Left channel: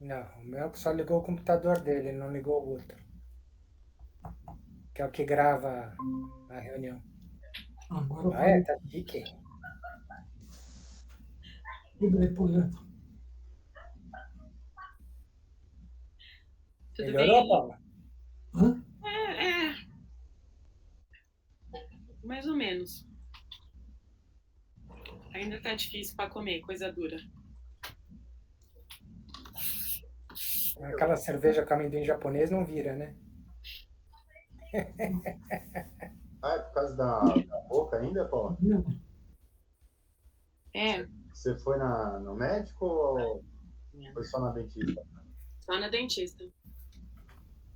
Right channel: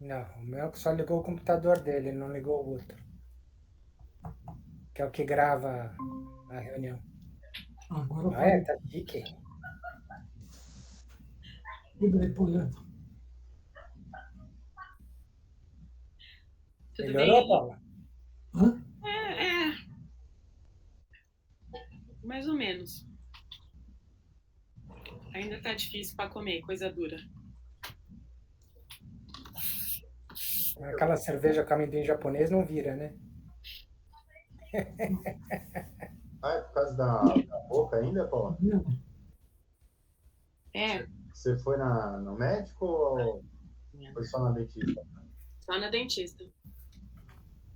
Não, o meu só ligou o computador dele, não ligou o outro, que é o que grava a reunião. Agora eu Ah, é? falei Tá chique. tudo aí por dentro. Tudo bem Melhorou, aí? Paula? Hã? É, mais ou menos. Ainda tá difícil para comer, coisa dura. Aquela cerveja com amendoim japonês não vira, né? Ah, é por causa da boca ainda, Tá pô? vendo? É, Você foi no médico ou foi só na dentista? só na dentista.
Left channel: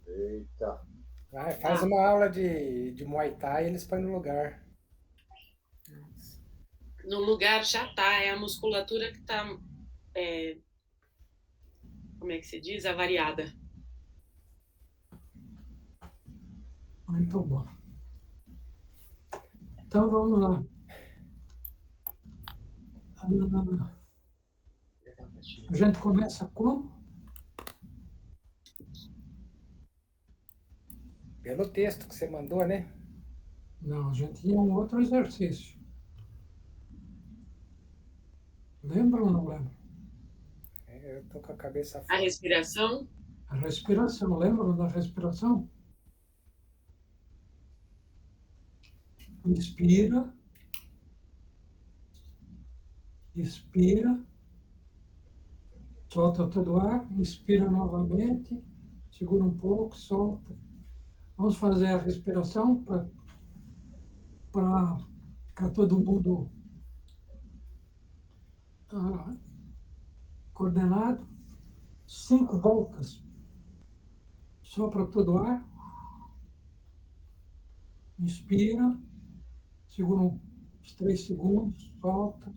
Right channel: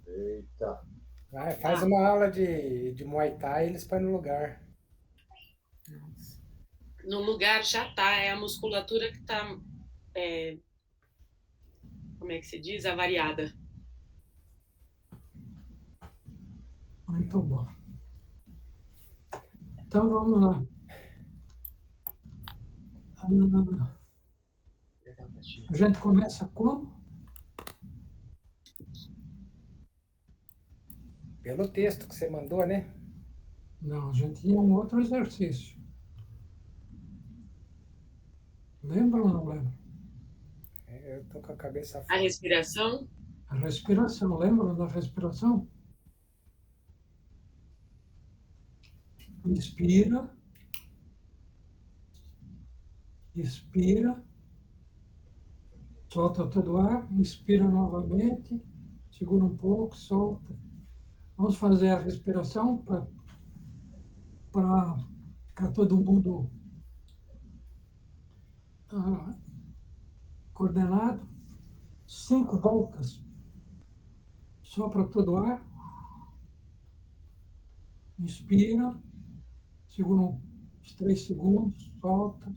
Eita. Vai, faz Ah, uma aula de Muay Thai e eles põem no lugar. no lugar já tá, é a musculatura que tá, é, como é que se diz? Avariada. Muito bom. Então vamos lá. Ah, a gente começa como? Pelo texto que você mandou, né? Não, a gente tinha um outro exercício. Lembra ou não lembra? Eu tô com a cabeça A fora. respiração, A respiração, lembra da respiração? Inspira, expira, solta todo o ar, inspira novamente, segura um pouco, solta. Vamos fazer a respiração para ficar todo mundo ah, coordenado. 5 voltas, sopra todo o ar, inspira, segura uns 3 segundos, solta,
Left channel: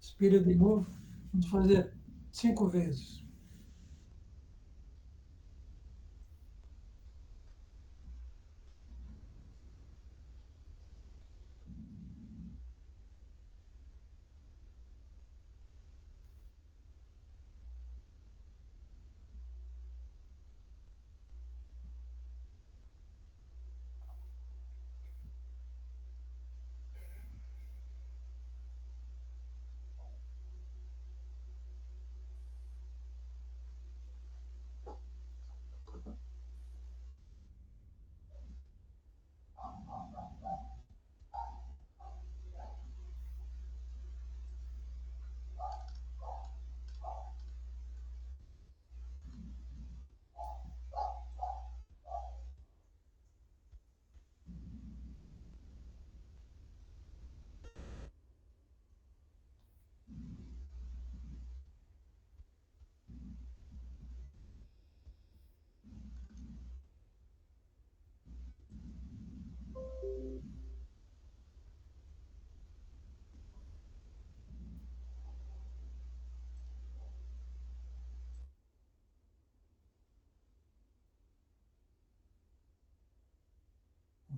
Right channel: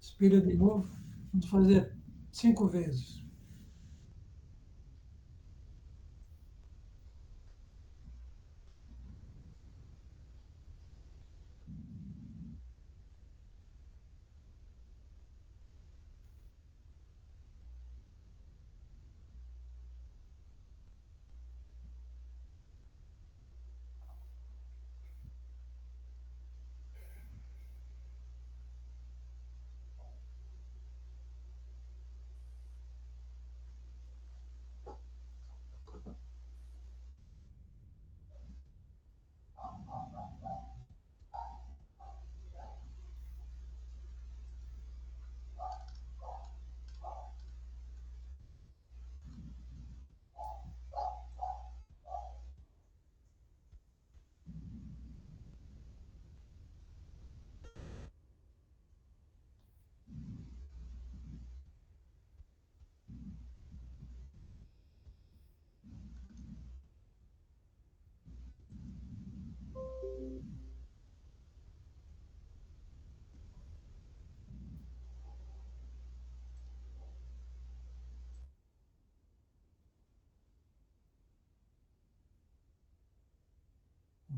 expira de novo. Vamos fazer 5 vezes.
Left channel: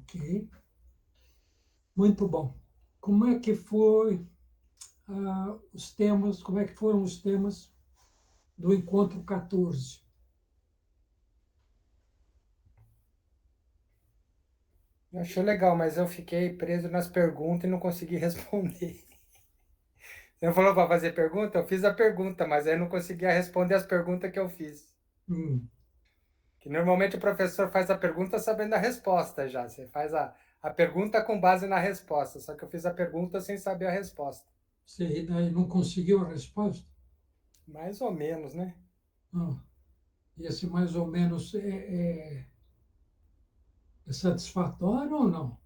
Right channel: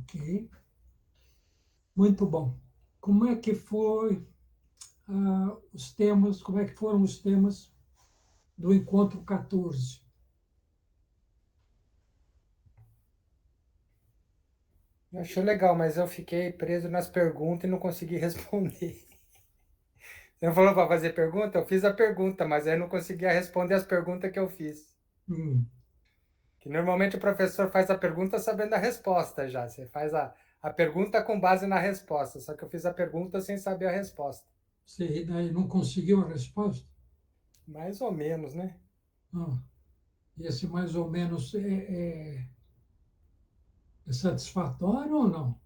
Ok? Muito bom. Como é que foi os temas, como é que foram os temas do encontro 14? Eu achei legal, mas eu fiquei preso nas perguntas e não consegui responder. Você falou para fazer pergunta? Eu fiz a pergunta, mas aí eu não conseguia responder as perguntas que eu fiz. Hum, Que normalmente o professor faz a pergunta sabendo a resposta já. Você faz a pergunta com base na resposta. Só que eu fiz a pergunta sem saber a resposta. você daí não conseguiu a resposta? Mais ou menos, né? Não. Esse mais ou menos é satisfatório ou não?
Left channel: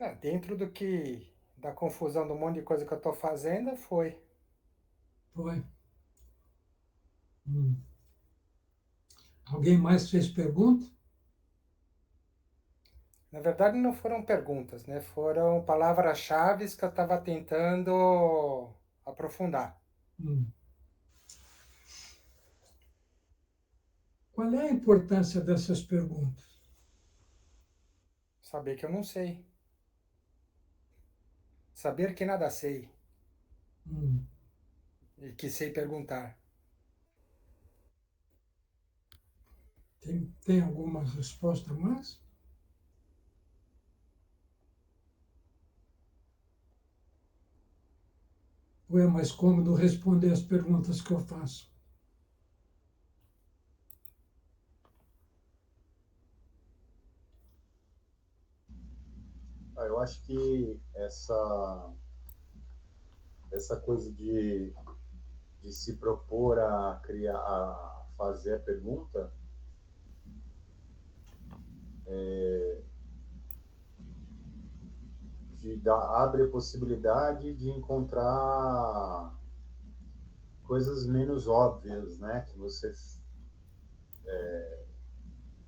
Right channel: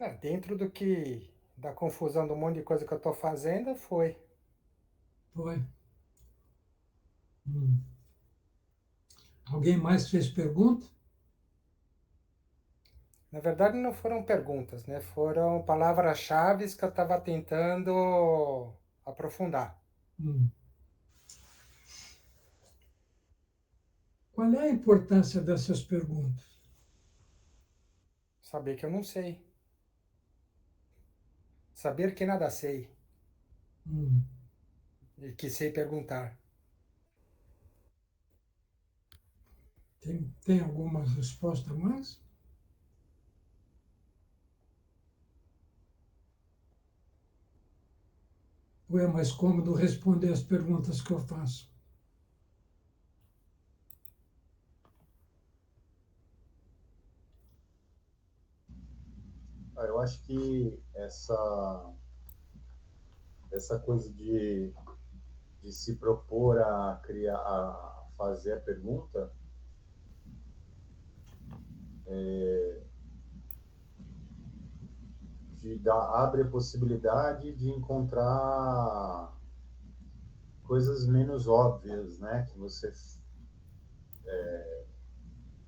É, dentro do que da confusão do monte de coisa que eu estou fazendo, foi. Foi. Hum. Alguém mais fez pergunta? Na verdade, não foram perguntas, né? Foram palavras-chave que eu estava tentando aprofundar. Hum. Qual é a importância dessas perguntas? Saber que eu não sei. Saber que nada sei. Hum. E que sei perguntar. Tem alguma resposta a mais? Ou é mais cômodo responder as perguntas que eu faço? Eu acho que essa coisa de se propor a criar, a fazer a pergunta, abre a possibilidade de encontrar coisas menos óbvias, né, que você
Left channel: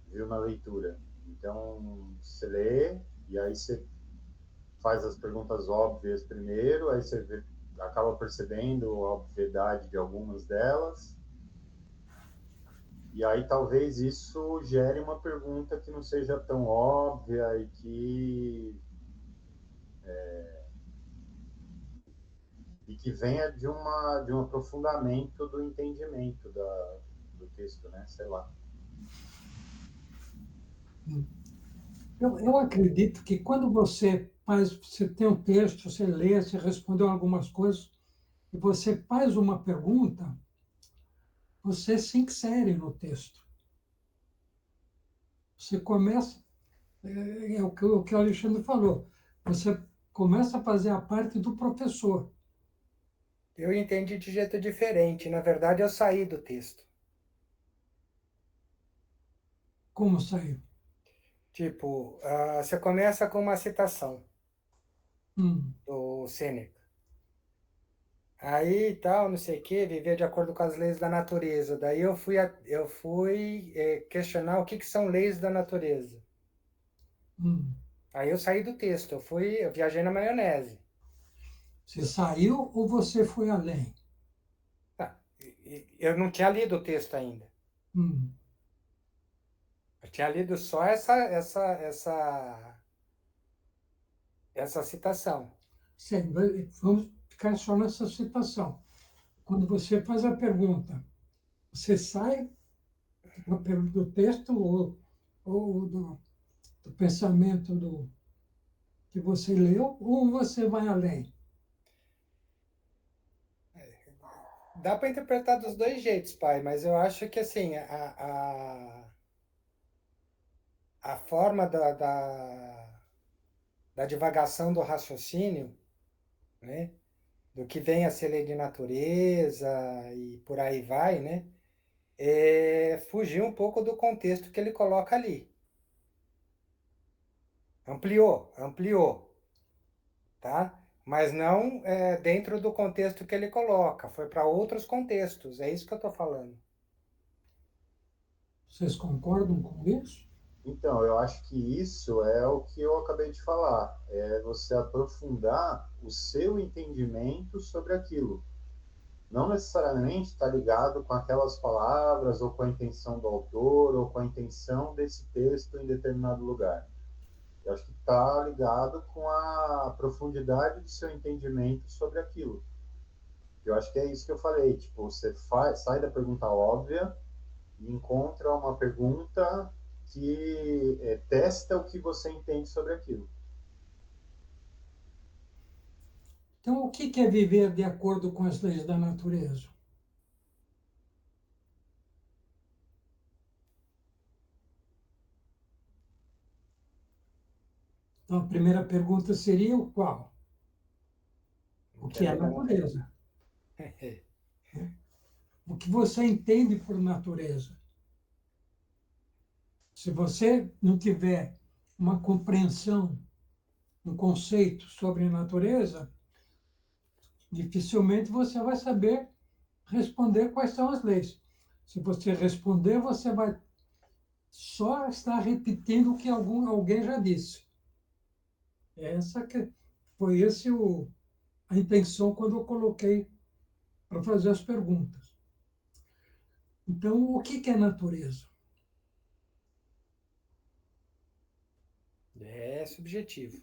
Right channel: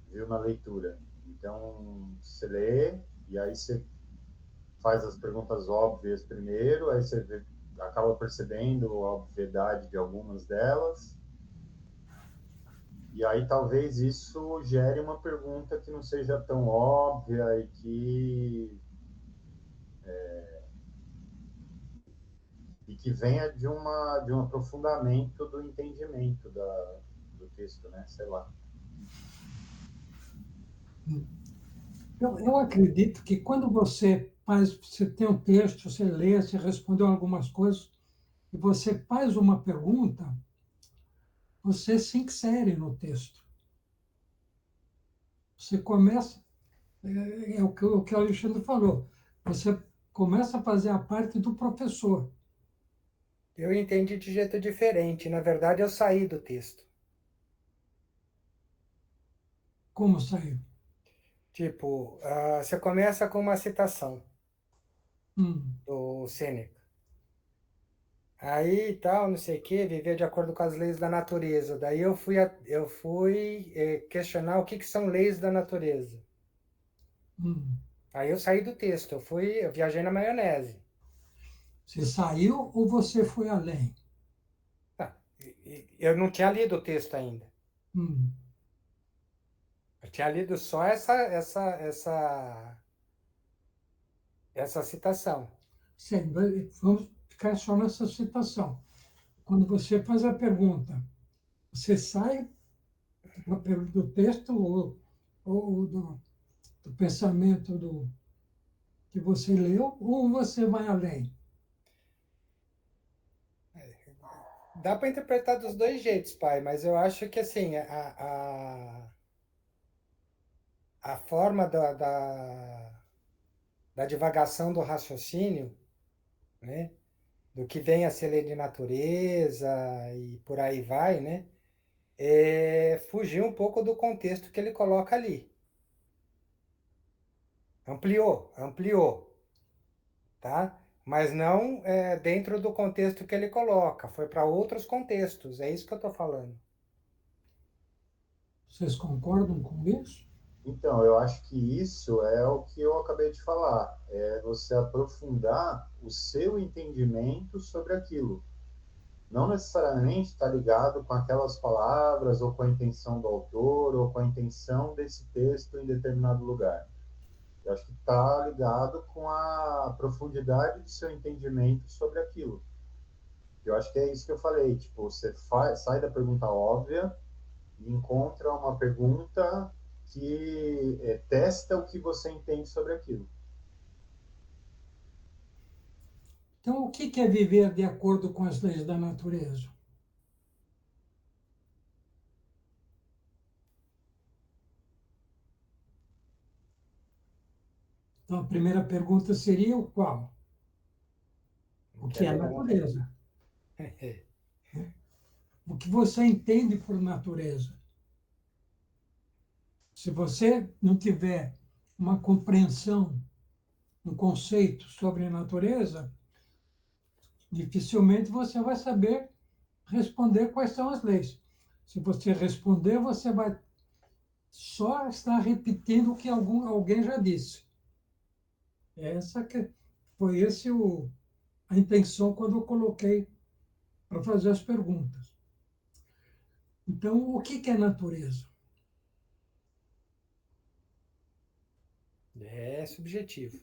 viu na leitura. Então, você lê e aí você faz as perguntas óbvias primeiro, aí você acaba percebendo a obviedade de algumas delas, e aí talvez isso gere uma pergunta que não seja tão óbvia e que venha de um aprofundamento do entendimento do texto, né? Sei lá. Eu acredito que quando você tem um texto, você lê, você respondeu algumas coisas, e você faz uma pergunta, você se insere no texto. Você começa, é o que o Alexandre falou, você começa a fazer a parte do professor. Eu entendi de jeito diferente. Na verdade, eu saí do texto. Como sair? Tipo, você começa com uma citação Hum, do Sêneca. Aí, tal, não sei o quê, viver de acordo com as leis da natureza. Daí eu fui questionar o que que são leis da natureza. hum. Aí eu saí do texto, eu viajei na maionese. Você saiu ou você foi além? Tá, eu não tinha lido o texto ainda. Hum. Eu tinha lido só essa citação. Sim, vamos ficar só nessa citação. Quando você faz a pergunta, você sai do texto ou do pensamento que você leu, ou você vai além? Dá para interpretar dos dois jeitos, pai, mas eu acho que assim, a forma da divagação do raciocínio, né? Do que vem a ser lei de natureza e por aí vai, né? É fugir um pouco do contexto que ele coloca ali. Ampliou, tá? Mas não dentro do contexto que ele coloca. Foi para outros contextos. É isso que eu estou falando. Vocês concordam com isso? Então, eu acho que isso é o que eu acabei de falar, é você aprofundar o seu entendimento sobre aquilo. Não necessariamente está ligado com aquelas palavras, ou com a intenção do autor, ou com a intenção desse texto em determinado lugar. Eu acho que está ligado com a profundidade do seu entendimento sobre aquilo. Eu acho que é isso que eu falei, tipo, você sai da pergunta óbvia e encontra uma pergunta que testa o que você entende sobre aquilo. Então, o que é viver de acordo com as leis da natureza? Então, a primeira pergunta seria o qual? O Que é que é a lei da natureza. natureza? O que você entende por natureza? Se você não tiver uma compreensão, um conceito sobre a natureza, dificilmente você vai saber responder quais são as leis. Se você responder, você vai só estar repetindo o que alguém já disse. Essa que foi a intenção quando eu coloquei para fazer as perguntas. Então, o que é natureza? É subjetivo.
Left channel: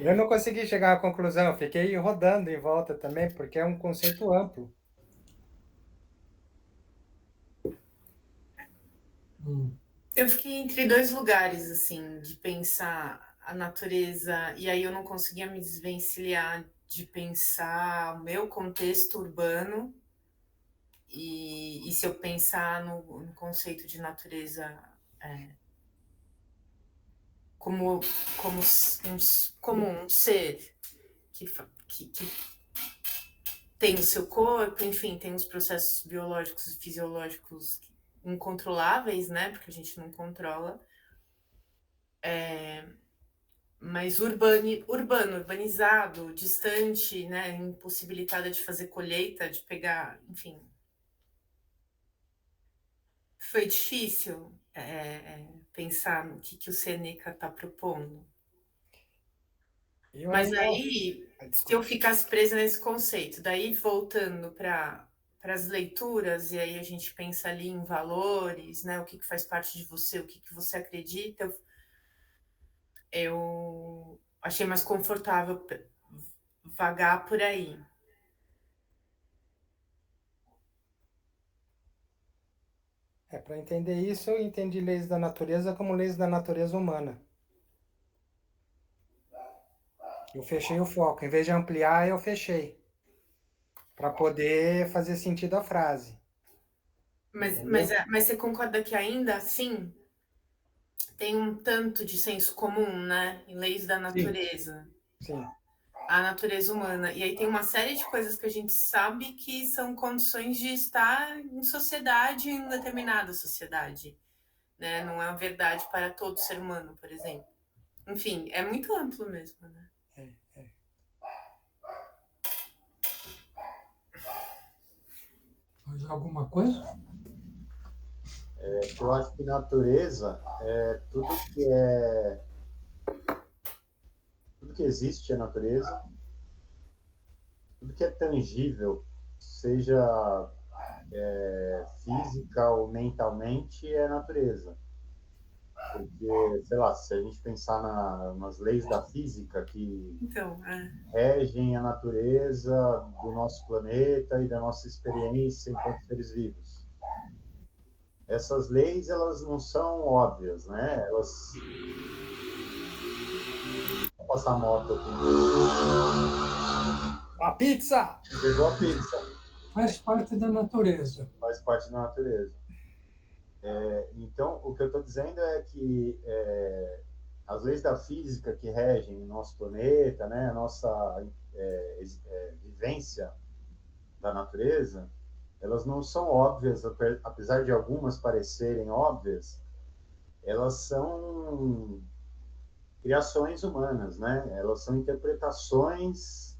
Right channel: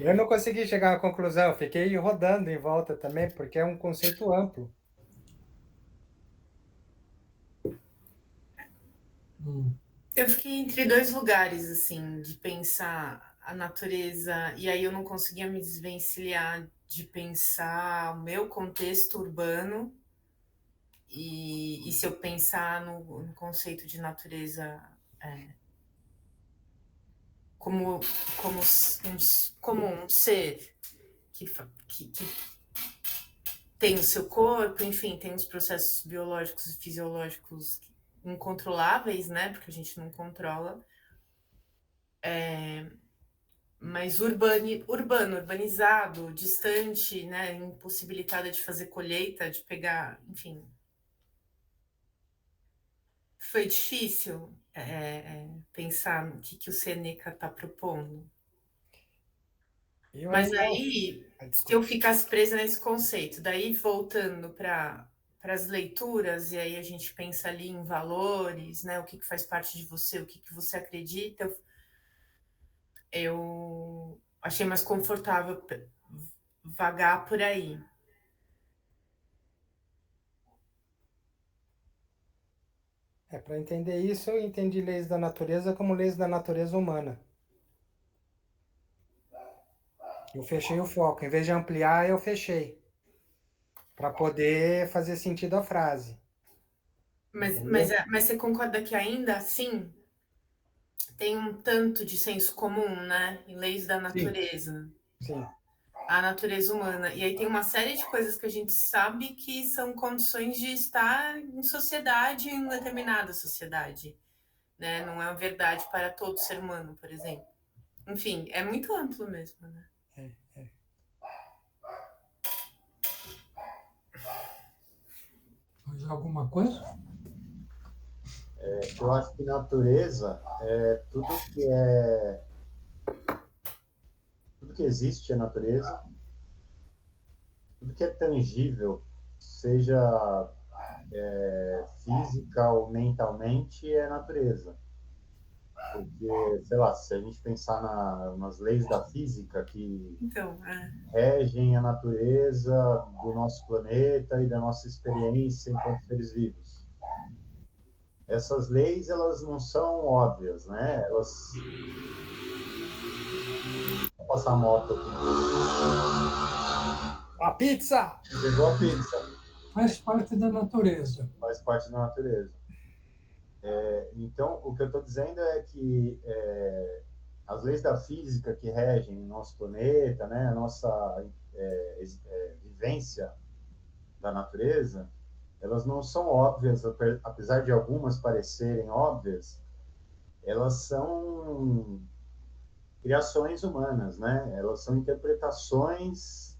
Eu não consegui chegar à conclusão, eu fiquei rodando em volta também, porque é um conceito amplo. Hum. Eu fiquei entre dois lugares, assim, de pensar a natureza, e aí eu não conseguia me desvencilhar de pensar o meu contexto urbano, e se eu pensar no conceito de natureza como, como um ser que tem o seu corpo, enfim, tem os processos biológicos e fisiológicos incontroláveis, né? Porque a gente não controla. Mas urbanizado, distante, né? Impossibilitada de fazer colheita, de pegar, enfim. Foi difícil pensar no que o Seneca está propondo. Eu Mas ainda. aí, se Desculpa. eu ficasse presa nesse conceito, daí voltando para as leituras, e aí a gente pensa ali em valores, né? O que faz parte de você, o que você acredita, eu achei mais confortável vagar por aí. Para entender isso, eu entendi leis da natureza como leis da natureza humana. Eu fechei o foco. Em vez de ampliar, eu fechei. Para poder fazer sentido a frase. Entendeu? Mas você concorda que ainda assim tem um tanto de senso comum, né? Em leis da Sim, natureza, sim. a natureza humana. E aí tem uma série de coisas que a gente sabe que são condições de estar em sociedade, em determinada sociedade, né? Não é uma verdade para todo ser humano, por exemplo. Enfim, é muito amplo mesmo, né? Mais alguma coisa? Eu acho que natureza é tudo que existe é natureza, tudo que é tangível, seja física ou mentalmente, é natureza. Porque, sei lá, se a gente pensar nas leis da física que Então, regem a natureza do nosso planeta e da nossa experiência enquanto seres vivos. Essas leis, elas não são óbvias, né? Elas... Vou passar a moto aqui. A pizza! Chegou a pizza. Faz parte da natureza. Faz parte da natureza. Então, o que eu estou dizendo é que as leis da física que regem o nosso planeta, né, a nossa vivência da natureza, elas não são óbvias, apesar de algumas parecerem óbvias, elas são criações humanas, né? Elas são interpretações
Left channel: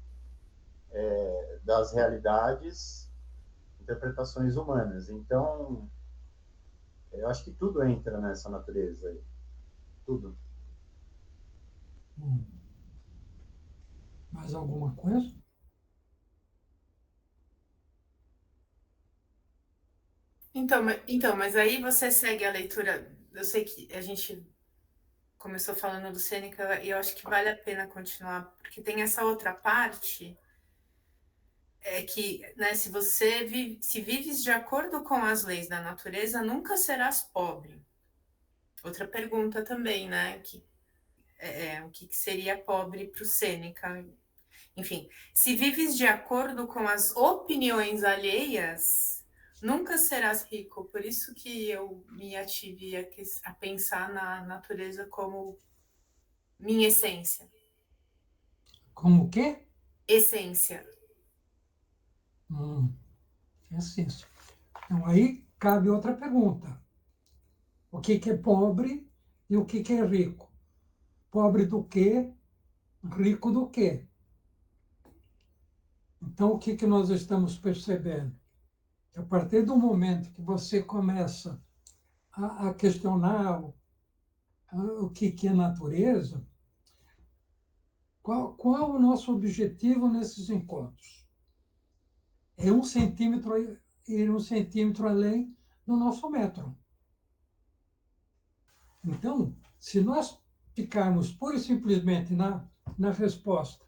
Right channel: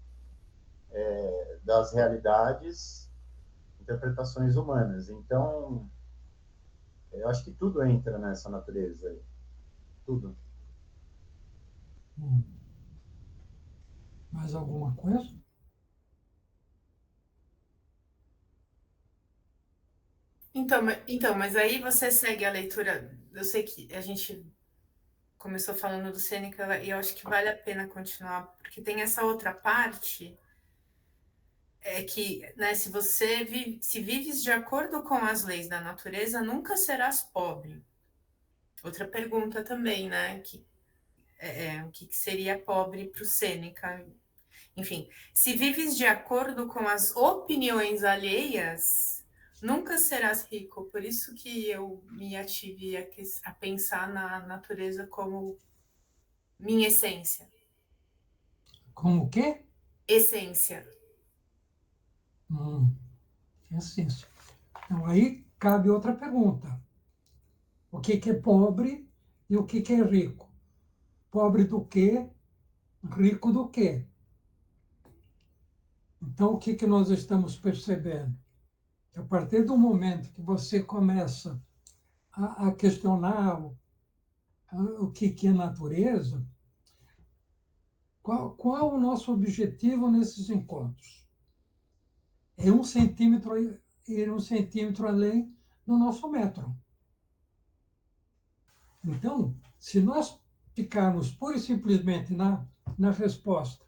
das realidades, interpretações humanas. Então, eu acho que tudo entra nessa natureza aí. Tudo. Mais alguma coisa? então, mas aí você segue a leitura. Eu sei que a gente começou falando do Sêneca e eu acho que vale a pena continuar, porque tem essa outra parte que, né, se você se vives de acordo com as leis da natureza, nunca serás pobre. Outra pergunta também, né, o que seria pobre para o Sêneca? Enfim, se vives de acordo com as opiniões alheias, nunca serás rico. Por isso que eu me ative a pensar na natureza como minha essência. Como o quê? Essência. Essência. Então, aí cabe outra pergunta. O que é pobre e o que é rico? Pobre do quê? Rico do quê? Então, o que nós estamos percebendo? Que a partir do momento que você começa a questionar o que é natureza, qual o nosso objetivo nesses encontros? É 1 centímetro ir 1 centímetro além do nosso metro. Então, se nós ficarmos pura e simplesmente na resposta,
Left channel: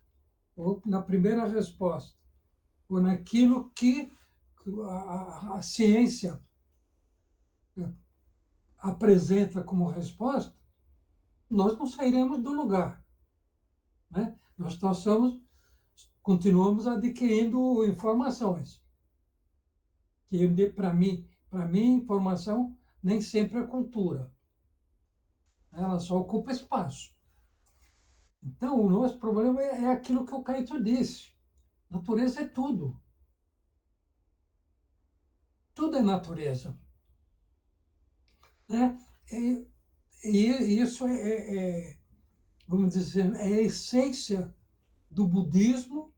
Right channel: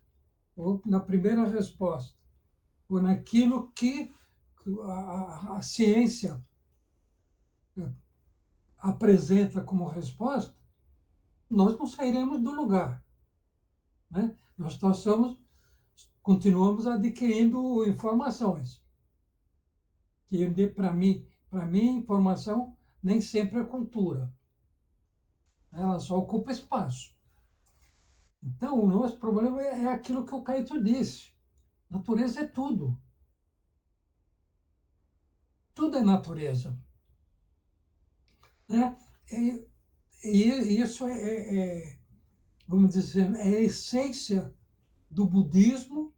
ou na primeira resposta, ou naquilo que a ciência apresenta como resposta, nós não sairemos do lugar, né? Nós continuamos adquirindo informações. Que para mim, informação nem sempre é cultura. Ela só ocupa espaço. Então, o nosso problema é aquilo que o Caíto disse. Natureza é tudo. Tudo é natureza. Né? E isso vamos dizer, é a essência do budismo,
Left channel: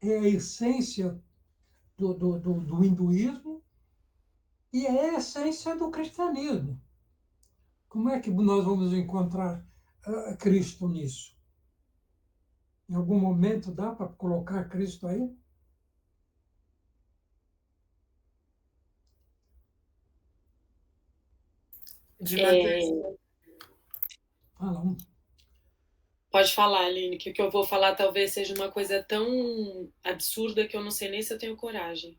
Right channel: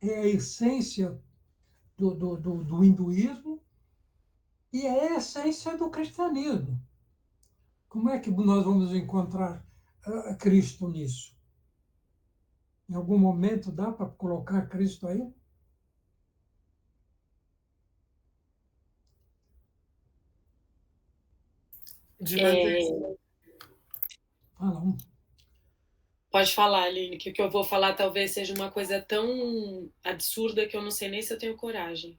é a essência do hinduísmo e é a essência do cristianismo. Como é que nós vamos encontrar Cristo nisso? Em algum momento dá para colocar Cristo aí? De natureza. Fala um. Pode falar, Aline, que o que eu vou falar talvez seja uma coisa tão absurda que eu não sei nem se eu tenho coragem.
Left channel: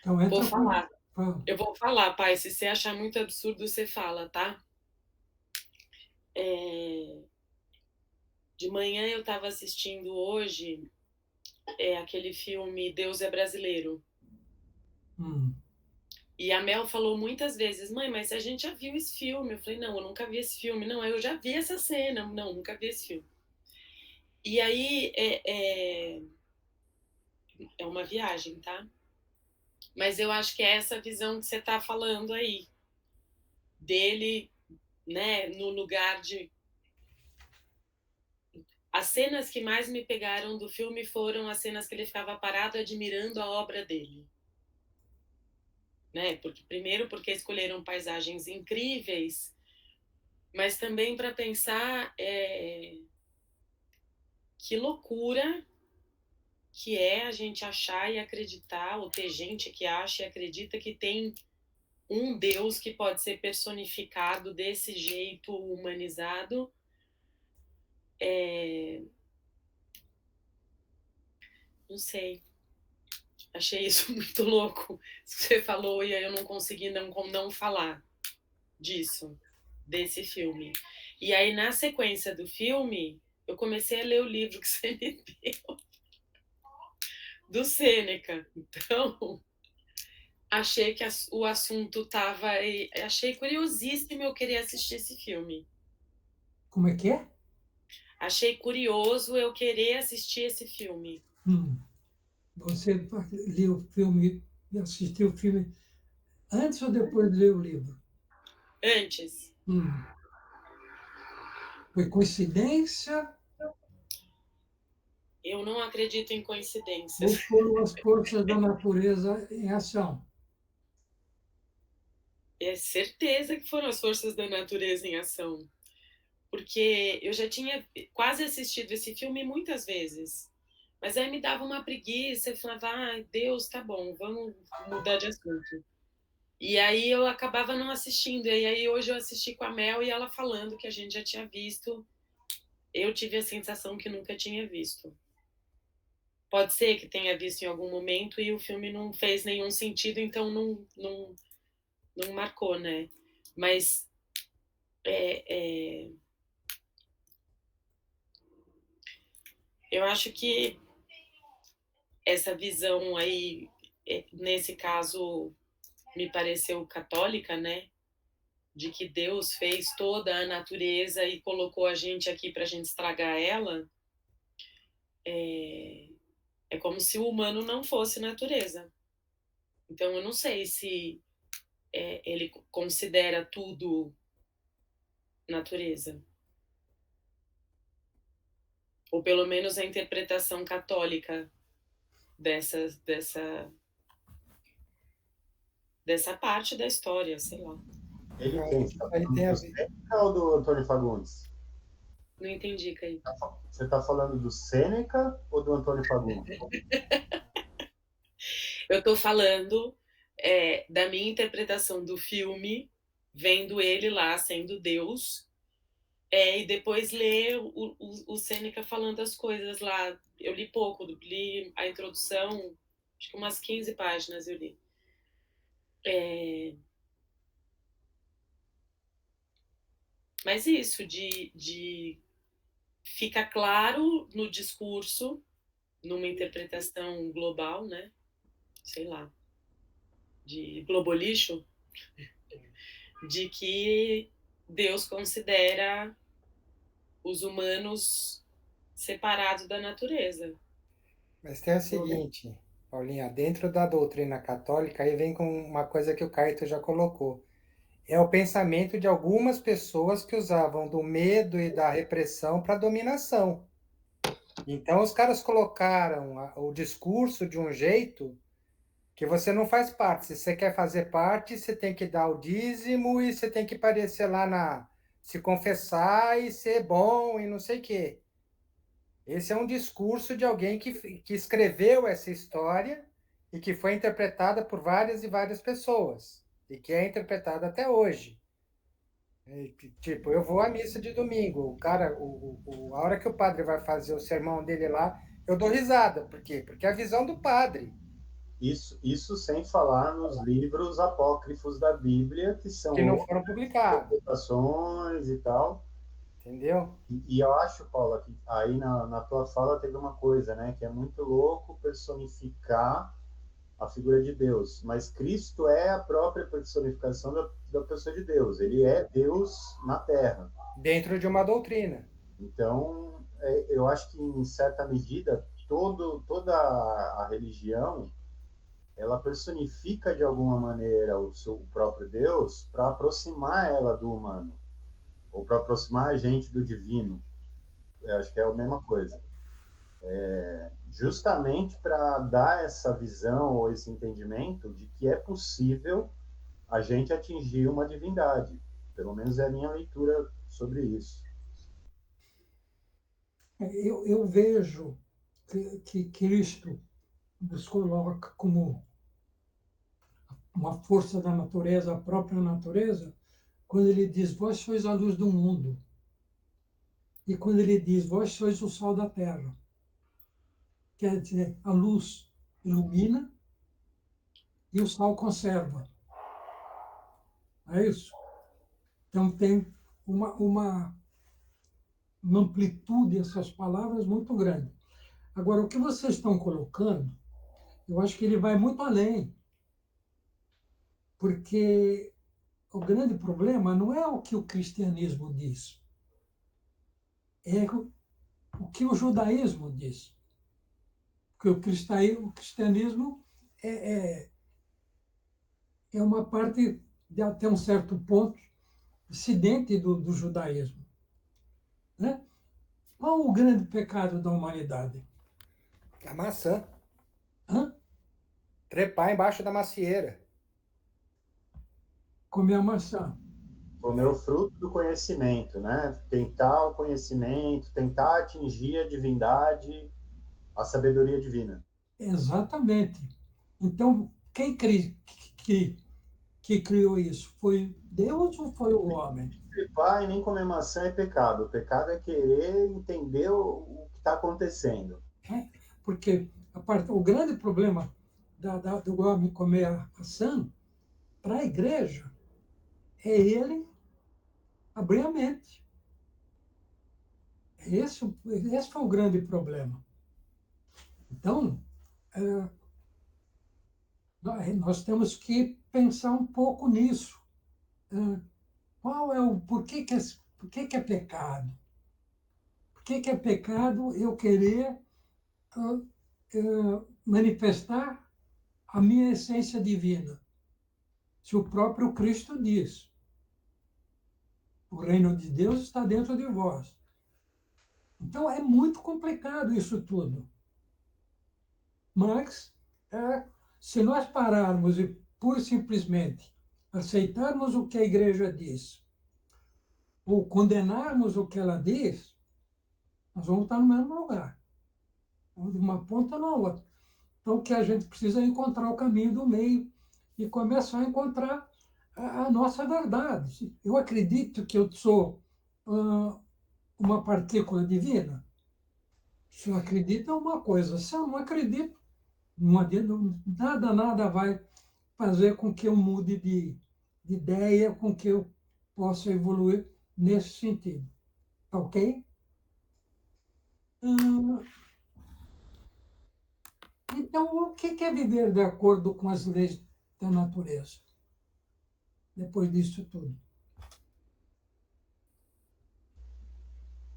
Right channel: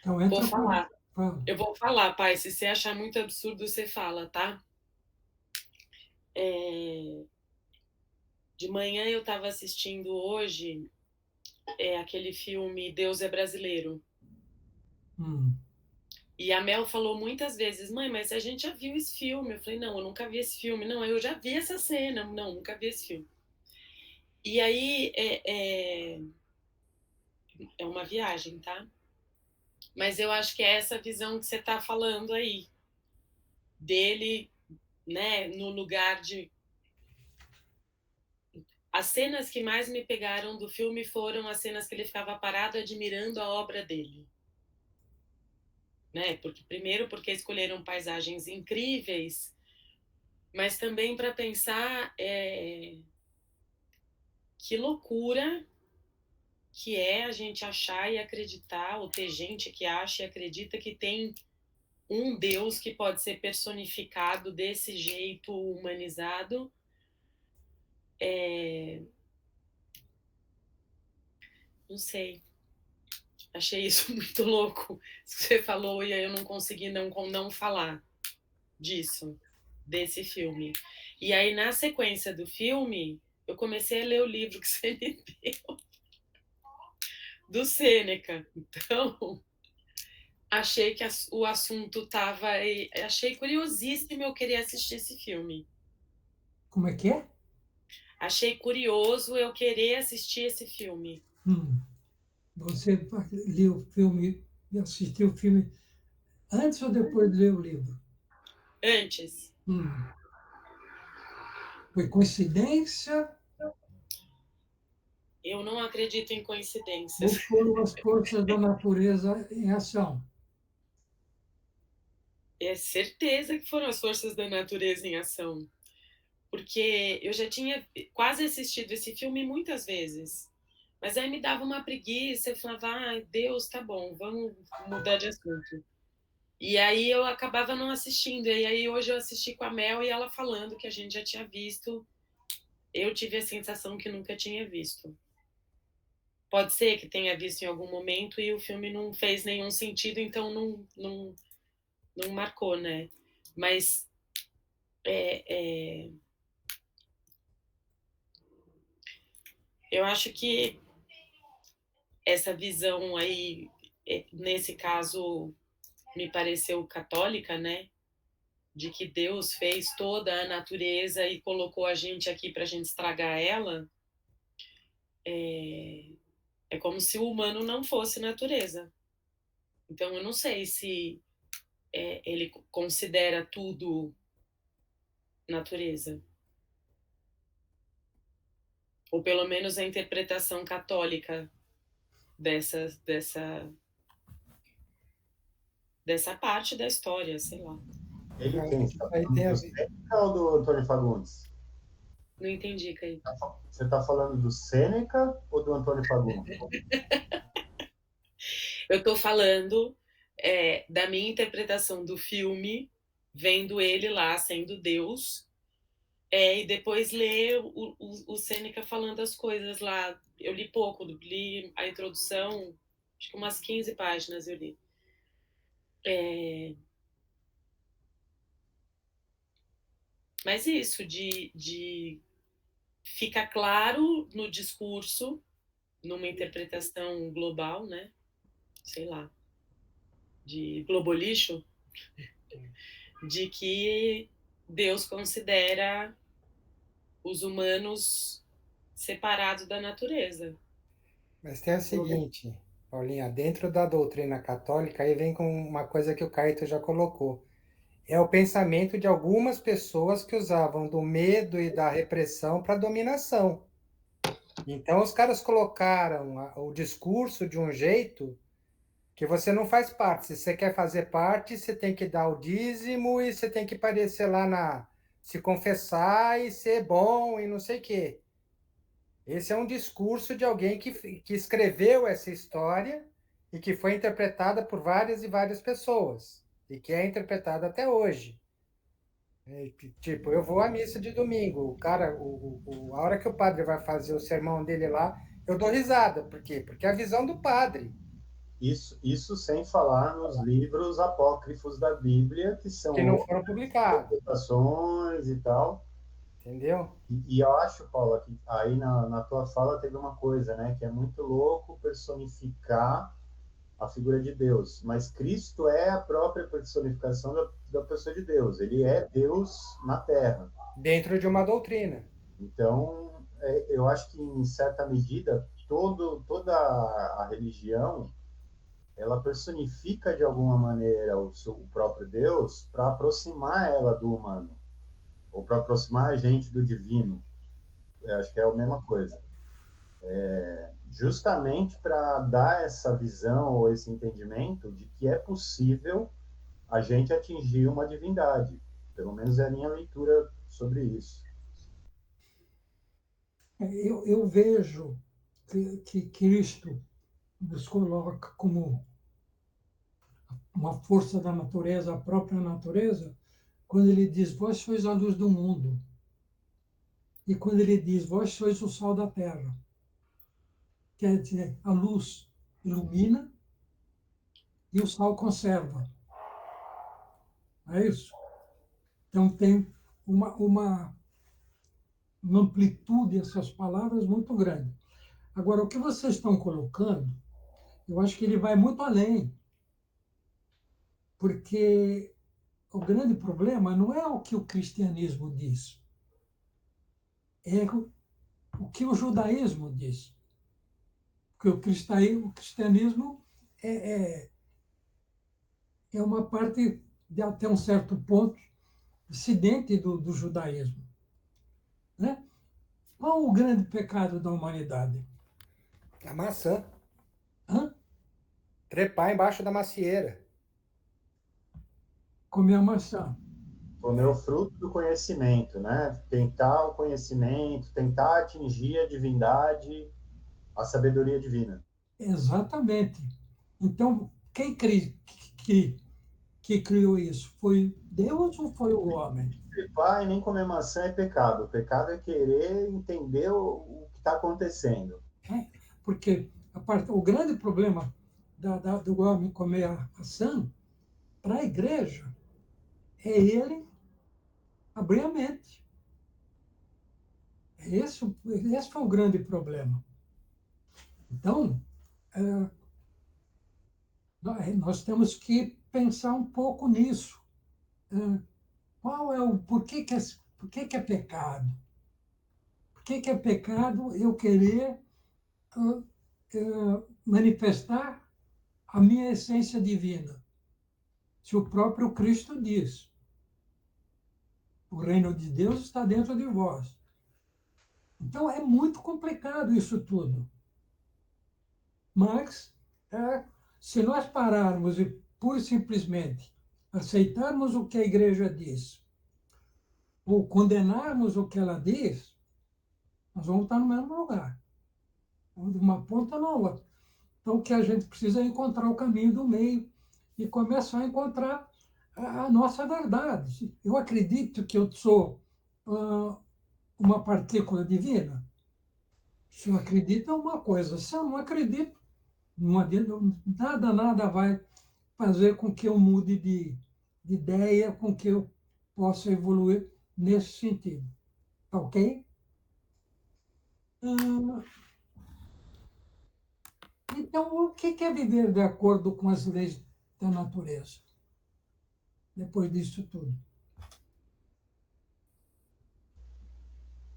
Então, Vou entra falar. Fala. Eu vou falar, pai. Se você achar muito absurdo, você fala, tá? De manhã eu estava assistindo hoje aquele filme Deus é Brasileiro. E a Mel falou muitas vezes, mãe, mas a gente já viu esse filme. Eu falei, não, eu nunca vi esse filme. Não, eu já vi essa cena. Não, nunca vi esse filme. E aí é uma viagem, tá? Mas eu acho que é essa visão que você tá falando aí. Dele, né, no lugar de... As cenas que mais me pegaram do filme foram as cenas que ele ficava parado admirando a obra dele. Né? Primeiro porque escolheram paisagens incríveis, mas também para pensar que loucura que é a gente achar e acreditar, ou ter gente que acha e acredita que tem um Deus que pode ser personificado desse jeito humanizado. Não sei. Achei isso muito louco. Você falou e aí eu não consegui não falar disso, desse filme. E aí, na sequência do filme, eu comecei a ler o livro que você me deu, do Sêneca. Então, achei que o assunto estava... Achei curiosíssimo eu querer assistir esse filme. Como é que é? Achei curioso eu querer assistir esse filme. Você leu o filme, assistiu o filme antes ou depois de ler o livro? Antes. Foi coincidência? Eu não acredito em coincidências. Ou foram as forças da natureza em ação? É certeza que foram as forças da natureza em ação. Porque eu já tinha quase assistido esse filme muitas vezes. Mas aí me dava uma preguiça, eu falava, Deus, tá bom, vamos mudar de assunto. E aí eu acabava não assistindo. E aí hoje eu assisti com a Mel e ela falando que a gente já tinha visto. Eu tive a sensação que nunca tinha visto. Pode ser que tenha visto em algum momento e o filme não fez nenhum sentido, então não marcou, né? Mas eu acho que essa visão aí, nesse caso, me pareceu católica, né? De que Deus fez toda a natureza e colocou a gente aqui para a gente estragar ela. É como se o humano não fosse natureza. Então, eu não sei se ele considera tudo natureza. Ou pelo menos a interpretação católica dessa parte da história, sei lá. Ele tem do Sêneca ou do Antônio Fagundes? Não entendi, Caí. Você está falando do Sêneca ou do Antônio Fagundes? Eu estou falando da minha interpretação do filme, vendo ele lá sendo Deus, E depois ler o Sêneca falando as coisas lá. Eu li pouco, li a introdução, acho que umas 15 páginas eu li. Mas isso, de fica claro no discurso, numa interpretação global, né? Sei lá, de globolixo, de que Deus considera os humanos separados da natureza. Mas tem o seguinte, Paulinha, dentro da doutrina católica, aí vem com uma coisa que o Caíto já colocou. É o pensamento de algumas pessoas que usavam do medo e da repressão para dominação. Então, os caras colocaram o discurso de um jeito que você não faz parte. Se você quer fazer parte, você tem que dar o dízimo e você tem que aparecer lá se confessar e ser bom e não sei o quê. Esse é um discurso de alguém que escreveu essa história e que foi interpretada por várias e várias pessoas e que é interpretada até hoje. Tipo, eu vou à missa de domingo, o cara, a hora que o padre vai fazer o sermão dele lá, eu dou risada. Por quê? Porque é a visão do padre. Isso sem falar nos livros apócrifos da Bíblia, que são Que não outras foram publicados, interpretações e tal. entendeu? E eu acho, Paula, que aí na tua fala teve uma coisa, né? Que é muito louco personificar a figura de Deus. Mas Cristo é a própria personificação da pessoa de Deus. Ele é Deus na Terra. Dentro de uma doutrina. Então, eu acho que, em certa medida, toda a religião ela personifica de alguma maneira o próprio Deus para aproximar ela do humano, ou para aproximar a gente do divino. Eu acho que é a mesma coisa. Justamente para dar essa visão ou esse entendimento de que é possível a gente atingir uma divindade. Pelo menos é a minha leitura sobre isso. Eu vejo que Cristo nos coloca como uma força da natureza, a própria natureza, quando ele diz: vós sois a luz do mundo. E quando ele diz: vós sois o sal da terra. Quer dizer, a luz ilumina e o sal conserva. É isso? Então tem uma amplitude essas palavras muito grande. Agora, o que vocês estão colocando, eu acho que ele vai muito além, porque o grande problema não é o que o cristianismo diz, é o que o judaísmo diz. Porque o cristianismo é, é uma parte, de até um certo ponto, dissidente do judaísmo. Né? Qual o grande pecado da humanidade? A maçã. Hã? Trepar embaixo da macieira. Comer a maçã. Comer o fruto do conhecimento, né? Tentar o conhecimento, tentar atingir a divindade, a sabedoria divina. Exatamente. Então, quem que criou isso? Foi Deus ou foi o homem? Trepar e nem comer maçã é pecado. O pecado é querer entender o que está acontecendo. É, porque o grande problema do homem comer a maçã, para a igreja, é ele abrir a mente. Esse foi o grande problema. Então, nós temos que pensar um pouco nisso. Qual é por que é pecado? Por que é pecado eu querer manifestar a minha essência divina? Se o próprio Cristo diz: o reino de Deus está dentro de vós. Então é muito complicado isso tudo. Mas, se nós pararmos e pura e simplesmente aceitarmos o que a igreja diz, ou condenarmos o que ela diz, nós vamos estar no mesmo lugar, de uma ponta na outra. Então, o que a gente precisa é encontrar o caminho do meio e começar a encontrar a nossa verdade. Eu acredito que eu sou uma partícula divina? Se eu acredito é uma coisa, se eu não acredito, não adianta, nada vai fazer com que eu mude de ideia, com que eu possa evoluir nesse sentido. Ok? Então, o que é viver de acordo com as leis da natureza? Depois disso tudo.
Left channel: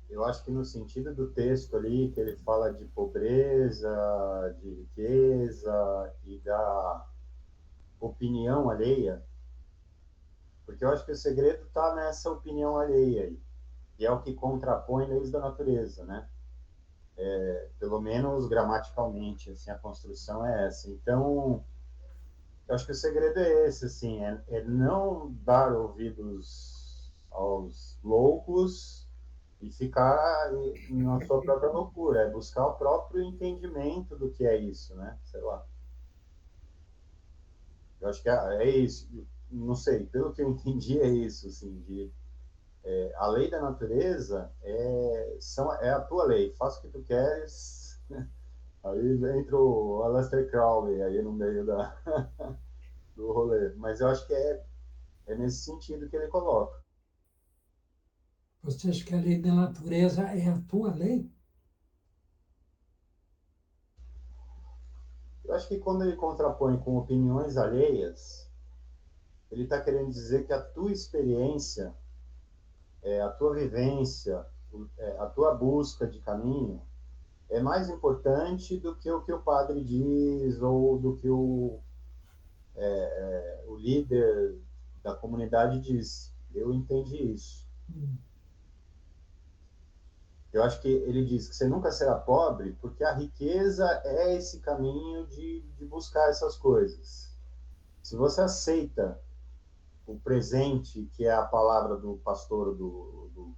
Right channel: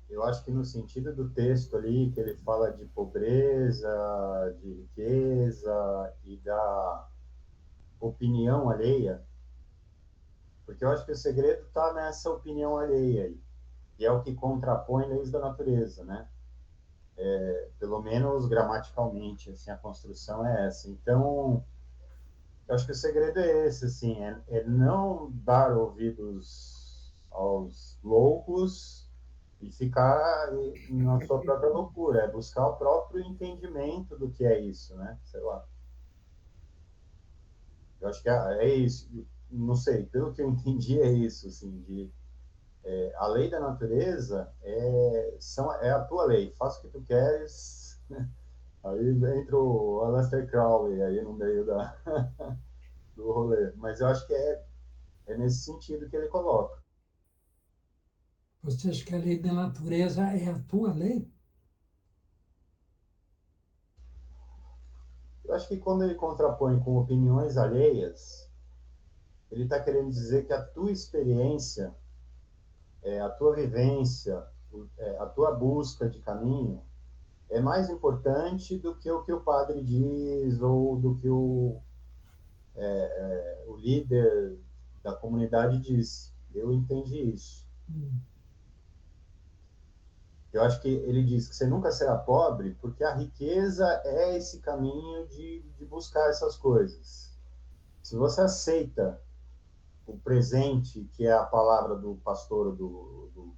Eu acho que no sentido do texto ali, que ele fala de pobreza, de riqueza e da opinião alheia, porque eu acho que o segredo está nessa opinião alheia aí, e é o que contrapõe leis da natureza, né? Pelo menos gramaticalmente, assim, a construção é essa. Então, eu acho que o segredo é esse, assim, é não dar ouvidos aos loucos e ficar na sua própria loucura, é buscar o próprio entendimento do que é isso, né? Sei lá. Eu acho que é isso. Não sei, pelo que eu entendi é isso, assim, a lei da natureza é a tua lei, faça o que tu queres. Aí entra o Aleister Crowley aí no meio do rolê. Mas eu acho que é nesse sentido que ele coloca. Você acha que a lei da natureza é a tua lei? Eu acho que quando ele contrapõe com opiniões alheias, ele está querendo dizer que a tua experiência, a tua vivência, a tua busca de caminho é mais importante do que o padre diz ou do que o líder da comunidade diz. Eu entendi isso. Eu acho que ele diz que você nunca será pobre porque a riqueza é esse caminho de buscar essas coisas. Se você aceita o presente, que é a palavra do pastor, do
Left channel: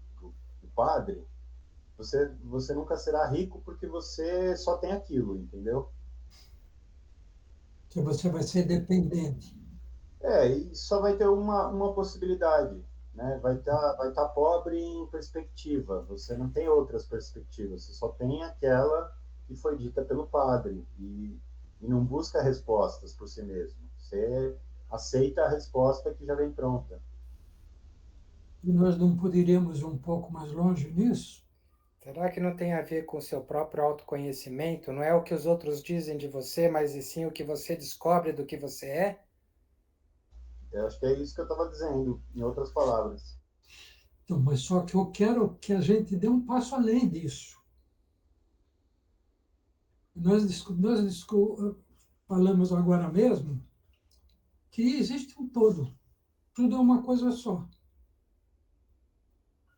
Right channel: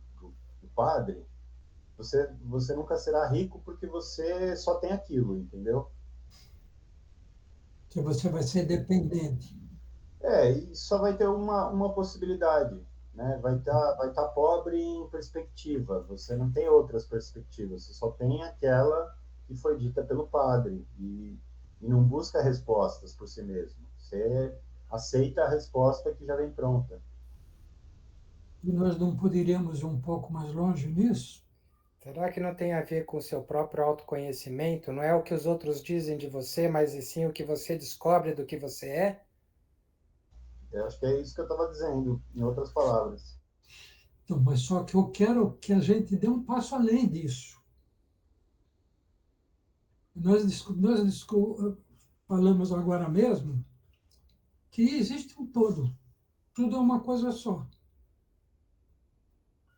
padre, você nunca será rico porque você só tem aquilo, entendeu? Que você vai ser dependente. E só vai ter uma possibilidade, né? Vai tá pobre em perspectiva, você não tem outras perspectivas, você só tem aquela que foi dita pelo padre e não busca respostas por si mesmo. Você aceita a resposta que já vem pronta. E nós não poderíamos ir um pouco mais longe nisso? Será que não tem a ver com o seu próprio autoconhecimento? Não é o que os outros dizem de você, mas e sim o que você descobre do que você é? Eu acho que é isso que eu estava dizendo, em outras palavras. Então, mas só que eu quero que a gente dê um passo além disso. Nós falamos agora mesmo que existe um todo. Tudo é uma coisa só.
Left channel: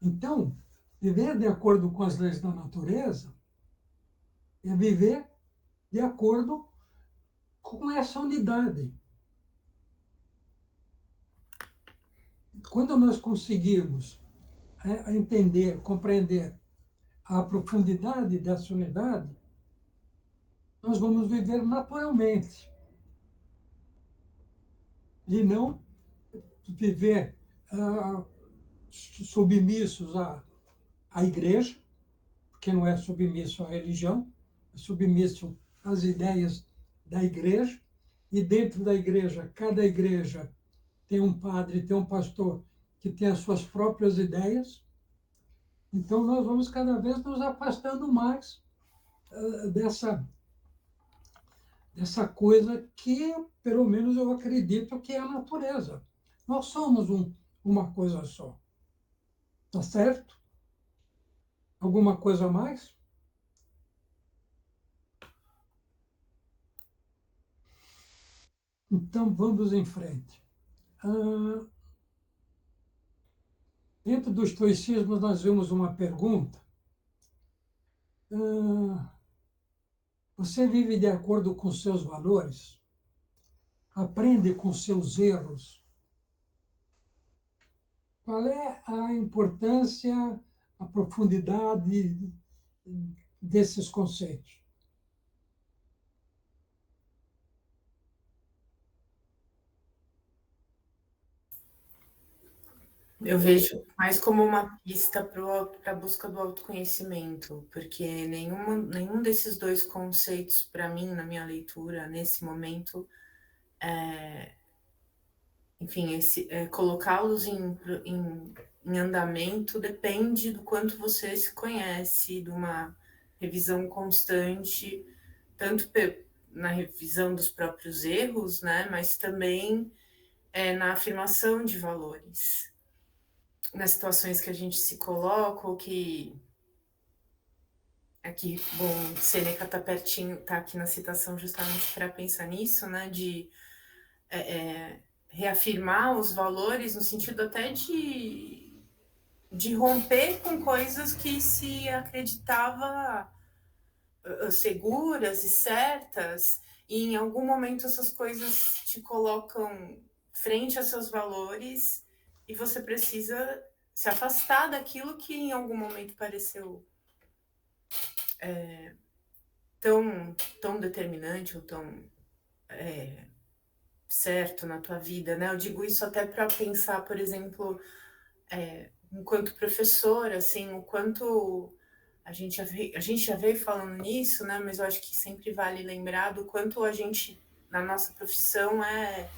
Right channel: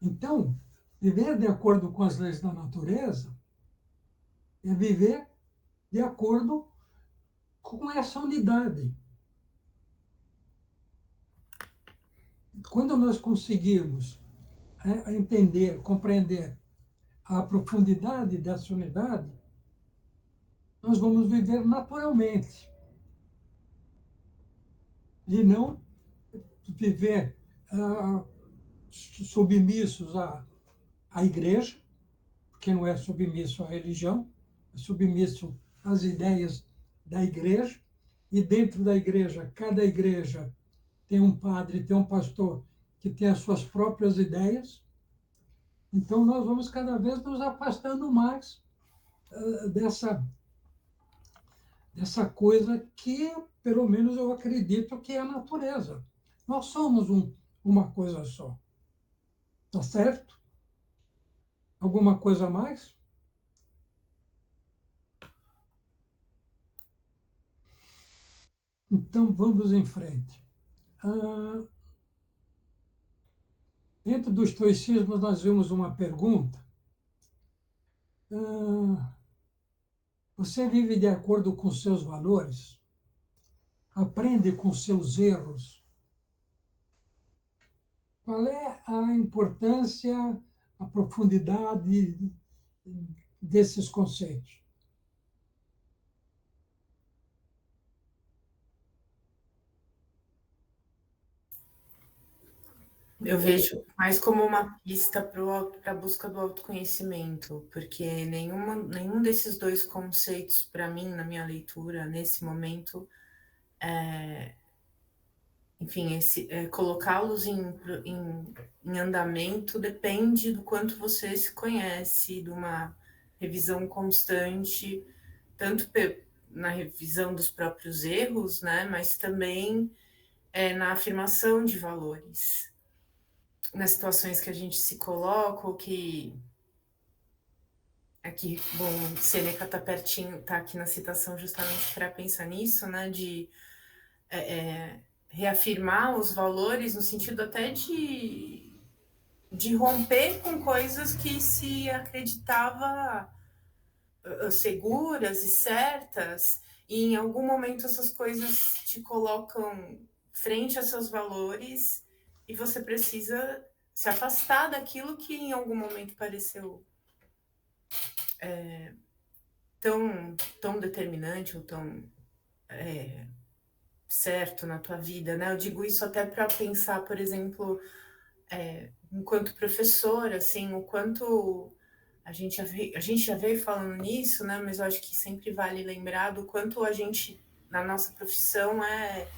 Então, viver de acordo com as leis da natureza é viver de acordo com essa unidade. Quando nós conseguirmos entender, compreender a profundidade dessa unidade, nós vamos viver naturalmente e não viver submissos à igreja, porque não é submisso à religião, é submisso às ideias da igreja, e dentro da igreja, cada igreja tem um padre, tem um pastor que tem as suas próprias ideias. Então, nós vamos cada vez nos afastando mais dessa coisa que, pelo menos, eu acredito que é a natureza. Nós somos uma coisa só. Tá certo? Alguma coisa a mais? Então, vamos em frente. Dentro do estoicismo, nós vimos uma pergunta. Você vive de acordo com seus valores? Aprende com seus erros? Qual é a importância, a profundidade desses conceitos? Eu vejo mais como uma pista para a busca do autoconhecimento, porque nenhum desses dois conceitos, para mim, na minha leitura, nesse momento, enfim, colocá-los em andamento depende do quanto você se conhece, de uma revisão constante, tanto na revisão dos próprios erros, né, mas também na afirmação de valores, nas situações que a gente se coloca, ou que aqui, bom, Sêneca está pertinho, está aqui na citação justamente para pensar nisso, né, de reafirmar os valores no sentido até de romper com coisas que se acreditava seguras e certas, e em algum momento essas coisas te colocam frente a seus valores e você precisa se afastar daquilo que em algum momento pareceu tão determinante ou tão certo na tua vida, né? Eu digo isso até para pensar, por exemplo, enquanto professora, assim, o quanto a gente já veio falando nisso, né? Mas eu acho que sempre vale lembrar do quanto a gente, na nossa profissão, é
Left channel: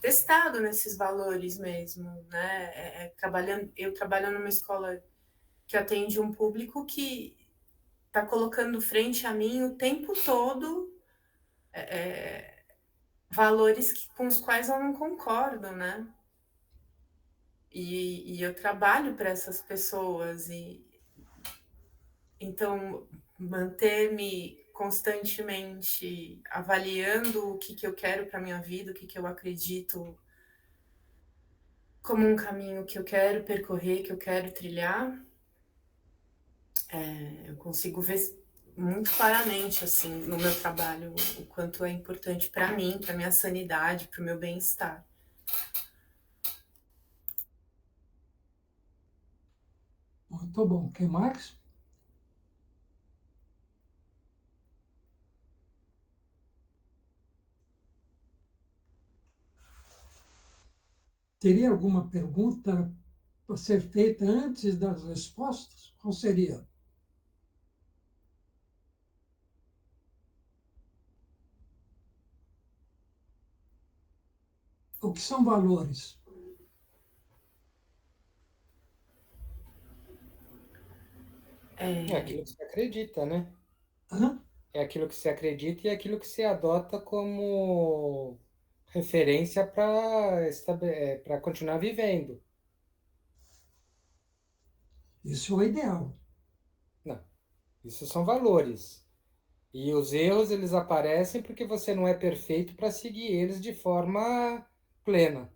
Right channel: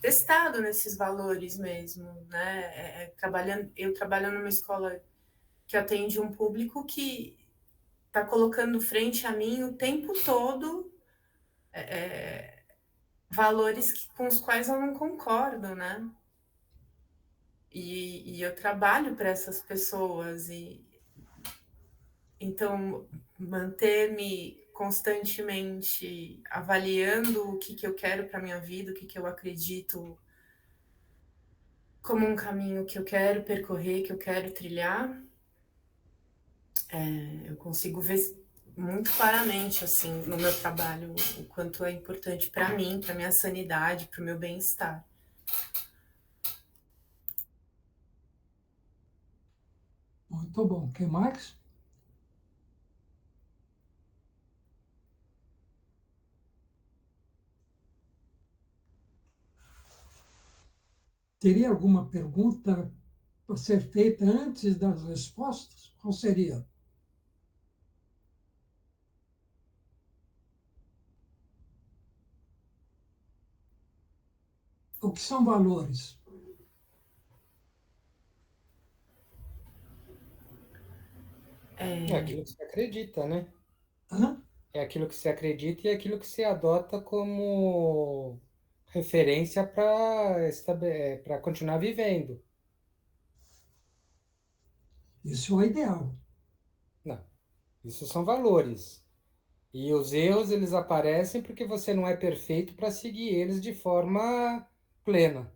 testado nesses valores mesmo, né? Eu trabalho numa escola que atende um público que está colocando frente a mim o tempo todo valores com os quais eu não concordo, né? E eu trabalho para essas pessoas, e então manter-me constantemente avaliando o que eu quero para minha vida, o que eu acredito como um caminho que eu quero percorrer, que eu quero trilhar, eu consigo ver muito claramente, assim, no meu trabalho, o quanto é importante para mim, para minha sanidade, para o meu bem-estar. Muito bom. O que mais? Teria alguma pergunta para ser feita antes das respostas? Qual seria? O que são valores? É aquilo que você acredita, né? Hã? É aquilo que você acredita e é aquilo que você adota como referência para continuar vivendo. Isso é o ideal. Não, isso são valores. E os erros, eles aparecem porque você não é perfeito para seguir eles de forma plena.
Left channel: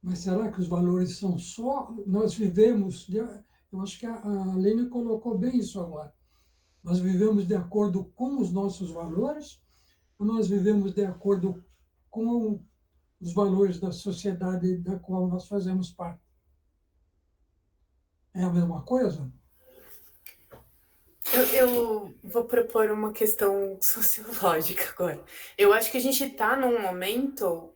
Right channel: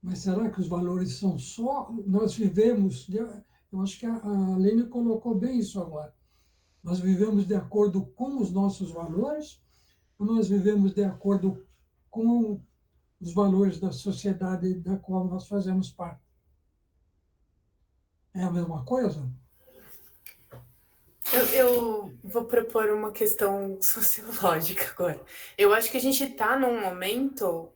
Mas será que os valores são só? Nós vivemos, eu acho que a Lene colocou bem isso agora. Nós vivemos de acordo com os nossos valores ou nós vivemos de acordo com os valores da sociedade da qual nós fazemos parte? É a mesma coisa? Eu vou propor uma questão sociológica agora. Eu acho que a gente está num momento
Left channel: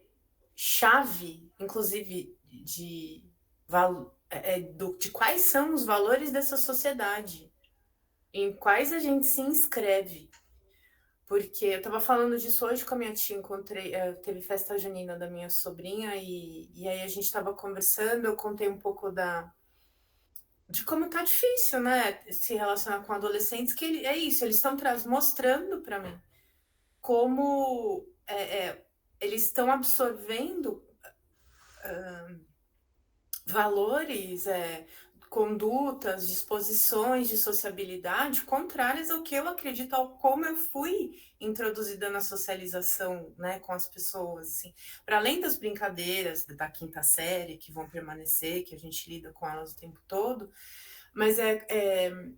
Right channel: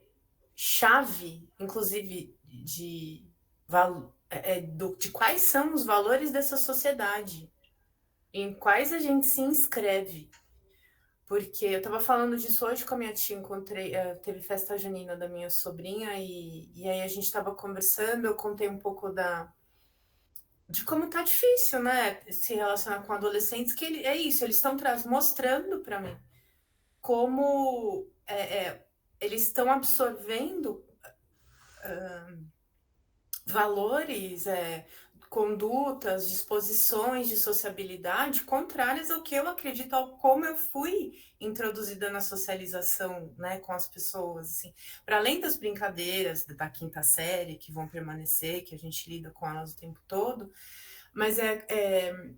chave, inclusive, de quais são os valores dessa sociedade, em quais a gente se inscreve. Porque eu estava falando disso hoje com a minha tia, teve festa junina da minha sobrinha, e aí a gente estava conversando, eu contei um pouco de como tá difícil, né, se relacionar com adolescentes, que é isso, eles estão mostrando para mim como eles estão absorvendo valores, condutas, disposições de sociabilidade contrárias ao que eu acredito, ao como eu fui introduzida na socialização, né, com as pessoas, assim, para além das brincadeiras da quinta série que vão permanecer, que a gente lida com elas o tempo todo, mas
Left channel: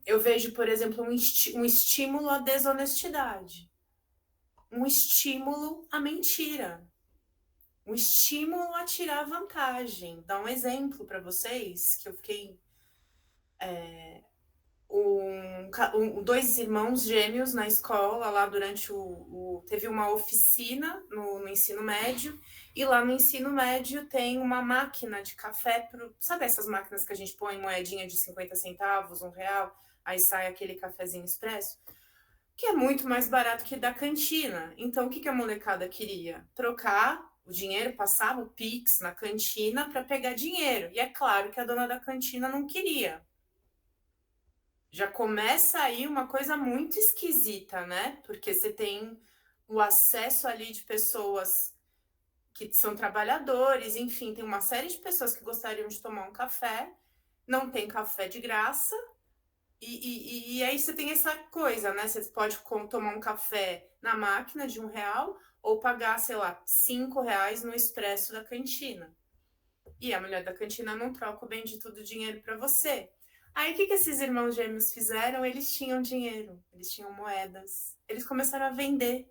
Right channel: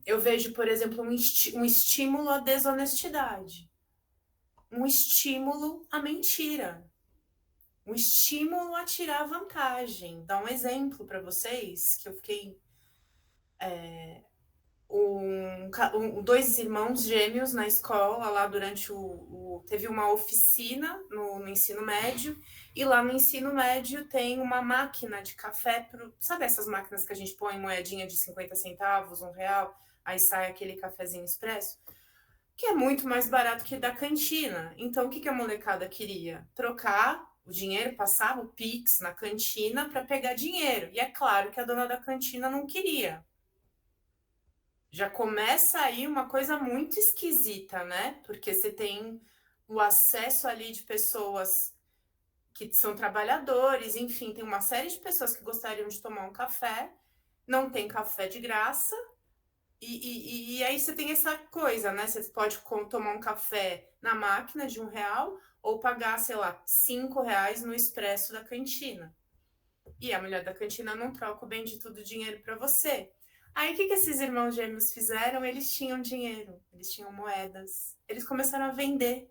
eu vejo, por exemplo, um estímulo à desonestidade, um estímulo à mentira, um estímulo a tirar vantagem. Dar um exemplo para vocês, que eu fiquei... dois irmãos gêmeos na escola, lá durante teve uma oficina no ensino médio, e lá no ensino médio tem uma máquina de café, sabe essas máquinas que a gente põe moedinha de 50 centavos, R$1, aí sai aquele cafezinho expresso, que é muito mais barato que da cantina. Então, o que a molecada queria? Trocar o dinheiro, passava o Pix na cantina para pegar dinheiro. E é claro que a dona da cantina não queria. Já começa aí uma coisa muito esquisita, né? Porque você tem o acesso ali de pessoas que são trabalhadores, enfim, tem uma série de pessoas que gostariam de tomar um café, não tem café de graça, e aí você tem essa coisa, né? Você pode tomar um café na máquina de R$1 ou pagar, sei lá, R$5 no expresso da cantina. E a mulher da cantina não troca o bendito do dinheiro para você. Aí o que esses irmãos gêmeos fizeram? Eles tinham dinheiro, eles tinham moedas. Eles começaram a vender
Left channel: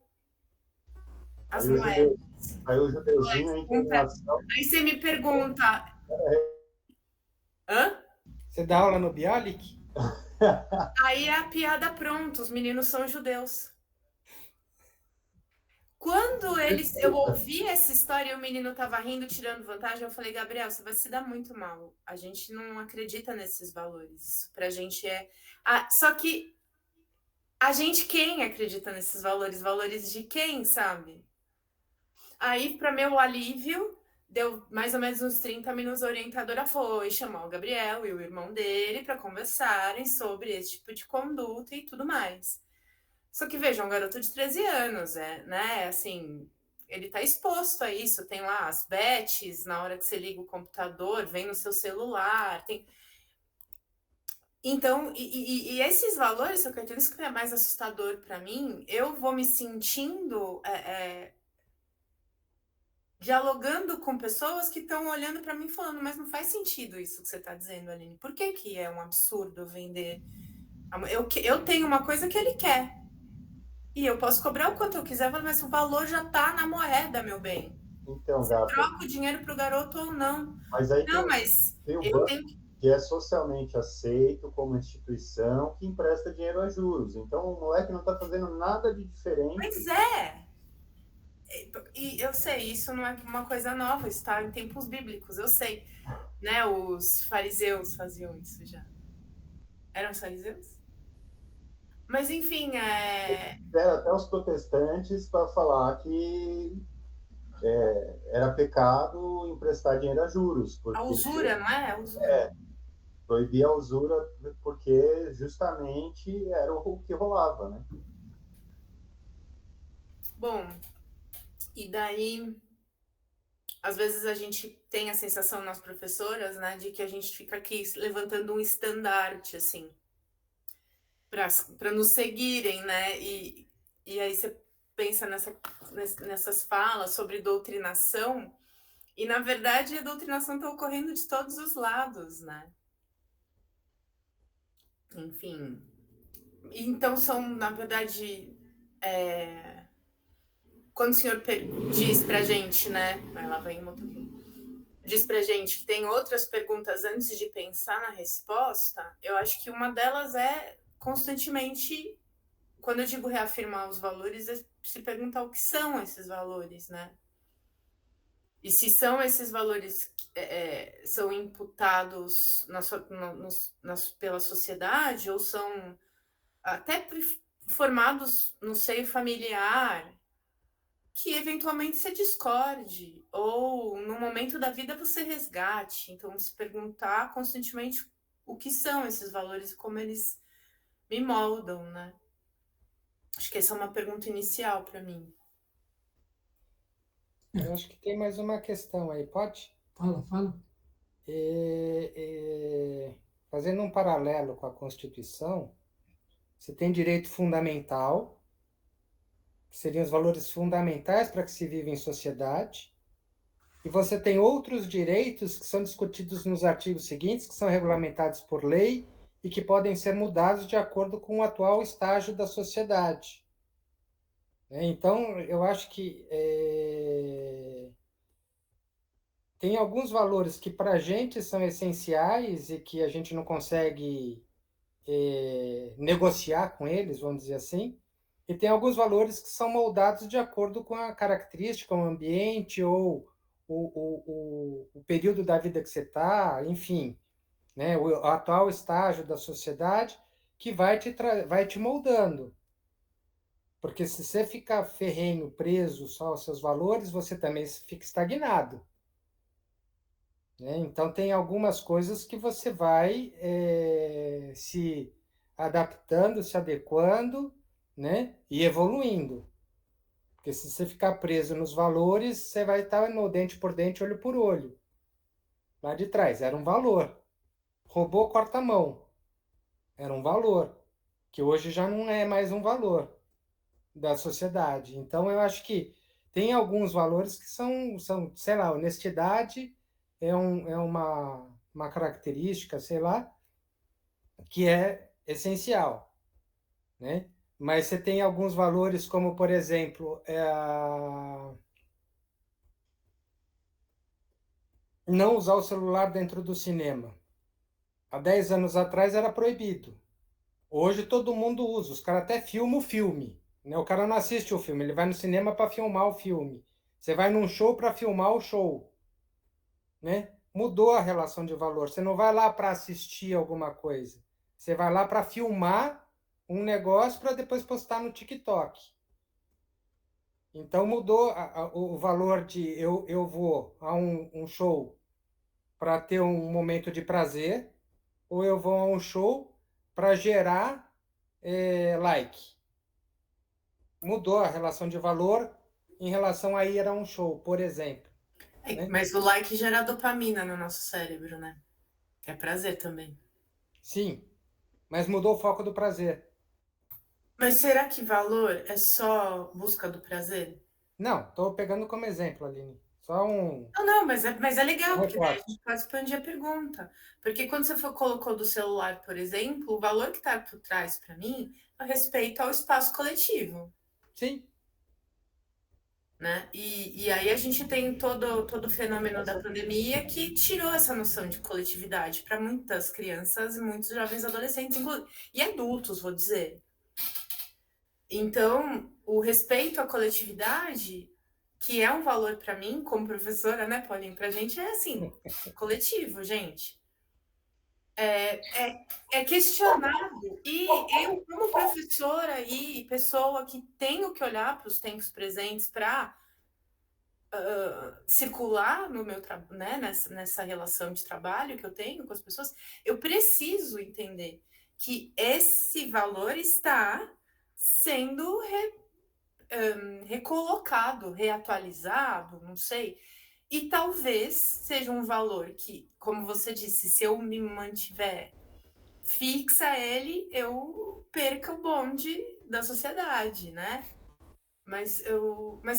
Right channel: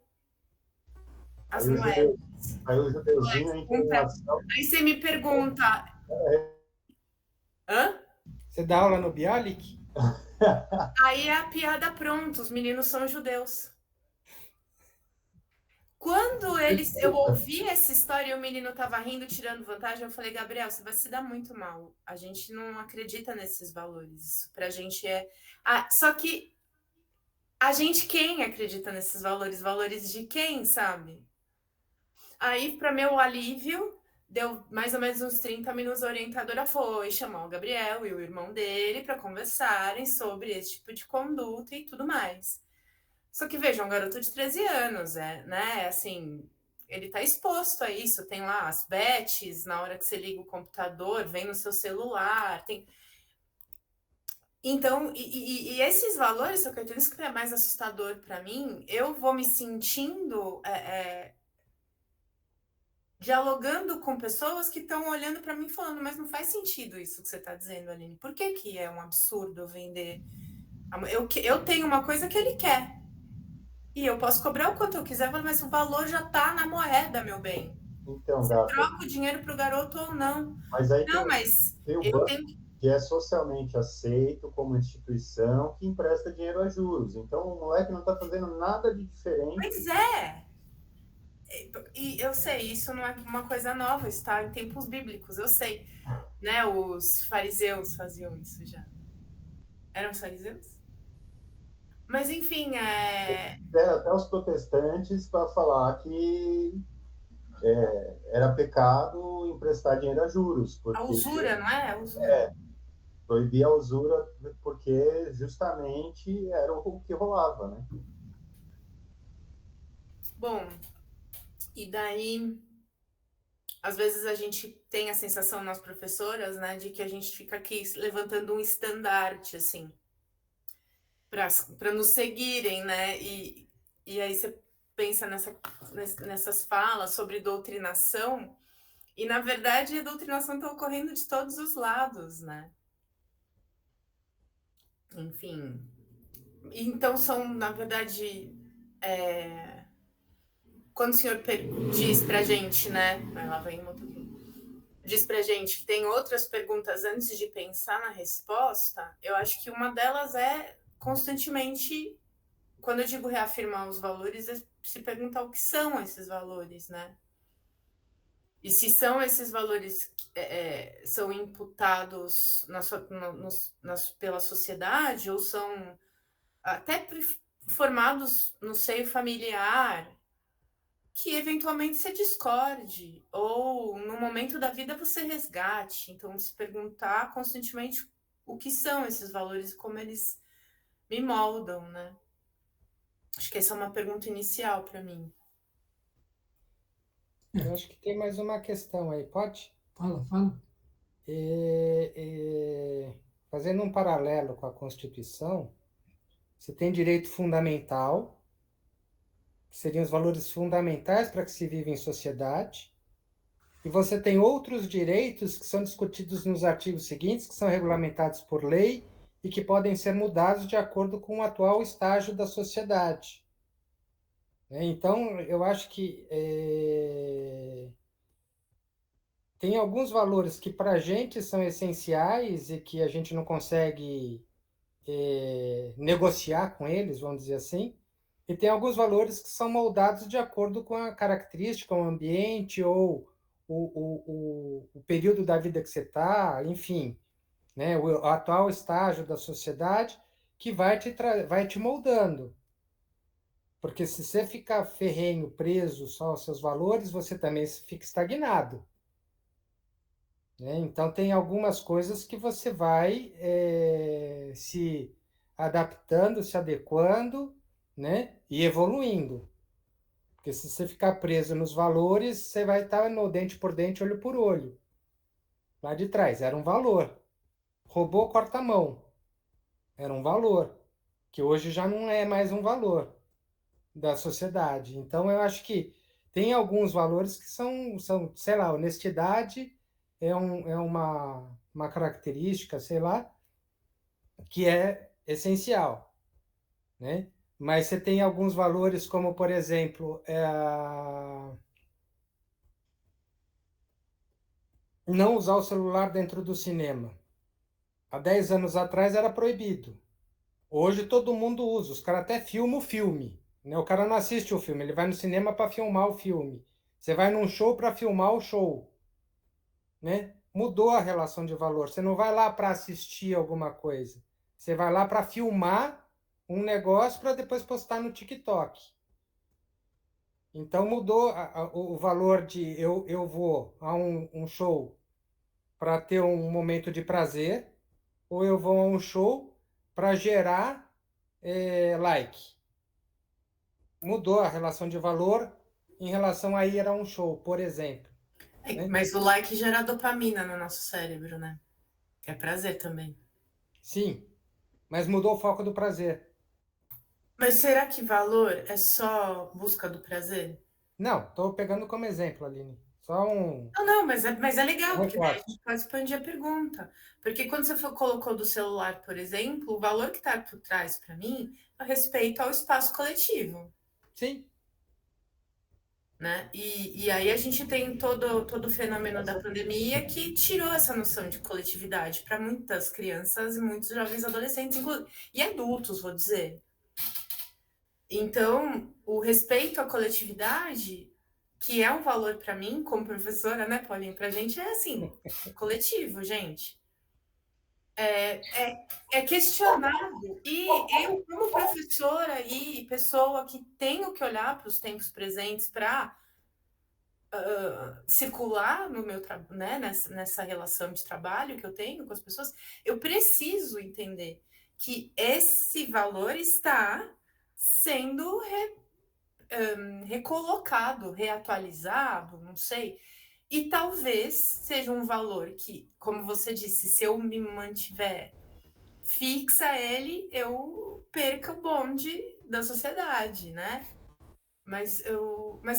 as moedas. Aí o judeuzinho entra em ação. Aí você me pergunta... Hã? Você dá aula no Bialik? Aí é a piada pronta, os meninos são judeus. Quando eu ouvi essa história e o menino estava rindo, tirando vantagem, eu falei, Gabriel, você vai se dar muito mal. A gente não acredita nesses valores. Isso pra gente é... só que a gente, quem acredita nesses valores? Valores de quem, sabe? Aí, para meu alívio, deu mais ou menos uns 30 minutos, a orientadora foi chamar o Gabriel e o irmão dele para conversarem sobre esse tipo de conduta e tudo mais. Só que, veja, um garoto de 13 anos, né? Assim, ele tá exposto a isso. Tem lá as bets, na hora que você liga o computador, vem no seu celular, tem... Então, e esses valores, só que isso que é mais assustador para mim, eu vou me sentindo... dialogando com pessoas que estão olhando para mim falando, mas não faz sentido isso que você está dizendo, Aline. Por que é um absurdo vender? Eu tenho uma coisa que ele quer. E eu posso cobrar o quanto eu quiser, mas o valor já está na moeda, meu bem. Então, você Gata, troca o dinheiro para o garoto ou não. Mas aí não, mas tem o banco que é socialmente aceito como instituição que empresta dinheiro a juros. Então, o moleque não está fazendo nada de diferente. Pois é. E eu sei, isso não é uma coisa nova, está em tempos bíblicos, eu sei. Né? Os fariseus faziam isso já. Eram os fariseus? Mas, enfim, até os protestantes para falar que era pecado emprestar dinheiro a juros. Porque, a usura, não é? A usura. Proibia a usura porque justamente era o que rolava, né? Bom, e daí, às vezes a gente tem a sensação, nós professoras, né, de que a gente fica aqui levantando um estandarte, assim, para nos seguirem, né? E aí você pensa nessas falas sobre doutrinação, e na verdade a doutrinação está ocorrendo de todos os lados, né? Enfim. Então são, na verdade, quando o senhor diz pra gente, né? Ela vem um pouquinho. Diz pra gente que tem outras perguntas antes de pensar na resposta, eu acho que uma delas é constantemente, quando eu digo reafirmar os valores, é se perguntar o que são esses valores, né? E se são esses valores são imputados pela sociedade ou são até formados no seio familiar, que eventualmente você discorde, ou no momento da vida você resgate. Então, se perguntar constantemente o que são esses valores e como eles me moldam, né? Acho que essa é uma pergunta inicial para mim. Eu acho que tem mais uma questão aí, pode? Fala. Fazendo um paralelo com a Constituição, você tem direito fundamental, que seriam os valores fundamentais para que se vive em sociedade, e você tem outros direitos que são discutidos nos artigos seguintes, que são regulamentados por lei e que podem ser mudados de acordo com o atual estágio da sociedade. Então, eu acho que tem alguns valores que para a gente são essenciais e que a gente não consegue negociar com eles, vamos dizer assim, E tem alguns valores que são moldados de acordo com a característica, o ambiente ou o período da vida que você está, enfim, né? O atual estágio da sociedade que vai te moldando. Porque se você ficar ferrenho, preso só aos seus valores, você também fica estagnado. Né? Então, tem algumas coisas que você vai se adaptando, se adequando, né? E evoluindo. Porque se você ficar preso nos valores, você vai estar no dente por dente, olho por olho. Lá de trás, era um valor. Roubou, corta a mão. Era um valor. Que hoje já não é mais um valor da sociedade. Então, eu acho que tem alguns valores que são sei lá, honestidade é uma característica, sei lá, que é essencial, né? Mas você tem alguns valores, como, por exemplo, não usar o celular dentro do cinema. Há 10 anos atrás era proibido. Hoje todo mundo usa. Os caras até filmam o filme. Né? O cara não assiste o filme, ele vai no cinema para filmar o filme. Você vai num show para filmar o show. Né? Mudou a relação de valor. Você não vai lá para assistir alguma coisa. Você vai lá para filmar um negócio para depois postar no TikTok. Então mudou o valor de eu vou a um show para ter um momento de prazer, ou eu vou a um show para gerar like. Mudou a relação de valor em relação a ir a um show, por exemplo. Né? Mas o like gera dopamina no nosso cérebro, né? É prazer também. Sim, mas mudou o foco do prazer. Mas será que valor é só busca do prazer? Não, estou pegando como exemplo, Aline. Só um Não, mas é legal, porque daí a recorte. gente pode expandir a pergunta. Porque quando você colocou do celular, por exemplo, o valor que está por trás para mim é respeito ao espaço coletivo. Sim. Né? E aí a gente tem todo o fenômeno da pandemia que tirou essa noção de coletividade para muitas crianças e muitos jovens adolescentes e adultos, vou dizer. Então, o respeito à coletividade, que é um valor para mim, como professora, né, Paulinho? Para a gente é assim, coletivo, gente. É questionado. E eu, como professora e pessoa que tenho que olhar para os tempos presentes para circular no meu né, nessa relação de trabalho que eu tenho com as pessoas, eu preciso entender que esse valor está sendo recolocado, reatualizado, não sei, e talvez seja um valor que, como você disse, se eu me mantiver fixa ele, eu perca o bonde da sociedade, né? Mas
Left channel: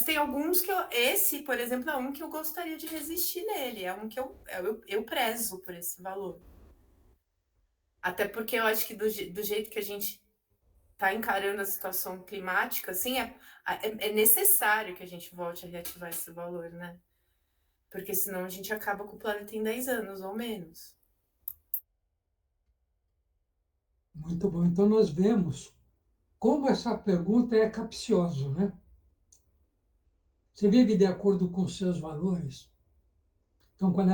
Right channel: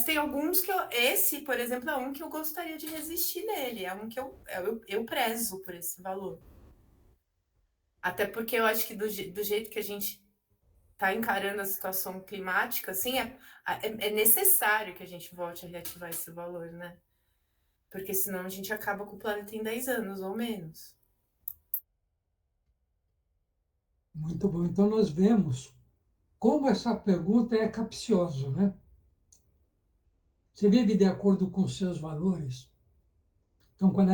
tem alguns que esse, por exemplo, é um que eu gostaria de resistir nele, é um que eu prezo por esse valor. Até porque eu acho que do jeito que a gente está encarando a situação climática, assim, é necessário que a gente volte a reativar esse valor, né? Porque senão a gente acaba com o planeta em 10 anos ou menos. Muito bom. Então, nós vemos como essa pergunta é capciosa, né? Você vive de acordo com os seus valores? Então, qual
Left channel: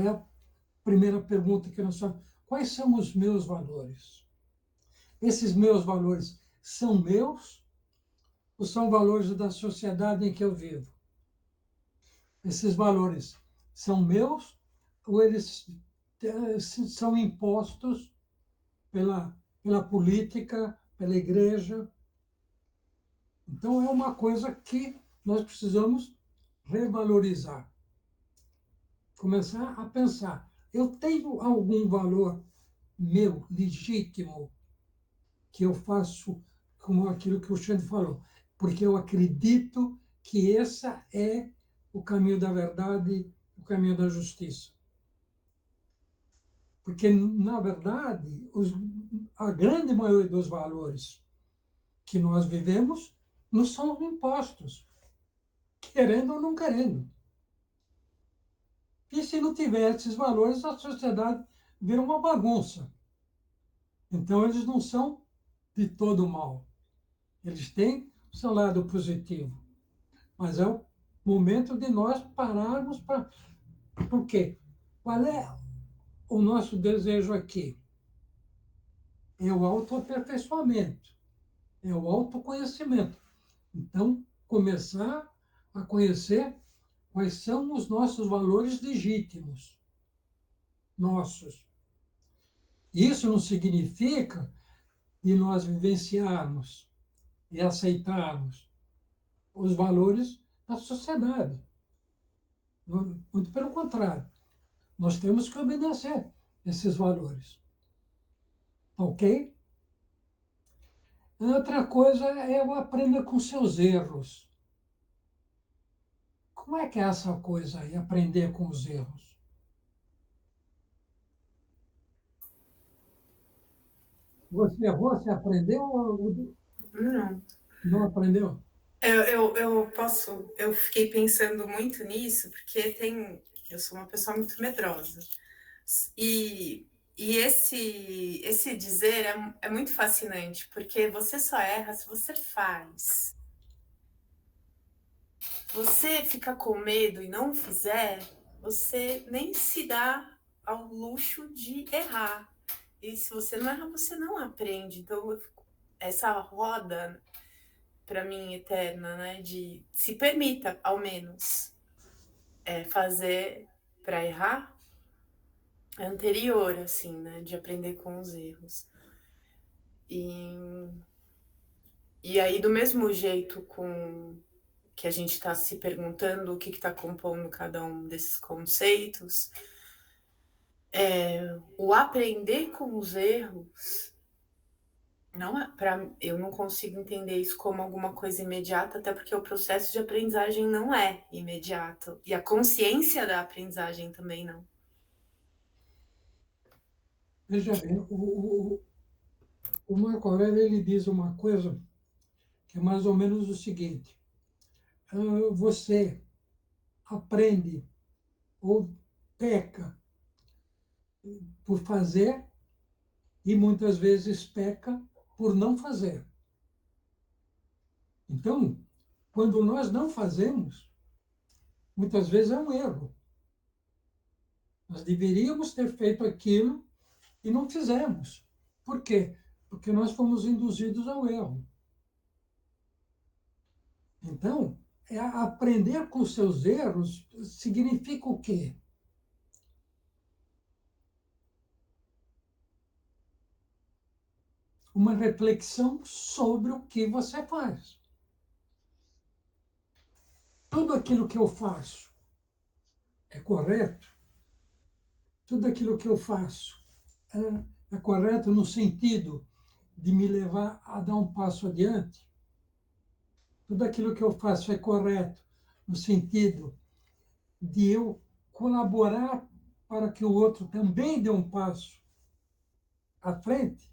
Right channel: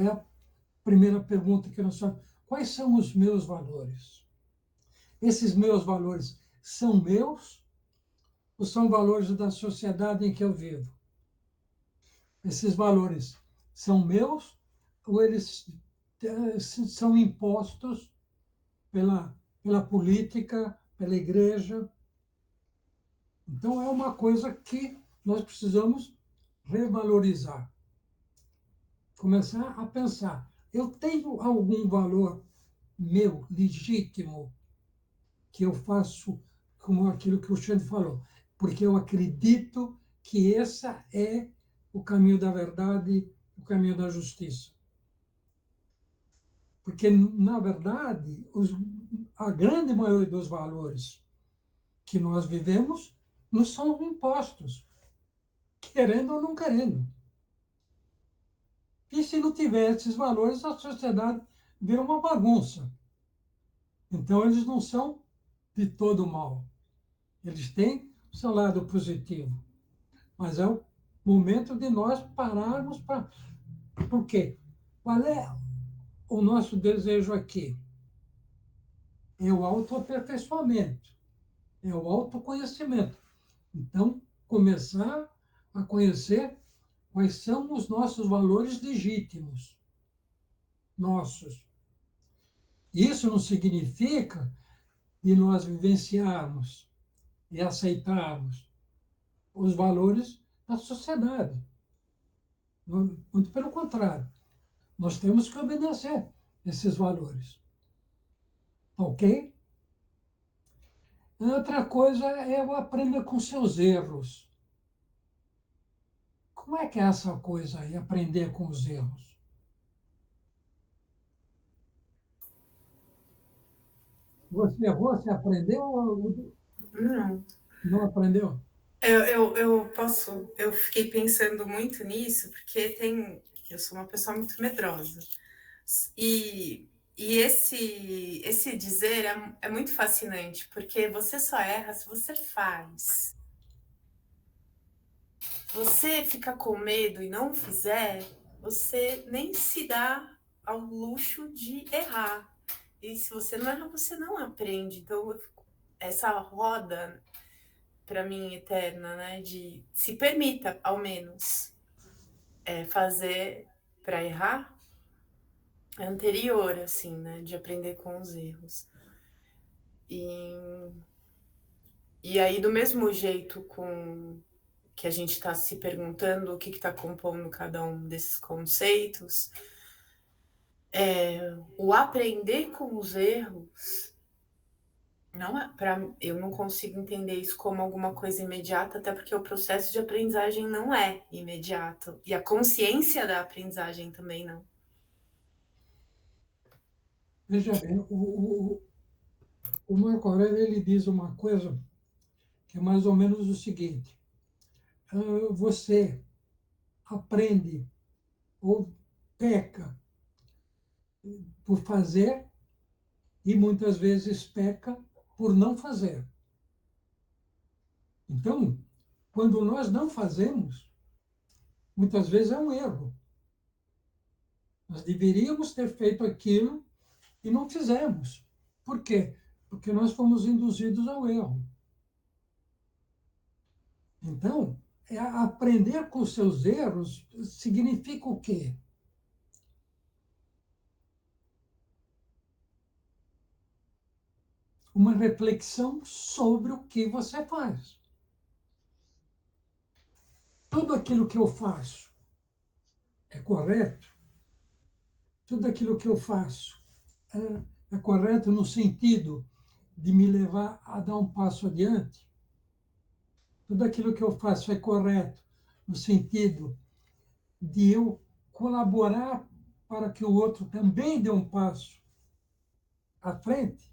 é a primeira pergunta que nós fazemos? Quais são os meus valores? Esses meus valores são meus ou são valores da sociedade em que eu vivo? Esses valores são meus ou eles são impostos pela política, pela igreja? Então, é uma coisa que nós precisamos revalorizar. Começar a pensar, eu tenho algum valor meu, legítimo, que eu faço como aquilo que o Xande falou, porque eu acredito que esse é o caminho da verdade, o caminho da justiça. Porque, na verdade, a grande maioria dos valores que nós vivemos nos são impostos, querendo ou não querendo. E se não tiver esses valores, a sociedade vira uma bagunça. Então, eles não são de todo mal. Eles têm o seu lado positivo, mas é o momento de nós pararmos para... Por quê? Qual é o nosso desejo aqui? É o autoaperfeiçoamento, é o autoconhecimento. Então, começar a conhecer quais são os nossos valores legítimos, nossos. Isso não significa de nós vivenciarmos e aceitarmos os valores da sociedade. Muito pelo contrário, nós temos que obedecer esses valores. Ok? Outra coisa é o aprender com seus erros. Como é que é essa coisa aí, aprender com os erros? Você errou, você aprendeu ou Não. não aprendeu? Eu fiquei pensando muito nisso, porque eu sou uma pessoa muito medrosa. E esse dizer é muito fascinante, porque você só erra se você faz. Você fica com medo e não fizer, você nem se dá ao luxo de errar. E se você não erra, você não aprende. Então, essa roda, para mim, eterna, né, de se permita, ao menos, fazer para errar, é anterior, assim, né, de aprender com os erros. E aí, do mesmo jeito com que a gente está se perguntando o que está compondo cada um desses conceitos, o aprender com os erros, não é, eu não consigo entender isso como alguma coisa imediata, até porque o processo de aprendizagem não é imediato. E a consciência da aprendizagem também não. Veja bem, o Marco Aurélio ele diz uma coisa que é mais ou menos o seguinte: você aprende ou peca por fazer e muitas vezes peca por não fazer. Então, quando nós não fazemos, muitas vezes é um erro. Nós deveríamos ter feito aquilo e não fizemos. Por quê? Porque nós fomos induzidos ao erro. Então, aprender com seus erros significa o quê? Uma reflexão sobre o que você faz. Tudo aquilo que eu faço é correto? Tudo aquilo que eu faço é correto no sentido de me levar a dar um passo adiante? Tudo aquilo que eu faço é correto no sentido de eu colaborar para que o outro também dê um passo à frente?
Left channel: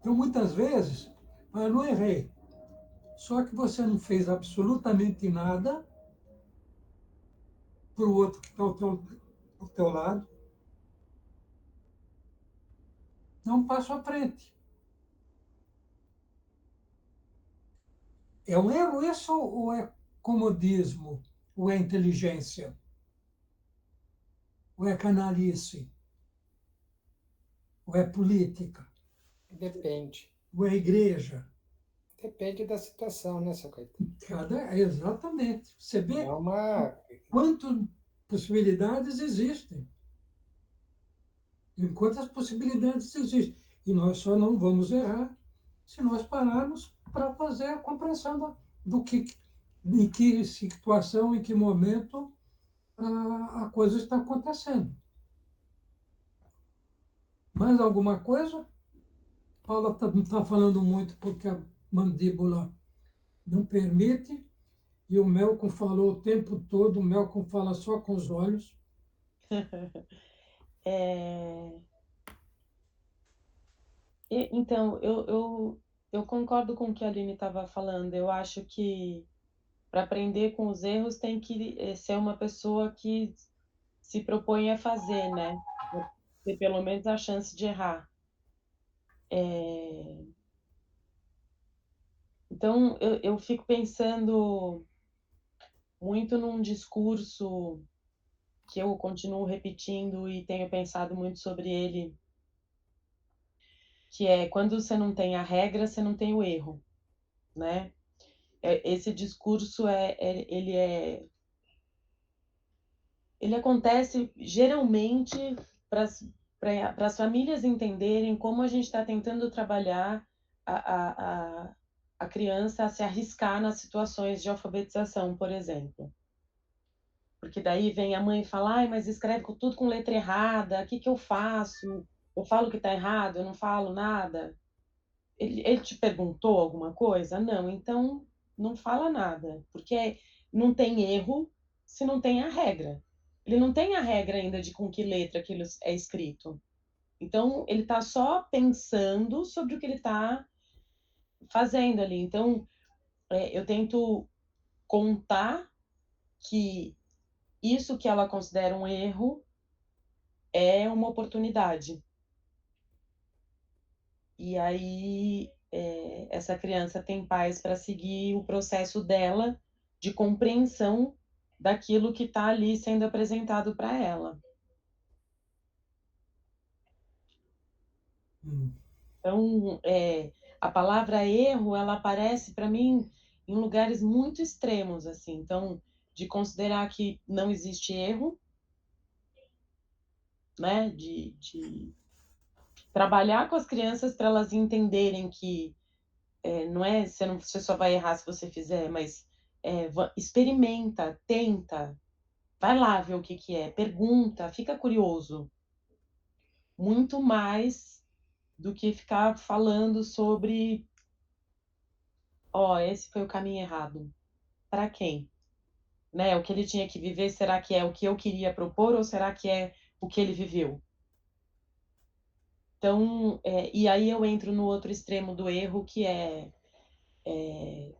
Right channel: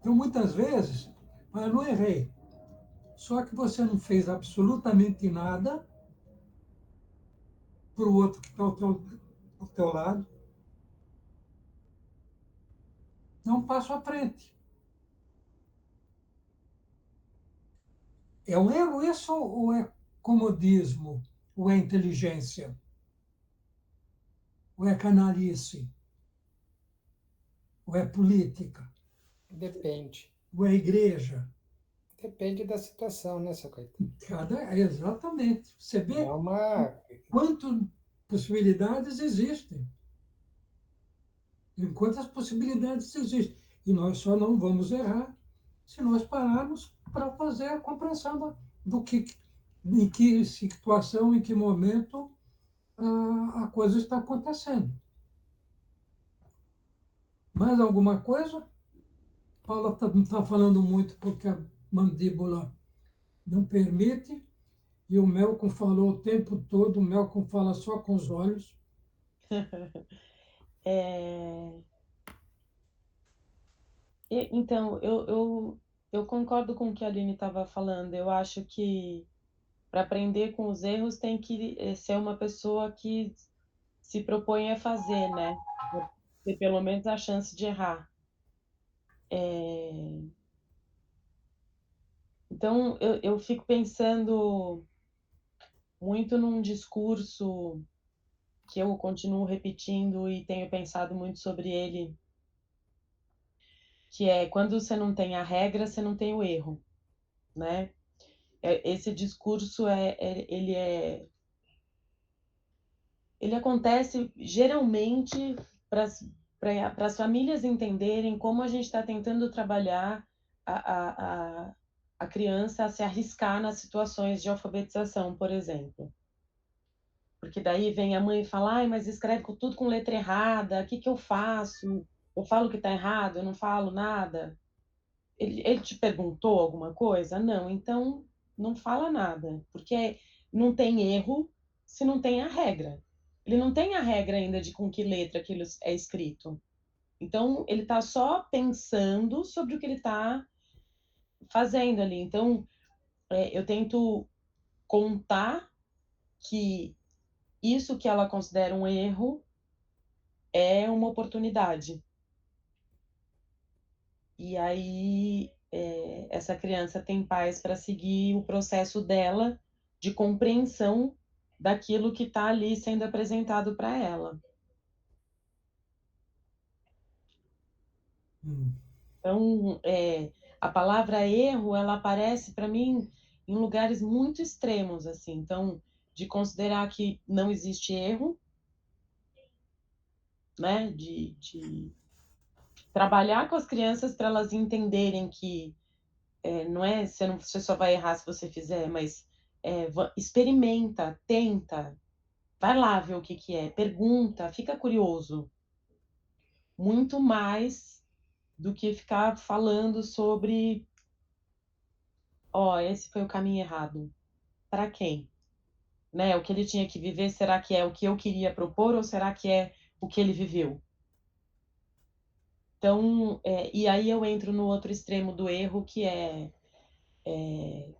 Então, muitas vezes, eu não errei. Só que você não fez absolutamente nada para o outro que está ao teu lado. Dá um passo à frente. É um erro isso ou é comodismo? Ou é inteligência? Ou é canalice? Ou é política? Depende. Ou é igreja? Depende da situação, né, seu Caetano? Exatamente. Você vê É uma. quantas possibilidades existem. E quantas possibilidades existem. E nós só não vamos errar se nós pararmos para fazer a compreensão do que, em que situação, em que momento a coisa está acontecendo. Mais alguma coisa? Paula está falando muito porque a mandíbula não permite, e o Melcom falou o tempo todo, o Melcom fala só com os olhos. Então, eu concordo com o que a Aline estava falando. Eu acho que para aprender com os erros tem que ser uma pessoa que se propõe a fazer, né? Ter pelo menos a chance de errar. Então, eu fico pensando muito num discurso que eu continuo repetindo e tenho pensado muito sobre ele, que é quando você não tem a regra, você não tem o erro, né? Esse discurso ele acontece geralmente para as famílias entenderem como a gente está tentando trabalhar a criança a se arriscar nas situações de alfabetização, por exemplo. Porque daí vem a mãe e fala, ai, mas escreve tudo com letra errada, o que que eu faço? Eu falo que está errado, eu não falo nada. Ele te perguntou alguma coisa? Não, então não fala nada, porque não tem erro se não tem a regra. Ele não tem a regra ainda de com que letra aquilo é escrito. Então, ele está só pensando sobre o que ele está fazendo ali. Então, eu tento contar que isso que ela considera um erro é uma oportunidade. E aí, essa criança tem paz para seguir o processo dela de compreensão daquilo que está ali sendo apresentado para ela. Então, a palavra erro, ela aparece para mim em lugares muito extremos, assim. Então, de considerar que não existe erro, né? De trabalhar com as crianças para elas entenderem que não é você só vai errar se você fizer, mas experimenta, tenta, vai lá ver o que que é, pergunta, fica curioso. Muito mais do que ficar falando sobre, esse foi o caminho errado. Para quem? Né? O que ele tinha que viver, será que é o que eu queria propor ou será que é o que ele viveu? Então, e aí eu entro no outro extremo do erro, que é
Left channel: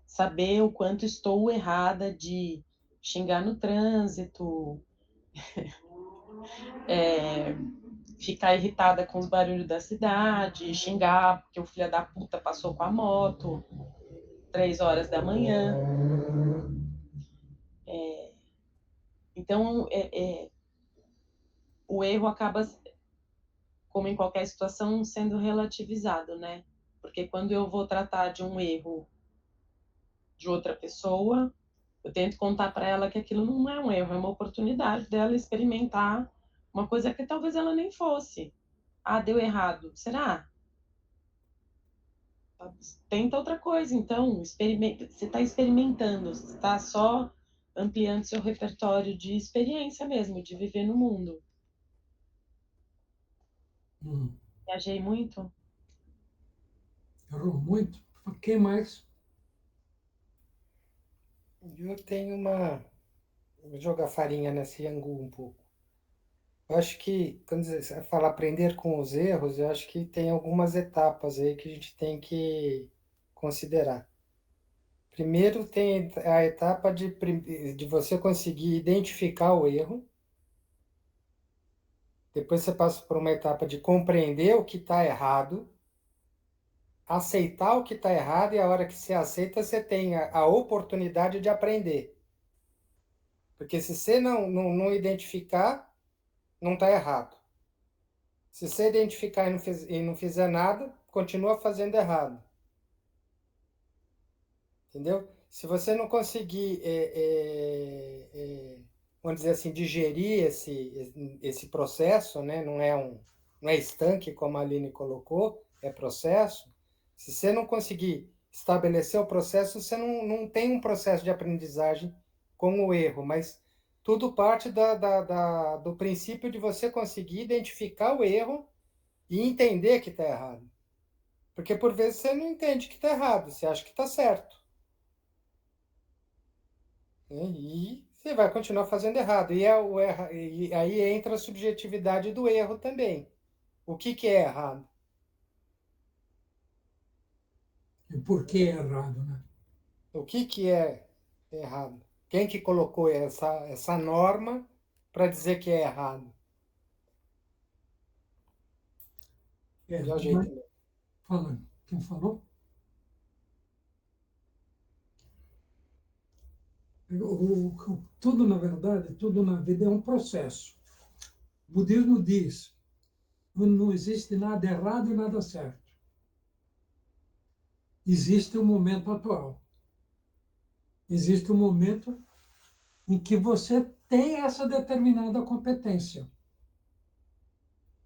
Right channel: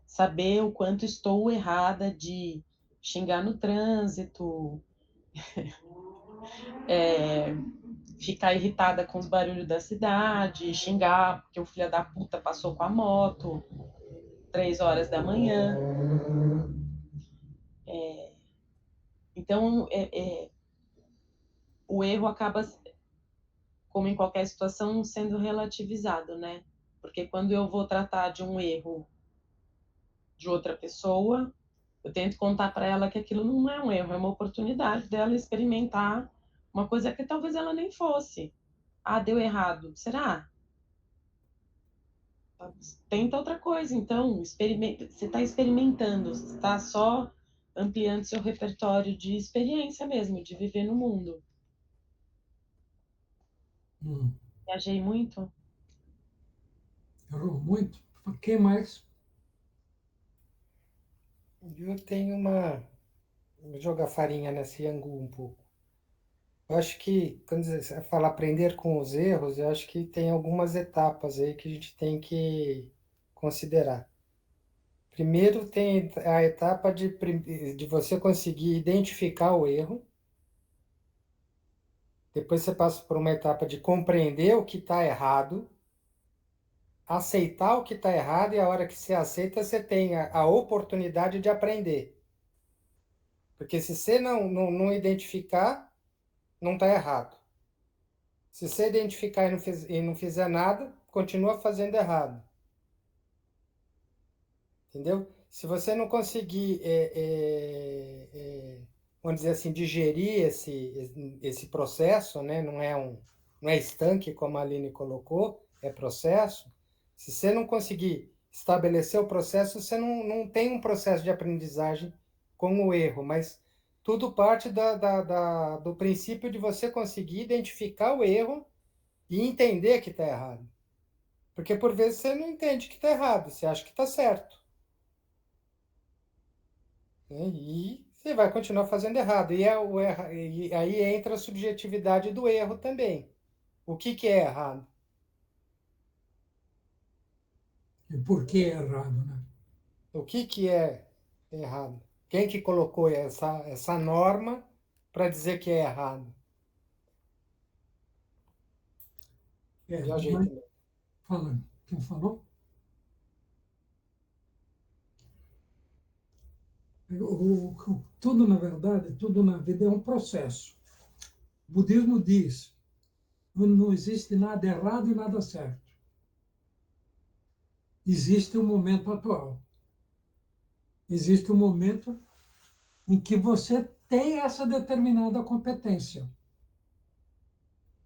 saber o quanto estou errada de xingar no trânsito, ficar irritada com os barulhos da cidade, xingar porque o filho da puta passou com a moto 3 horas da manhã. Então, o erro acaba, como em qualquer situação, sendo relativizado, né? Porque quando eu vou tratar de um erro de outra pessoa, eu tento contar para ela que aquilo não é um erro, é uma oportunidade dela experimentar uma coisa que talvez ela nem fosse. Ah, deu errado. Será? Tenta outra coisa, então. Experimenta. Você está experimentando, você está só ampliando seu repertório de experiência mesmo, de viver no mundo. Viajei muito? Errou muito? Quem mais? Eu tenho uma. Vou jogar farinha nesse angu um pouco. Eu acho que, quando você fala aprender com os erros, eu acho que tem algumas etapas aí que a gente tem que considerar. Primeiro tem a etapa de você conseguir identificar o erro. Depois você passa por uma etapa de compreender o que está errado, aceitar o que está errado, e a hora que você aceita, você tem a oportunidade de aprender. Porque se você não identificar, não está errado. Se você identificar e não fizer nada, continua fazendo errado. Entendeu? Se você não conseguir, vamos dizer assim, digerir esse processo, né? Não é estanque, como a Aline colocou, é processo. Se você não conseguir estabelecer o processo, você não tem um processo de aprendizagem com o erro, mas tudo parte do princípio de você conseguir identificar o erro e entender que está errado. Porque por vezes você não entende que está errado, você acha que está certo. E você vai continuar fazendo errado. E aí entra a subjetividade do erro também. O que que é errado? E por que é errado, né? O que que é errado? Quem que colocou essa norma para dizer que é errado? Viajei Mas, também. falando. Quem falou? Tudo, na verdade, tudo na vida é um processo. O budismo diz: não existe nada errado e nada certo. Existe o momento atual. Existe o momento em que você tem essa determinada competência.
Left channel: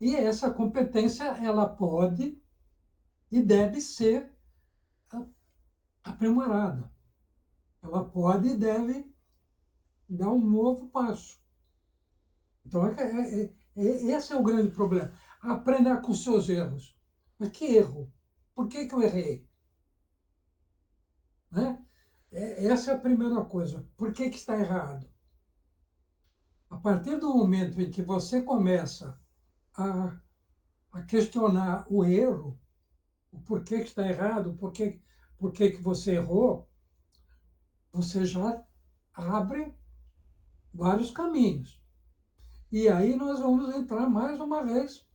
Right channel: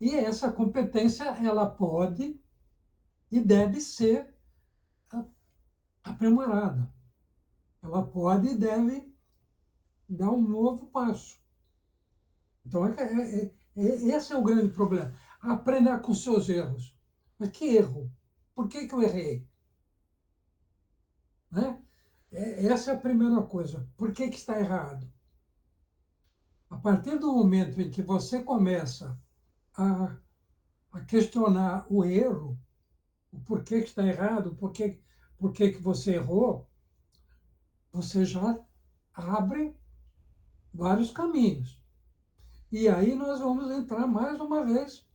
E essa competência, ela pode e deve ser aprimorada. Ela pode e deve dar um novo passo. Então, esse é o grande problema. Aprender com os seus erros. Mas que erro? Por que eu errei? Né? Essa é a primeira coisa. Por que está errado? A partir do momento em que você começa a questionar o erro, o porquê que está errado, por que você errou, você já abre vários caminhos. E aí nós vamos entrar mais uma vez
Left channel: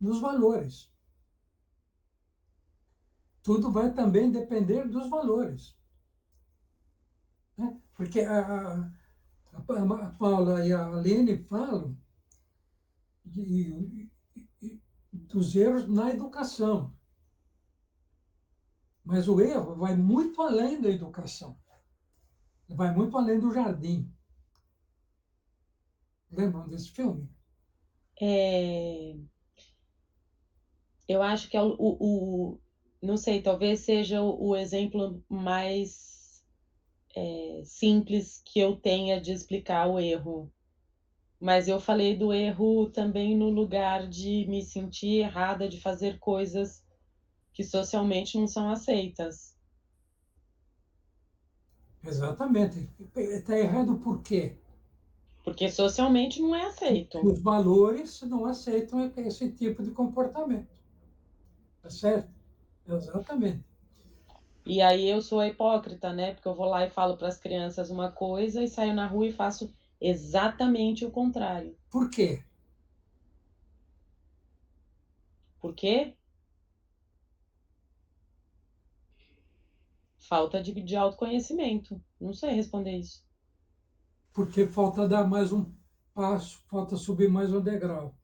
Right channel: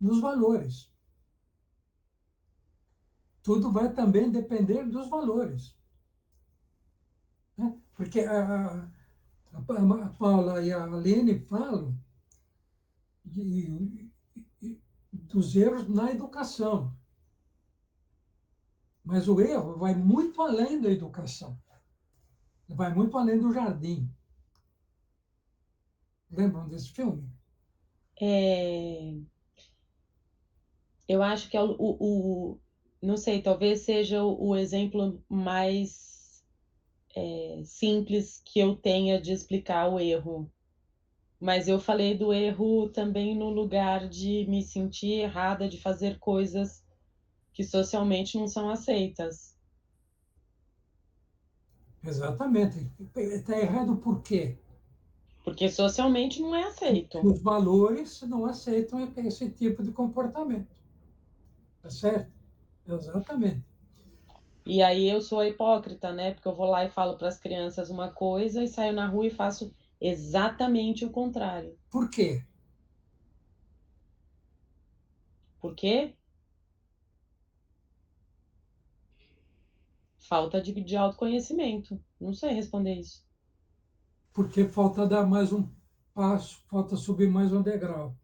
nos valores. Tudo vai também depender dos valores. Né? Porque a Paula e a Aline falam dos erros na educação. Mas o erro vai muito além da educação. Vai muito além do jardim. Lembram desse filme? Eu acho que é não sei, talvez seja o exemplo mais simples que eu tenha de explicar o erro. Mas eu falei do erro também no lugar de me sentir errada de fazer coisas que socialmente não são aceitas. Exatamente. Está errado por quê? Porque socialmente não é aceito. Os valores não aceitam esse tipo de comportamento. Tá certo? Exatamente. E aí eu sou a hipócrita, né? Porque eu vou lá e falo para as crianças uma coisa e saio na rua e faço exatamente o contrário. Por quê? Por quê? Falta de autoconhecimento. Não sei responder isso. Porque falta dar mais um passo, falta subir mais um degrau.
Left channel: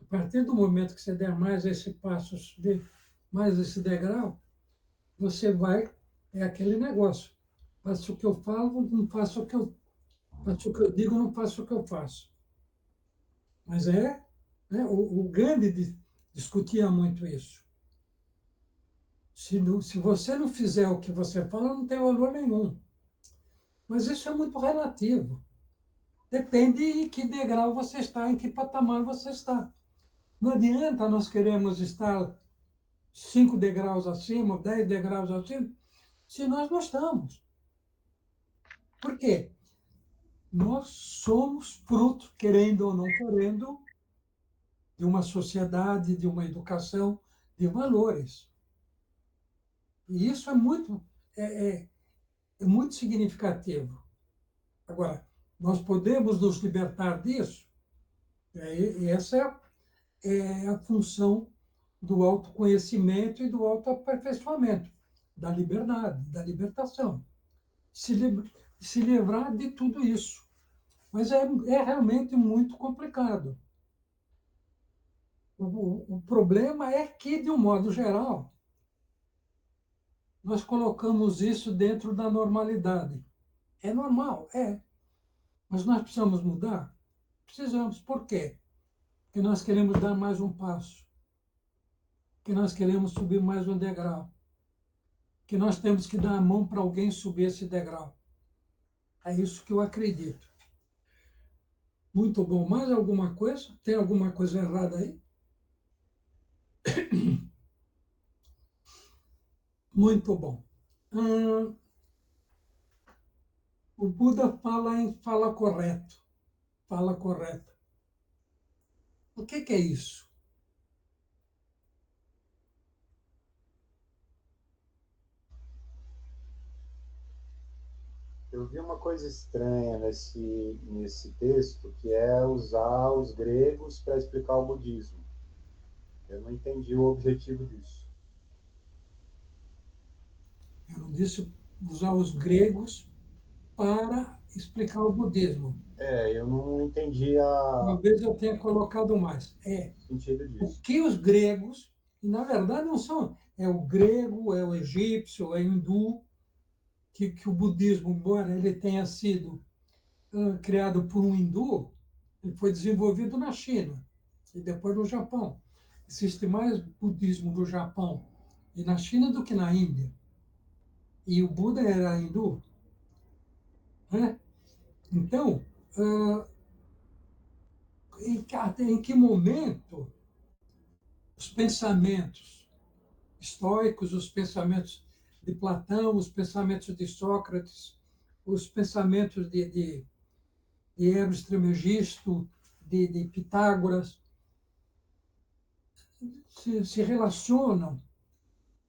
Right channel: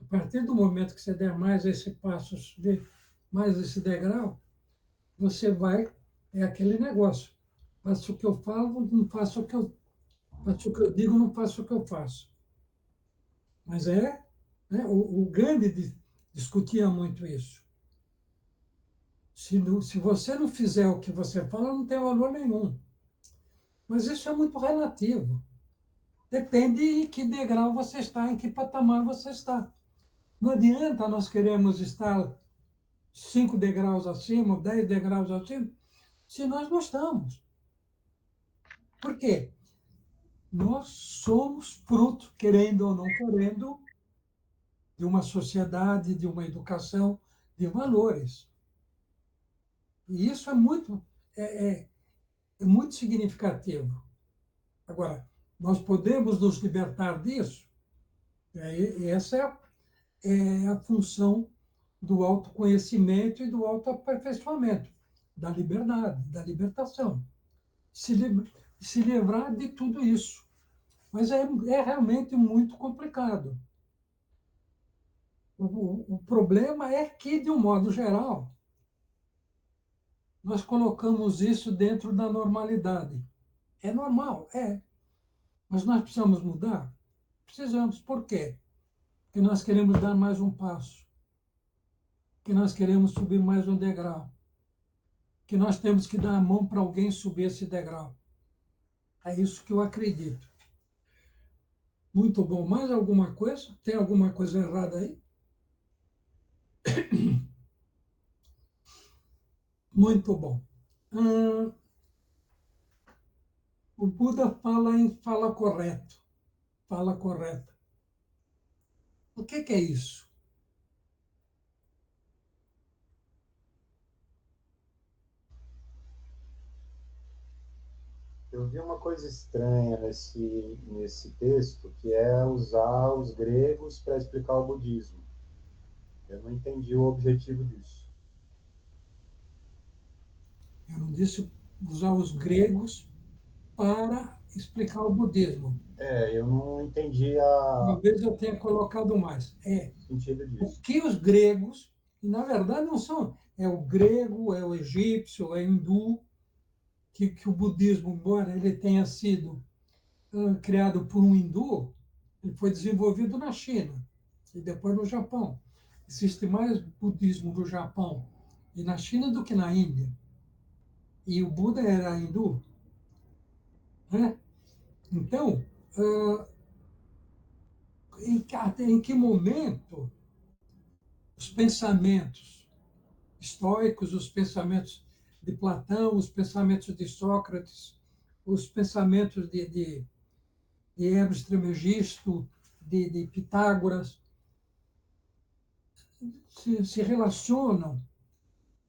A partir do momento que você der mais esse passo, subir mais esse degrau, você vai, é aquele negócio. Faço o que eu falo, não faço o que eu faço o que eu digo, não faço o que eu faço. Mas né, o Gandhi discutia muito isso. Se você não fizer o que você fala, não tem valor nenhum. Mas isso é muito relativo. Depende em que degrau você está, em que patamar você está. Não adianta nós queremos estar 5 degraus acima, 10 degraus acima, se nós não estamos. Por quê? Nós somos fruto, querendo ou não querendo, de uma sociedade, de uma educação, de valores. E isso é muito significativo. Agora, nós podemos nos libertar disso? E essa é a função do autoconhecimento e do autoaperfeiçoamento, da liberdade, da libertação. Se livrar de tudo isso. Mas é realmente muito complicado. O problema é que, de um modo geral, nós colocamos isso dentro da normalidade. É normal, é. Mas nós precisamos mudar? Precisamos. Por quê? Porque nós queremos dar mais um passo. Que nós queremos subir mais um degrau. Que nós temos que dar a mão para alguém subir esse degrau. É isso que eu acredito. Muito bom. Mais alguma coisa? Tem alguma coisa errada aí? Muito bom. O Buda fala em fala correto. Fala correta. O que é isso? Eu vi uma coisa estranha nesse texto, que é usar os gregos para explicar o budismo. Eu não entendi o objetivo disso. Eu não disse usar os gregos para explicar o budismo. Eu não entendi Talvez eu tenha colocado mais. o sentido O disso. que os gregos, e na verdade não são, é o grego, é o egípcio, é o hindu, que o budismo, embora ele tenha sido criado por um hindu, ele foi desenvolvido na China e depois no Japão. Existe mais budismo no Japão e na China do que na Índia. E o Buda era hindu, né? Então, em que momento os pensamentos estoicos, os pensamentos de Platão, os pensamentos de Sócrates, os pensamentos de Hermes Trismegisto, de Pitágoras, se relacionam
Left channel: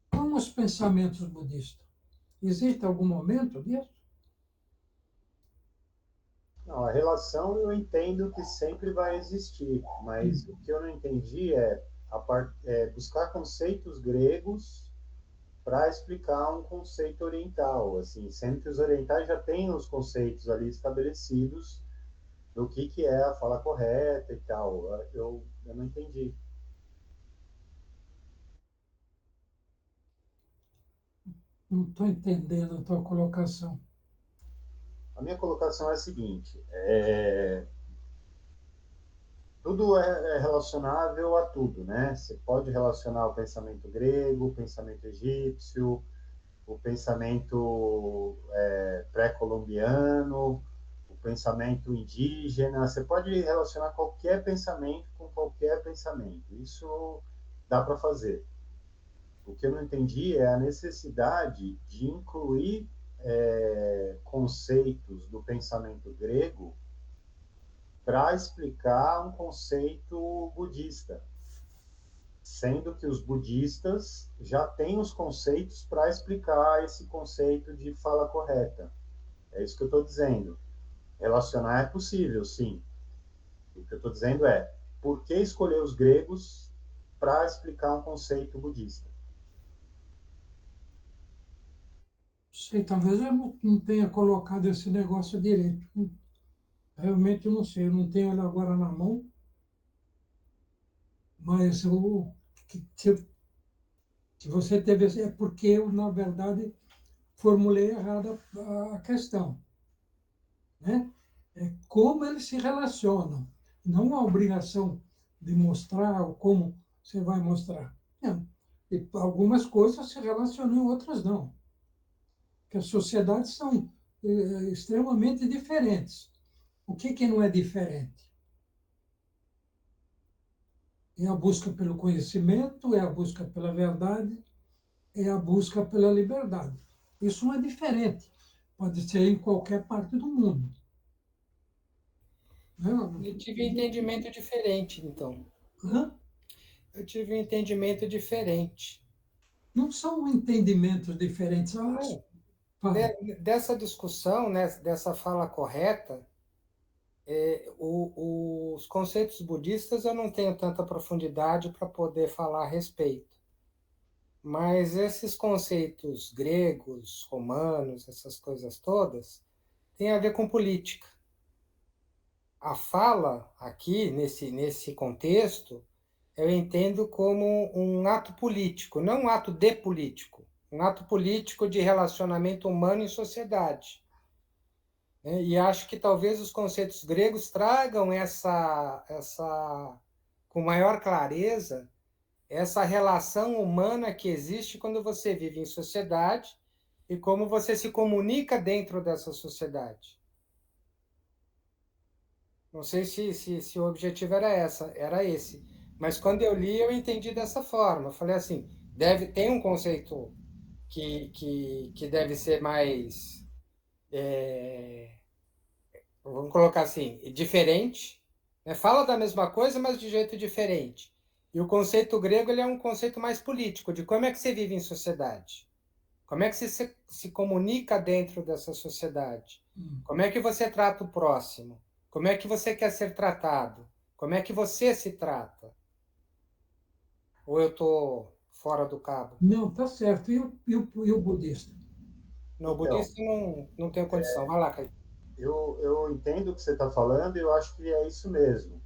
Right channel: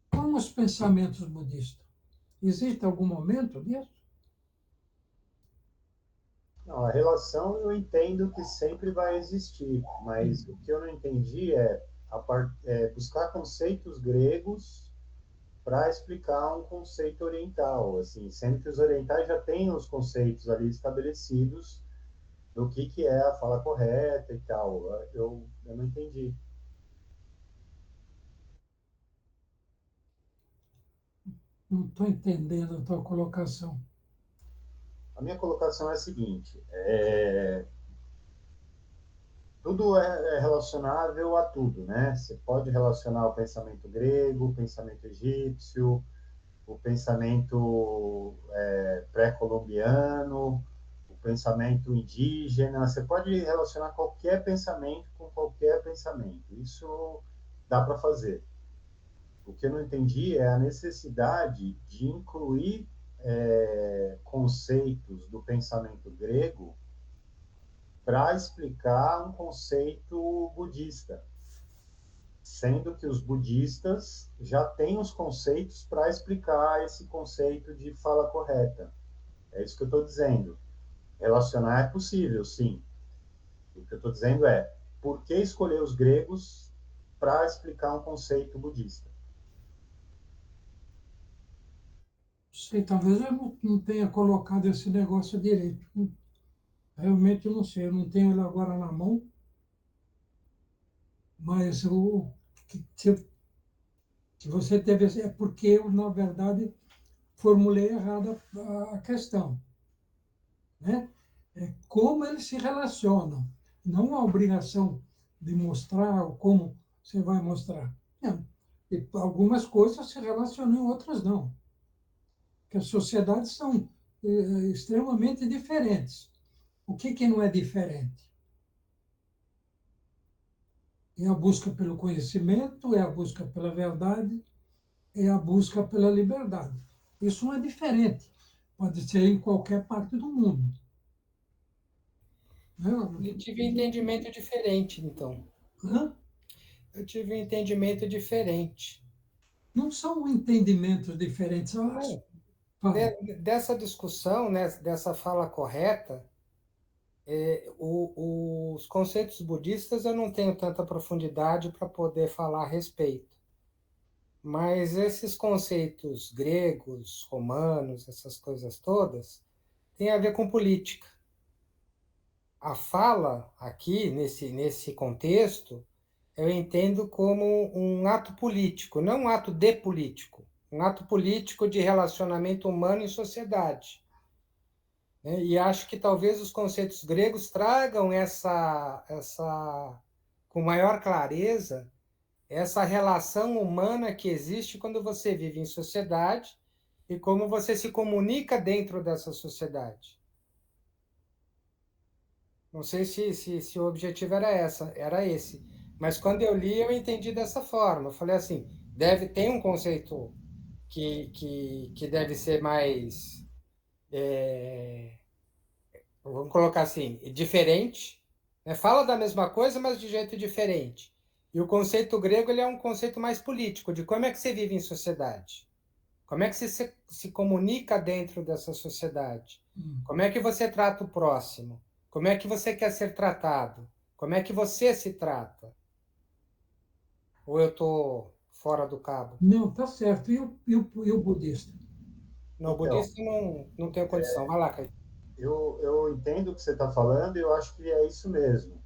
com os pensamentos budistas. Existe algum momento disso? Não, a relação eu entendo que sempre vai existir, mas o que eu não entendi é buscar conceitos gregos para explicar um conceito oriental, assim, sendo que os orientais já têm os conceitos ali estabelecidos do que é a fala correta e tal. Eu não entendi. Não estou entendendo a tua colocação. A minha colocação é a seguinte: tudo é relacionável a tudo, né? Você pode relacionar o pensamento grego, o pensamento egípcio, o pensamento pré-colombiano, o pensamento indígena. Você pode relacionar qualquer pensamento com qualquer pensamento. Isso dá para fazer. O que eu não entendi é a necessidade de incluir conceitos do pensamento grego para explicar um conceito budista, sendo que os budistas já têm os conceitos para explicar esse conceito de fala correta. É isso que eu estou dizendo. Relacionar é possível, sim. O que eu estou dizendo é, por que escolher os gregos para explicar um conceito budista? Sei, talvez eu não tenha colocado esse negócio direito. Realmente eu não sei, eu não tenho ele agora na mão, mas se você teve, é porque eu, na verdade, formulei errada a questão, né? É como eles se relacionam, não a obrigação de mostrar ou como você vai mostrar. Não. E algumas coisas se relacionam, outras não. Porque as sociedades são extremamente diferentes. O que não é diferente? É a busca pelo conhecimento, é a busca pela verdade, é a busca pela liberdade. Isso não é diferente. Pode ser em qualquer parte do mundo. Não, Eu tive um entendimento diferente, então. hã? Eu tive um entendimento diferente. Não são entendimentos diferentes. Não, Fala. dessa discussão, né, dessa fala correta, os conceitos budistas eu não tenho tanta profundidade para poder falar a respeito. Mas esses conceitos gregos, romanos, essas coisas todas, têm a ver com política. A fala aqui, nesse contexto, eu entendo como um ato político, não um ato de político, um ato político de relacionamento humano em sociedade. E acho que talvez os conceitos gregos tragam com maior clareza, essa relação humana que existe quando você vive em sociedade e como você se comunica dentro dessa sociedade. Não sei se o objetivo era esse. Mas quando eu li, eu entendi dessa forma. Eu falei assim, tem um conceito que deve ser mais, vamos colocar assim, diferente, né? Fala da mesma coisa, mas de jeito diferente. E o conceito grego ele é um conceito mais político, de como é que você vive em sociedade. Como é que você se comunica dentro dessa sociedade? Como é que você trata o próximo? Como é que você quer ser tratado? Como é que você se trata? Ou eu estou fora do cabo? Não, está certo. E o budista? No Então, budista não tenho condição. Vai lá, Caio. eu entendo o que você está falando e eu acho que é isso mesmo.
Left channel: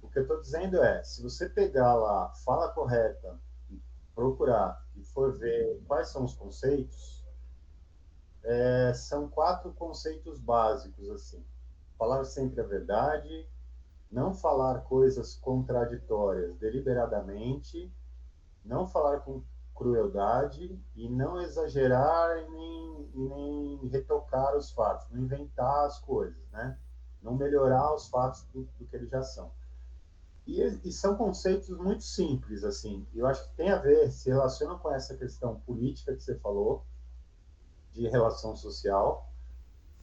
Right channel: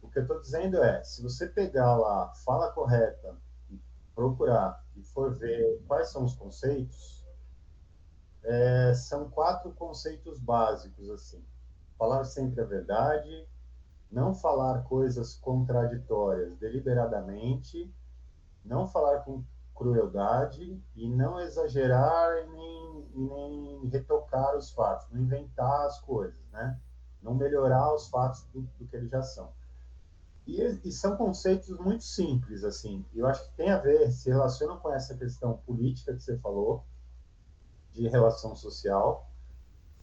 O que eu estou dizendo é, se você pegar lá a fala correta, e procurar e for ver quais são os conceitos, são 4 conceitos básicos, assim. Falar sempre a verdade, não falar coisas contraditórias deliberadamente, não falar com crueldade e não exagerar nem retocar os fatos, não inventar as coisas, né? Não melhorar os fatos do que eles já são. E são conceitos muito simples, assim. Eu acho que tem a ver, se relaciona com essa questão política que você falou, de relação social,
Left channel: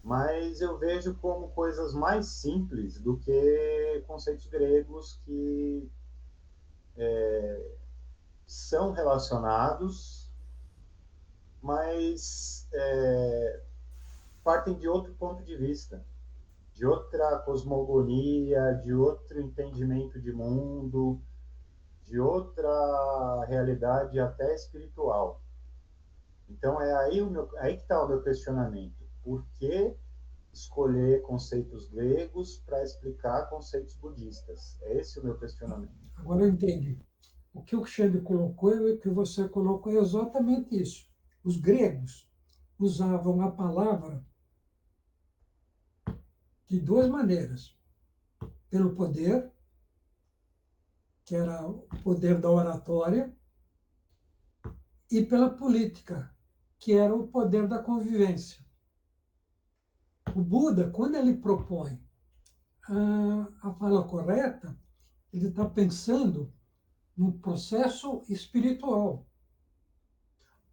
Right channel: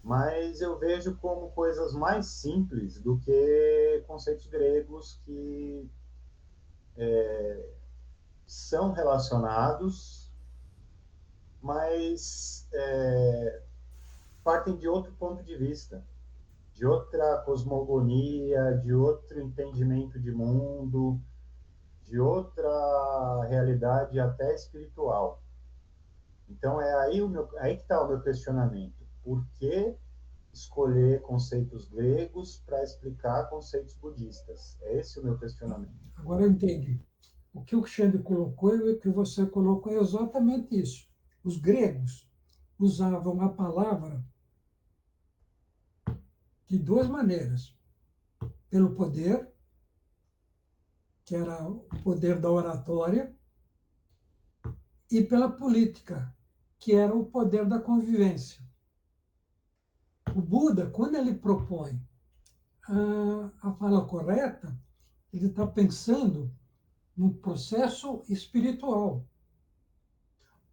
mas eu vejo como coisas mais simples do que conceitos gregos que são relacionados, mas partem de outro ponto de vista, de outra cosmogonia, de outro entendimento de mundo, de outra realidade até espiritual. Então é aí que está o meu questionamento. Por que escolher conceitos gregos para explicar conceitos budistas? É esse o meu questionamento. Agora eu entendi. O que o Xande colocou e o que você colocou é exatamente isso. Os gregos usavam a palavra de duas maneiras. Pelo poder, que era o poder da oratória, e pela política, que era o poder da convivência. O Buda, quando ele propõe a fala correta, ele está pensando num processo espiritual.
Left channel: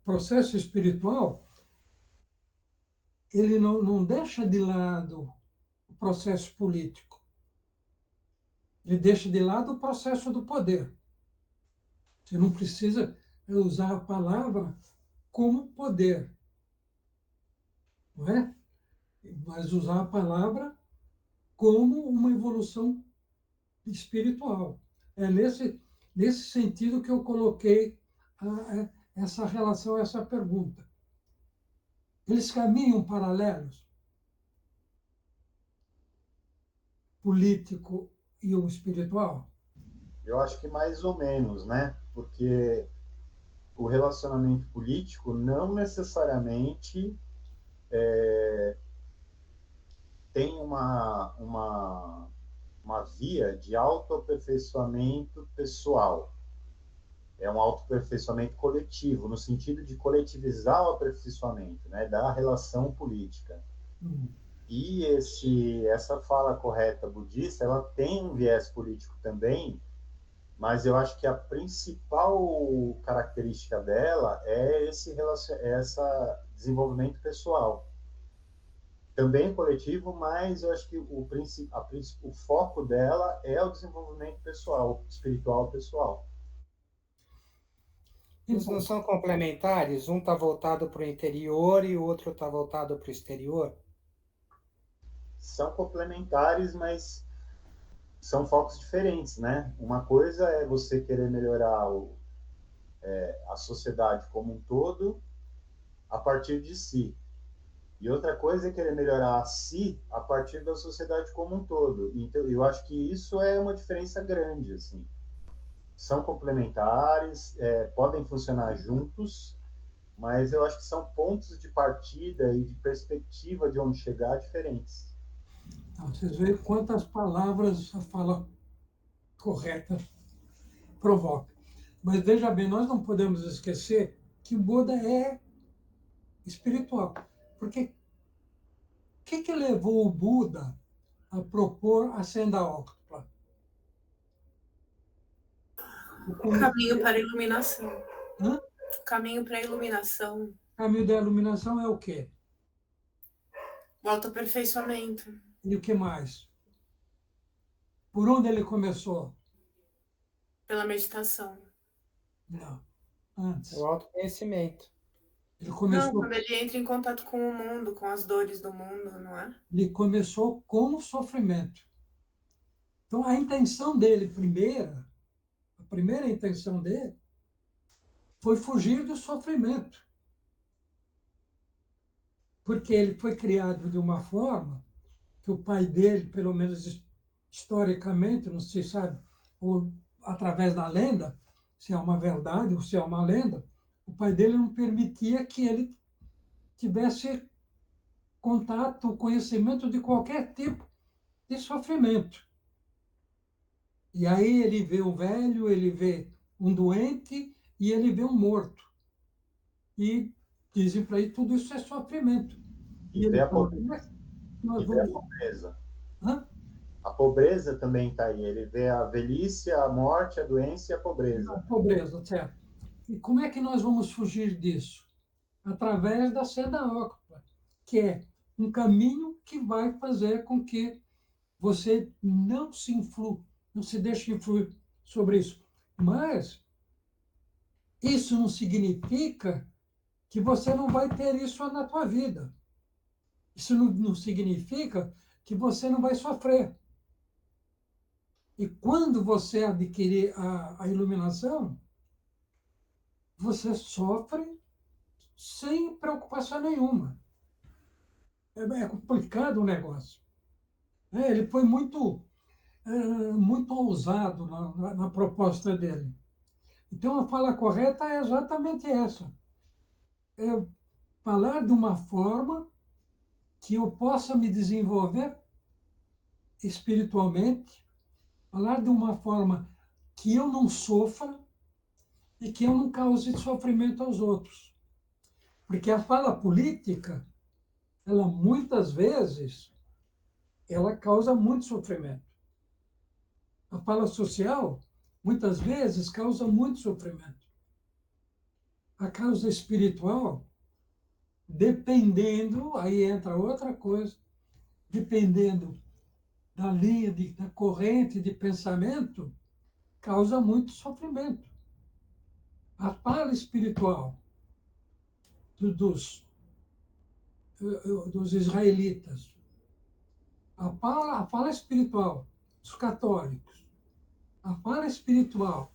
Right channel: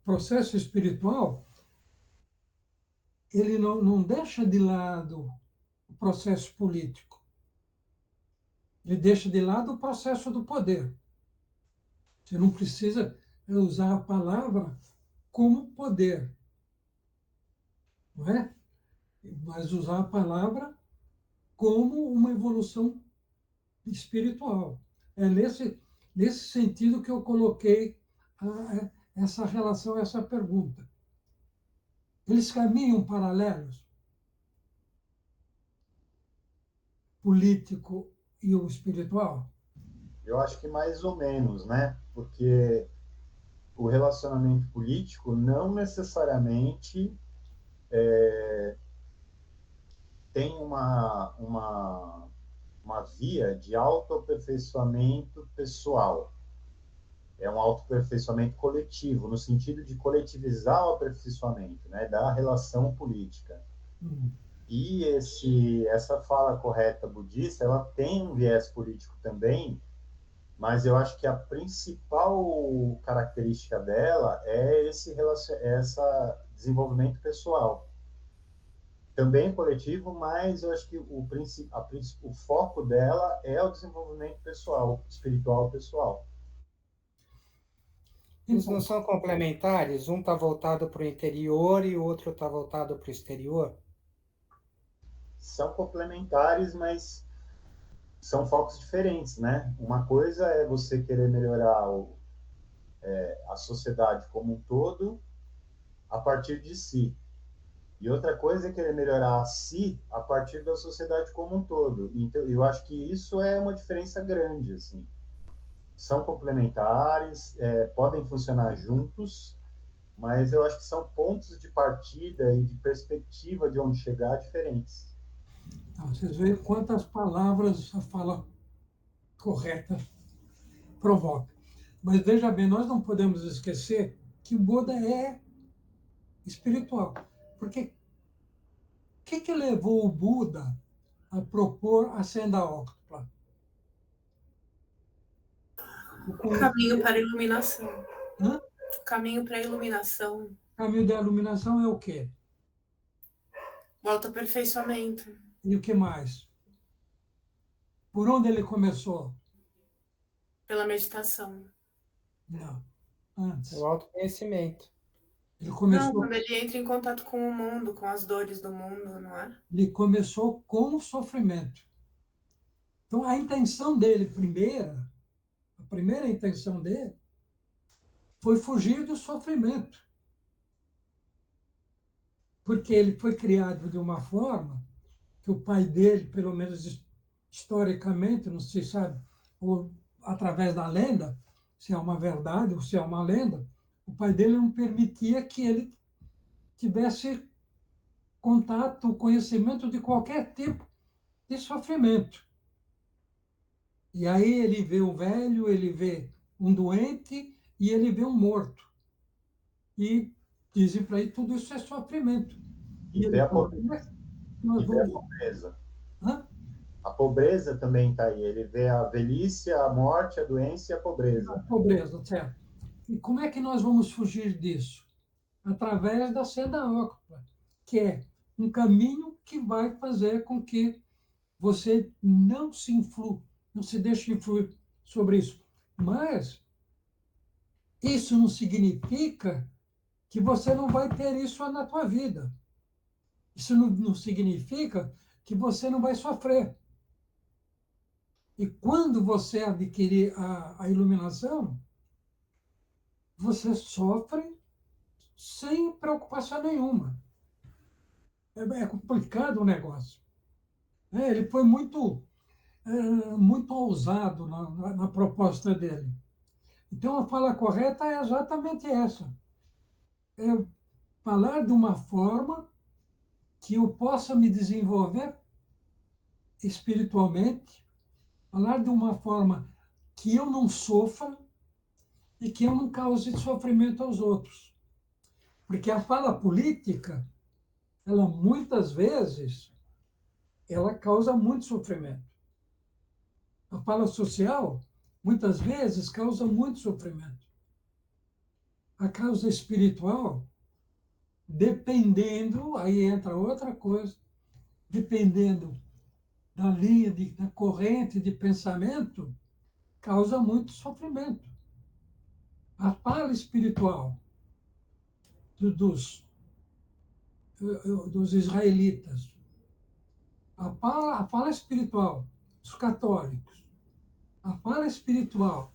O processo espiritual, ele não deixa de lado o processo político. Ele deixa de lado o processo do poder. Você não precisa usar a palavra como poder, não é? Mas usar a palavra como uma evolução espiritual. É nesse sentido que eu coloquei essa relação, essa pergunta. Eles caminham paralelos, político e o espiritual? Eu acho que mais ou menos, né? Porque o relacionamento político não necessariamente tem uma via de autoaperfeiçoamento pessoal. É um autoaperfeiçoamento coletivo, no sentido de coletivizar o aperfeiçoamento, né, da relação política. E essa fala correta budista, ela tem um viés político também, mas eu acho que a principal característica dela é essa desenvolvimento pessoal. Também coletivo, mas eu acho que o foco dela é o desenvolvimento pessoal, espiritual pessoal. Eles não são complementares? Um está voltado para o interior e o outro está voltado para o exterior? São complementares, mas são focos diferentes, né? Uma coisa é você querer melhorar a sociedade como um todo a partir de si. E outra coisa é querer melhorar a si a partir da sociedade como um todo. Então, eu acho que isso é uma diferença grande, assim. São complementares, podem funcionar juntos, mas eu acho que são pontos de partida e de perspectiva de onde chegar diferentes. Então, vocês veem quantas palavras a fala correta provoca. Mas veja bem, nós não podemos esquecer que o Buda é espiritual. Porque o que levou o Buda a propor a senda óctupla? O caminho para a iluminação. Hã? O caminho para a iluminação. O caminho da iluminação é o quê? O autoaperfeiçoamento. E o que mais? Por onde ele começou? Pela meditação. Não, antes. O autoconhecimento. Ele Não, começou, quando ele entra em contato com o mundo, com as dores do mundo, não é? ele começou com o sofrimento. Então, a intenção dele, a primeira intenção dele, foi fugir do sofrimento. porque ele foi criado de uma forma que o pai dele, pelo menos historicamente, não se sabe, ou através da lenda, se é uma verdade ou se é uma lenda, o pai dele não permitia que ele tivesse contato, conhecimento de qualquer tipo de sofrimento. E aí ele vê um velho, ele vê um doente e ele vê um morto. E dizem para ele tudo isso é sofrimento. E E vê ele a fala, pobreza. como é que nós E vê a vamos... pobreza. Hã? A pobreza também está aí. Ele vê a velhice, a morte, a doença e a A pobreza. pobreza, certo. E como é que nós vamos fugir disso? Através da seda ócula, que é um caminho que vai fazer com que você não se deixe influir sobre isso. Mas isso não significa que você não vai ter isso na tua vida. Isso não significa que você não vai sofrer. E quando você adquirir a iluminação, você sofre sem preocupação nenhuma. É complicado o negócio. Ele foi muito ousado na proposta dele. Então, a fala correta é exatamente essa. É falar de uma forma que eu possa me desenvolver espiritualmente, falar de uma forma que eu não sofra e que eu não cause sofrimento aos outros. Porque a fala política, ela muitas vezes, ela causa muito sofrimento. A fala social, muitas vezes, causa muito sofrimento. A causa espiritual, dependendo, aí entra outra coisa, dependendo da linha, da corrente de pensamento, causa muito sofrimento. A fala espiritual dos, dos israelitas, a fala espiritual dos católicos, a fala espiritual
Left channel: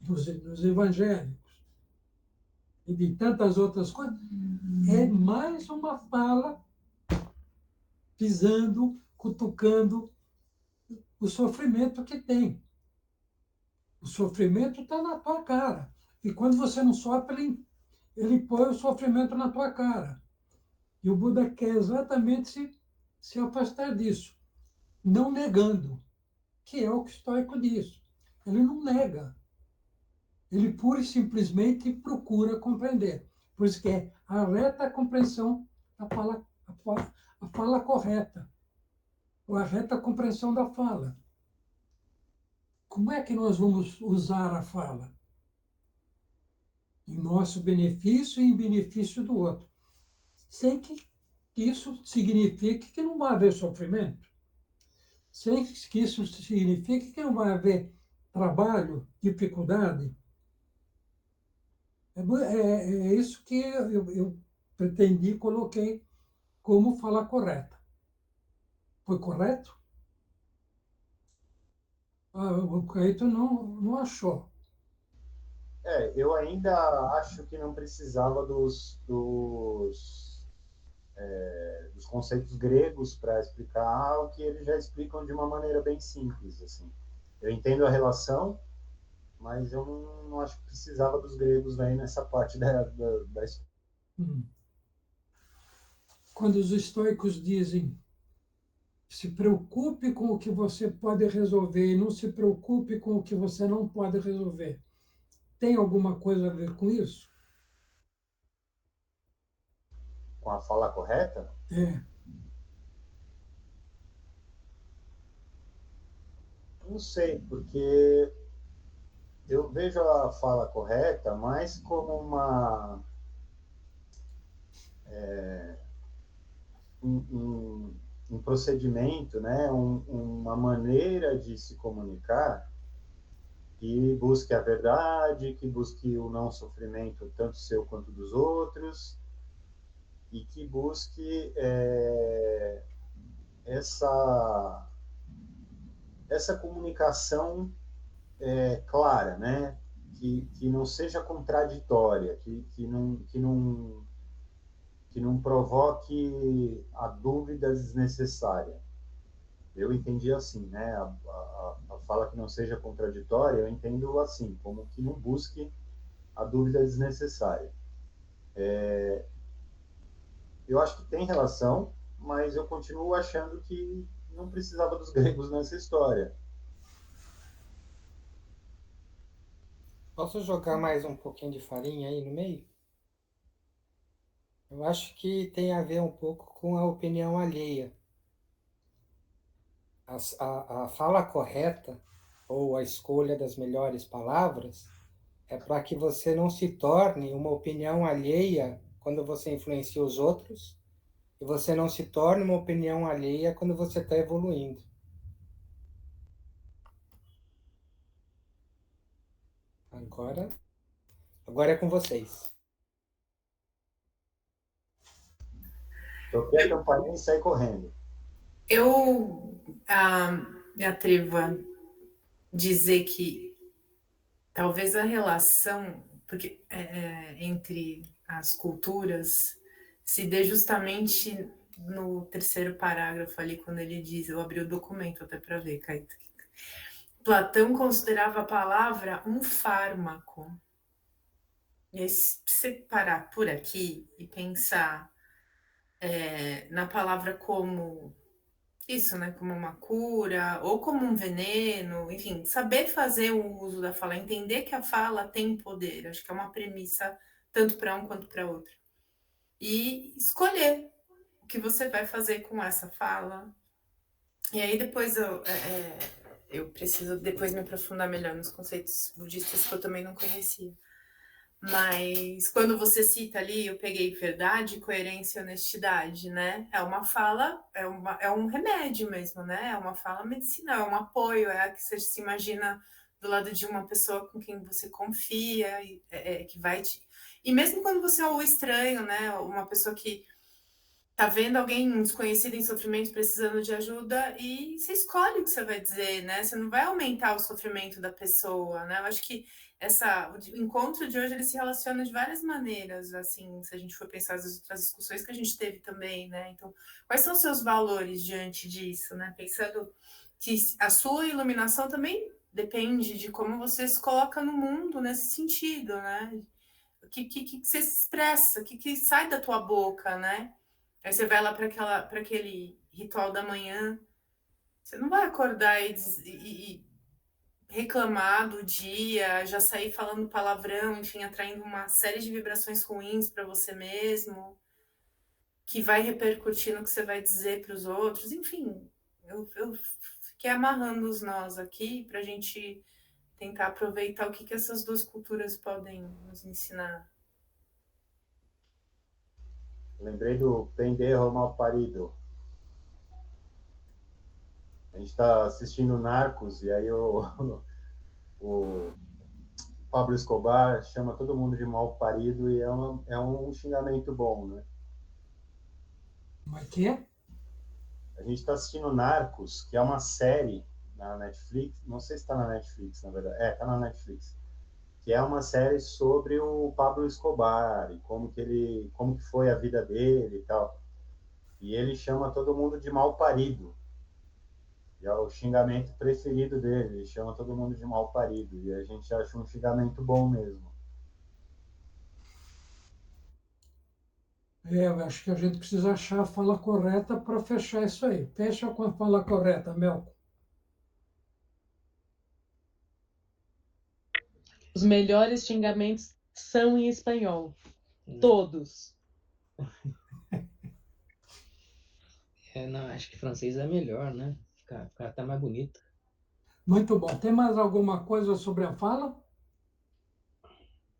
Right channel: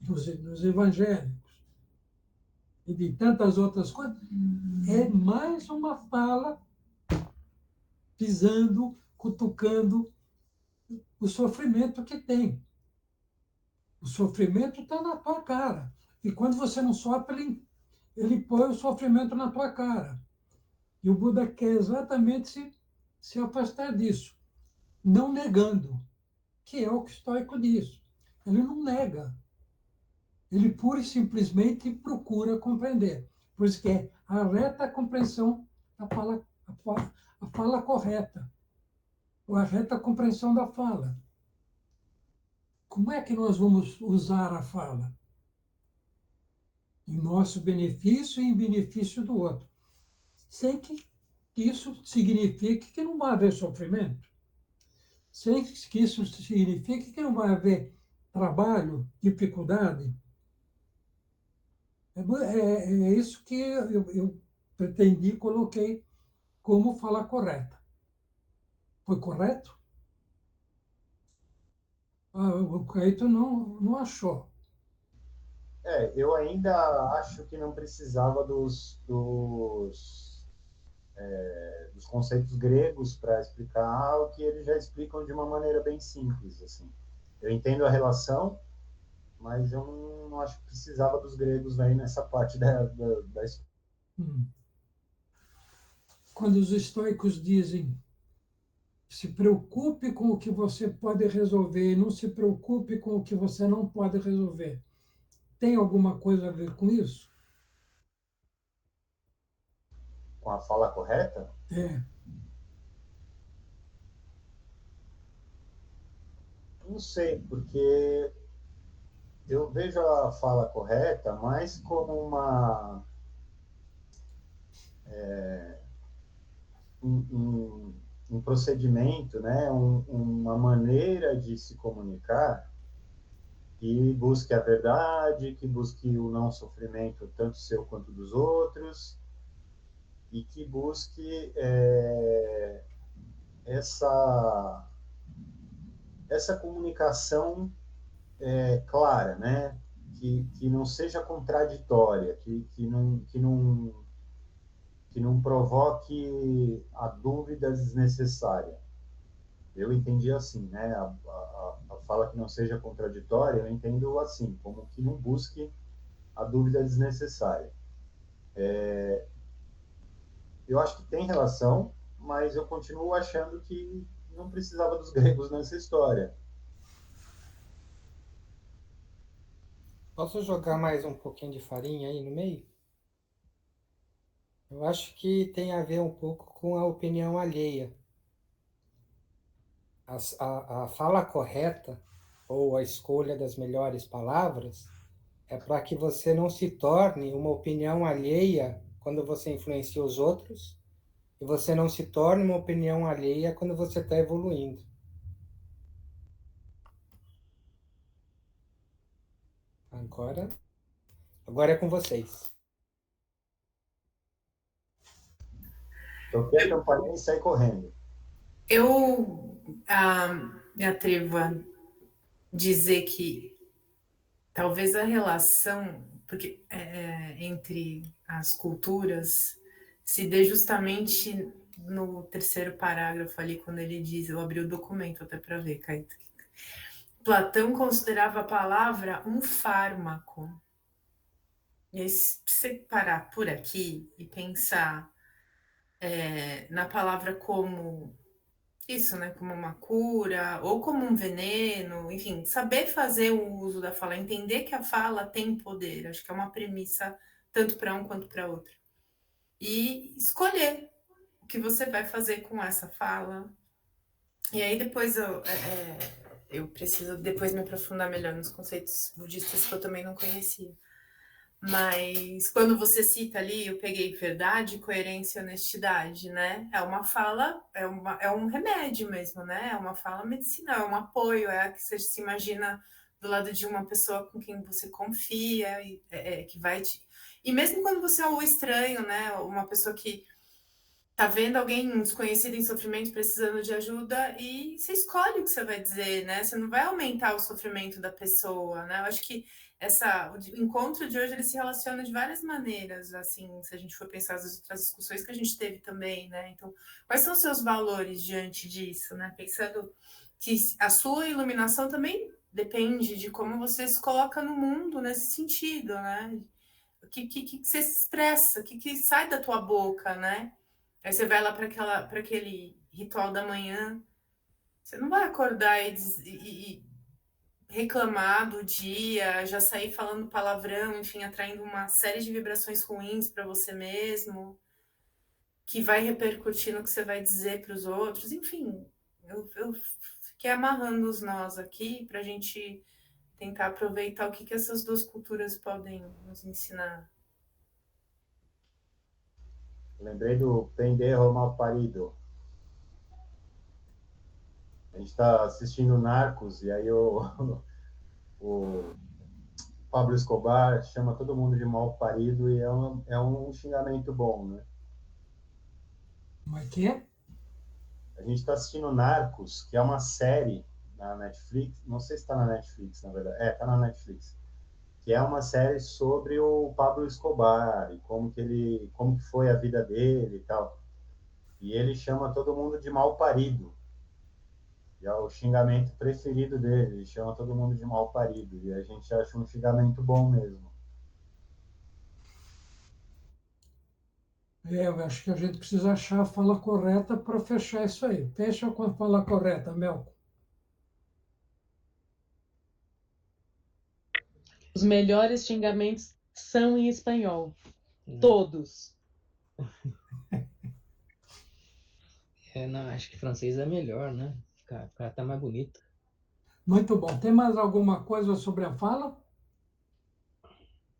dos evangélicos e de tantas outras coisas, é mais uma fala pisando, cutucando o sofrimento que tem. O sofrimento está na tua cara. E quando você não sofre, ele põe o sofrimento na tua cara. E o Buda quer exatamente se afastar disso, não negando, que é o que o estoico diz. Ele não nega. Ele pura e simplesmente procura compreender. Por isso que é a reta compreensão da fala, a fala correta, ou a reta compreensão da fala. Como é que nós vamos usar a fala? Em nosso benefício e em benefício do outro. Sem que isso signifique que não vai haver sofrimento. Sem que isso signifique que não vai haver trabalho, dificuldade. É isso que eu pretendi e coloquei como fala correta. Foi correto? O Caíto não achou. Eu ainda acho que não precisava dos conceitos gregos para explicar o que eles já explicam de uma maneira bem simples, assim. Eu entendo a relação, mas eu não acho que precisava dos gregos aí nessa parte da Quando os estoicos dizem se preocupe com o que você pode resolver e não se preocupe com o que você não pode resolver, tem alguma coisa a ver com isso? com a fala correta. É. Não sei, porque eu vejo a fala correta mais como um procedimento, né? Uma maneira de se comunicar que busque a verdade, que busque o não sofrimento tanto seu quanto dos outros e que busque essa comunicação clara, né? Que não seja contraditória, que que não provoque a dúvida desnecessária. Eu entendi assim, né? A fala que não seja contraditória, eu entendo assim, como que não busque a dúvida desnecessária. Eu acho que tem relação, mas eu continuo achando que não precisava dos gregos nessa história. Posso jogar mais um pouquinho de farinha aí no meio? Eu acho que tem a ver um pouco com a opinião alheia. A fala correta, ou a escolha das melhores palavras, é para que você não se torne uma opinião alheia quando você influencia os outros, e você não se torne uma opinião alheia quando você está evoluindo. Agora é com vocês. Toquei a campainha e saí correndo. Eu me atrevo a dizer que talvez a relação entre as culturas se dê justamente no terceiro parágrafo ali, quando ele diz, eu abri o documento até para ver, Caíto. Platão considerava a palavra um fármaco. E aí, se você parar por aqui e pensar na palavra como isso, né? Como uma cura, ou como um veneno, enfim, saber fazer o uso da fala, entender que a fala tem poder, acho que é uma premissa tanto para um quanto para outro. E escolher o que você vai fazer com essa fala. E aí depois eu preciso depois me aprofundar melhor nos conceitos budistas que eu também não conhecia. Mas quando você cita ali, eu peguei verdade, coerência e honestidade, né? É uma fala, é um remédio mesmo, né? É uma fala medicinal, é um apoio, é a que você se imagina do lado de uma pessoa com quem você confia, que vai te... E mesmo quando você é o estranho, né? Uma pessoa que tá vendo alguém desconhecido em sofrimento, precisando de ajuda, e você escolhe o que você vai dizer, né? Você não vai aumentar o sofrimento da pessoa, né? Eu acho que o encontro de hoje ele se relaciona de várias maneiras, assim, se a gente for pensar as outras discussões que a gente teve também, né? Então, quais são os seus valores diante disso, né? Pensando que a sua iluminação também depende de como você se coloca no mundo nesse sentido, né? O que você expressa, o que sai da tua boca, né? Aí você vai lá para aquele ritual da manhã, você não vai acordar e reclamar do dia, já sair falando palavrão, enfim, atraindo uma série de vibrações ruins para você mesmo, que vai repercutir no que você vai dizer para os outros. Enfim, eu fiquei amarrando os nós aqui para a gente tentar aproveitar o que essas duas culturas podem nos ensinar. Lembrei do Pendejo Malparido. A gente está assistindo Narcos e aí o Pablo Escobar chama todo mundo de mal parido e é um xingamento bom, né? Como é que é? A gente está assistindo Narcos, que é uma série na Netflix, não sei se está na Netflix, na verdade. Está na Netflix. Que é uma série sobre o Pablo Escobar e como que foi a vida dele e tal. E ele chama todo mundo de mal parido. E é o xingamento preferido dele, ele chama todo mundo de mal parido. E a gente acha um xingamento bom mesmo. Eu acho que a gente precisa achar a fala correta para fechar isso aí. Fecha com a fala correta, Melco. Os melhores xingamentos são em espanhol. Todos. Não, acho que francês é melhor, né? Fica até mais bonito. Muito bom. Tem mais alguma coisa sobre a fala?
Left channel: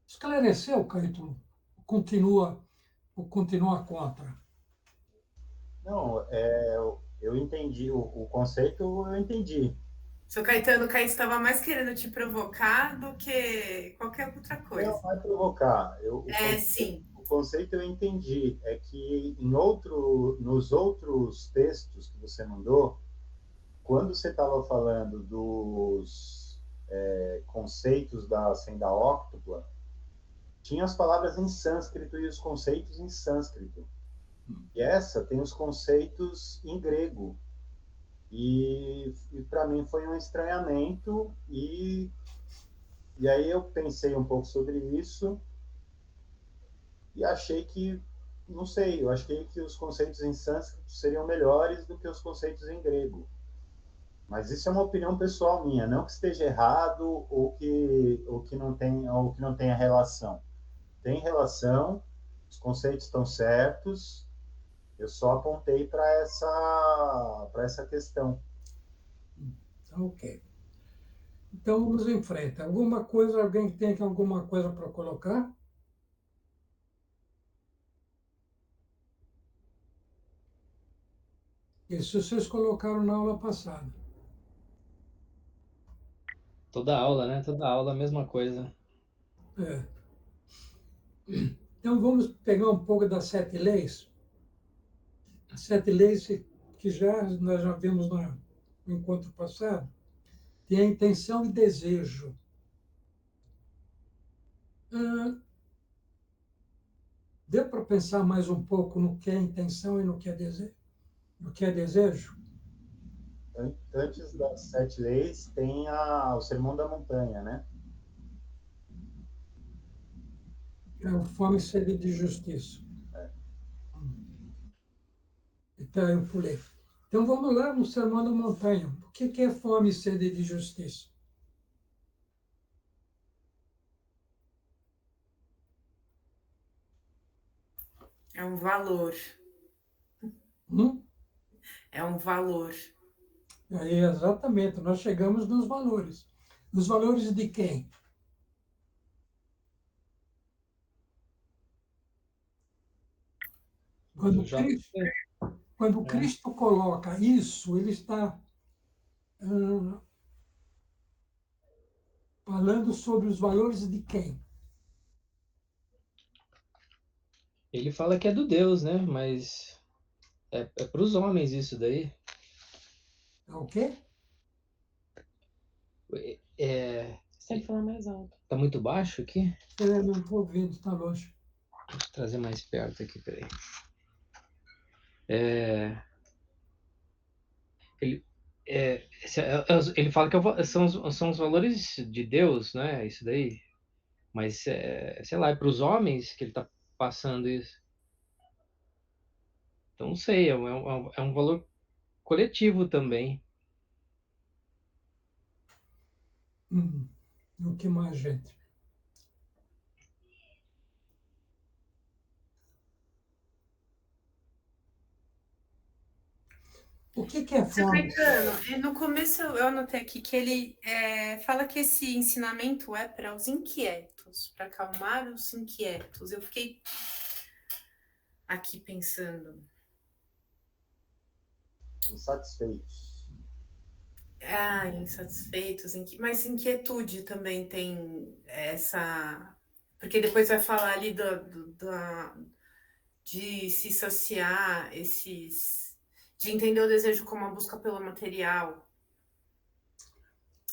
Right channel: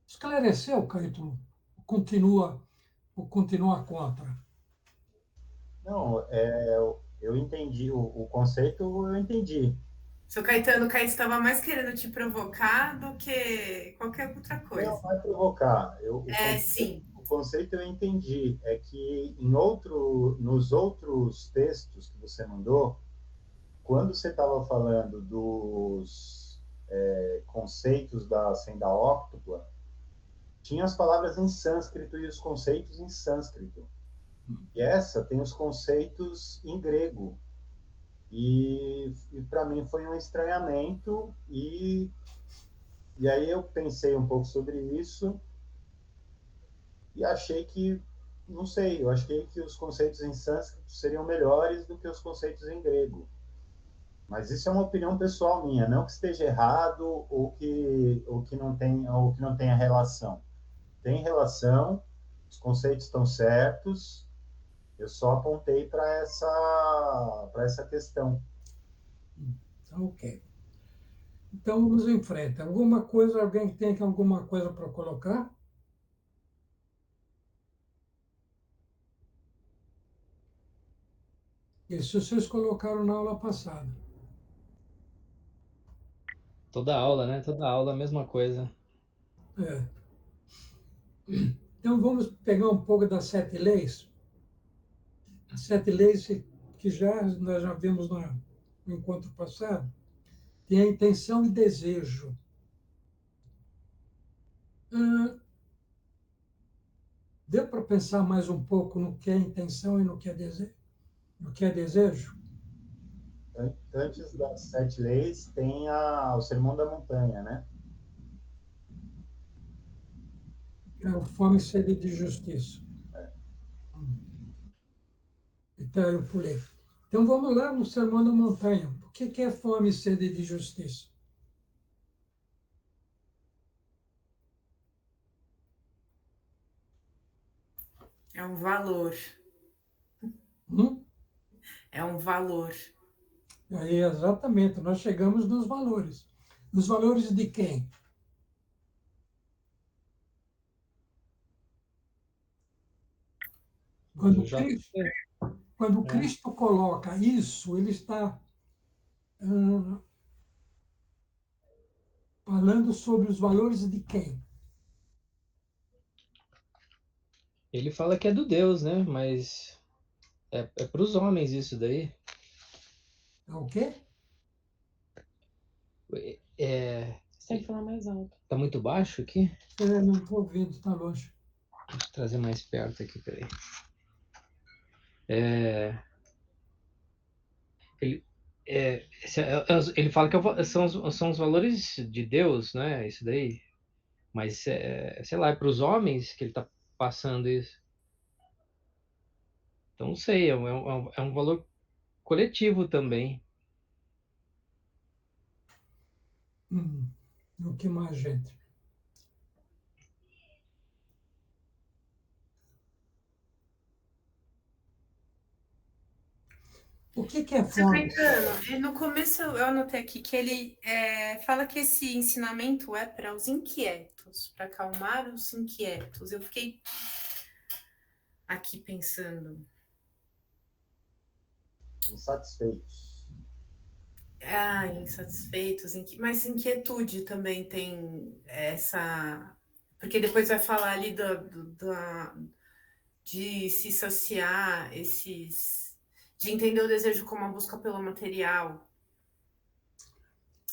Esclareceu, Caetano? Continua contra? Não, eu entendi, o conceito eu entendi. Seu Caetano, o Caetano estava mais querendo te provocar do que qualquer outra coisa. Não, vai provocar. Sim. O conceito eu entendi. É que nos outros textos que você mandou, quando você estava falando dos conceitos da senda óctupla, tinha as palavras em sânscrito e os conceitos em sânscrito. E essa tem os conceitos em grego. E para mim foi um estranhamento, e aí eu pensei um pouco sobre isso e achei que, não sei, eu achei que os conceitos em sânscrito seriam melhores do que os conceitos em grego. Mas isso é uma opinião pessoal minha, não que esteja errado ou que não tenha relação. Tem relação, os conceitos estão certos, eu só apontei para essa questão. Ok. Então vamos em frente. Alguma coisa, alguém tem alguma coisa para colocar? Isso vocês colocaram na aula passada. Toda aula, né? Toda aula a mesma coisa. É. Então vamos pegar um pouco das 7 leis. As 7 leis que nós já vimos no encontro passado. Tem a intenção e desejo. Deu para pensar mais um pouco no que é intenção e no que é desejo? No que é desejo? Antes das 7 leis, tem o Sermão da Montanha, né? É o fome e sede de justiça. Então, eu pulei. Então, vamos lá no Sermão da Montanha. O que é fome e sede de justiça? É um valor. É um valor. Aí, exatamente, nós chegamos nos valores. Nos valores de quem? Quando Cristo coloca isso, ele está falando sobre os valores de quem? Ele fala que é do Deus, né? Mas é para os homens isso daí. É o quê? Você tem que falar mais alto. Tá muito baixo aqui? Não estou ouvindo, está longe. Deixa eu trazer mais perto aqui, peraí. Ele fala que são os valores de Deus, né? Isso daí. Mas, sei lá, é para os homens que ele está passando isso. Então, não sei, é um valor coletivo também. O que mais, gente? O que é fome? No começo eu anotei aqui que ele fala que esse ensinamento é para os inquietos, para acalmar os inquietos. Eu fiquei aqui pensando. Insatisfeitos. Insatisfeitos, mas inquietude também tem essa. Porque depois vai falar ali de se saciar, de entender o desejo como a busca pelo material,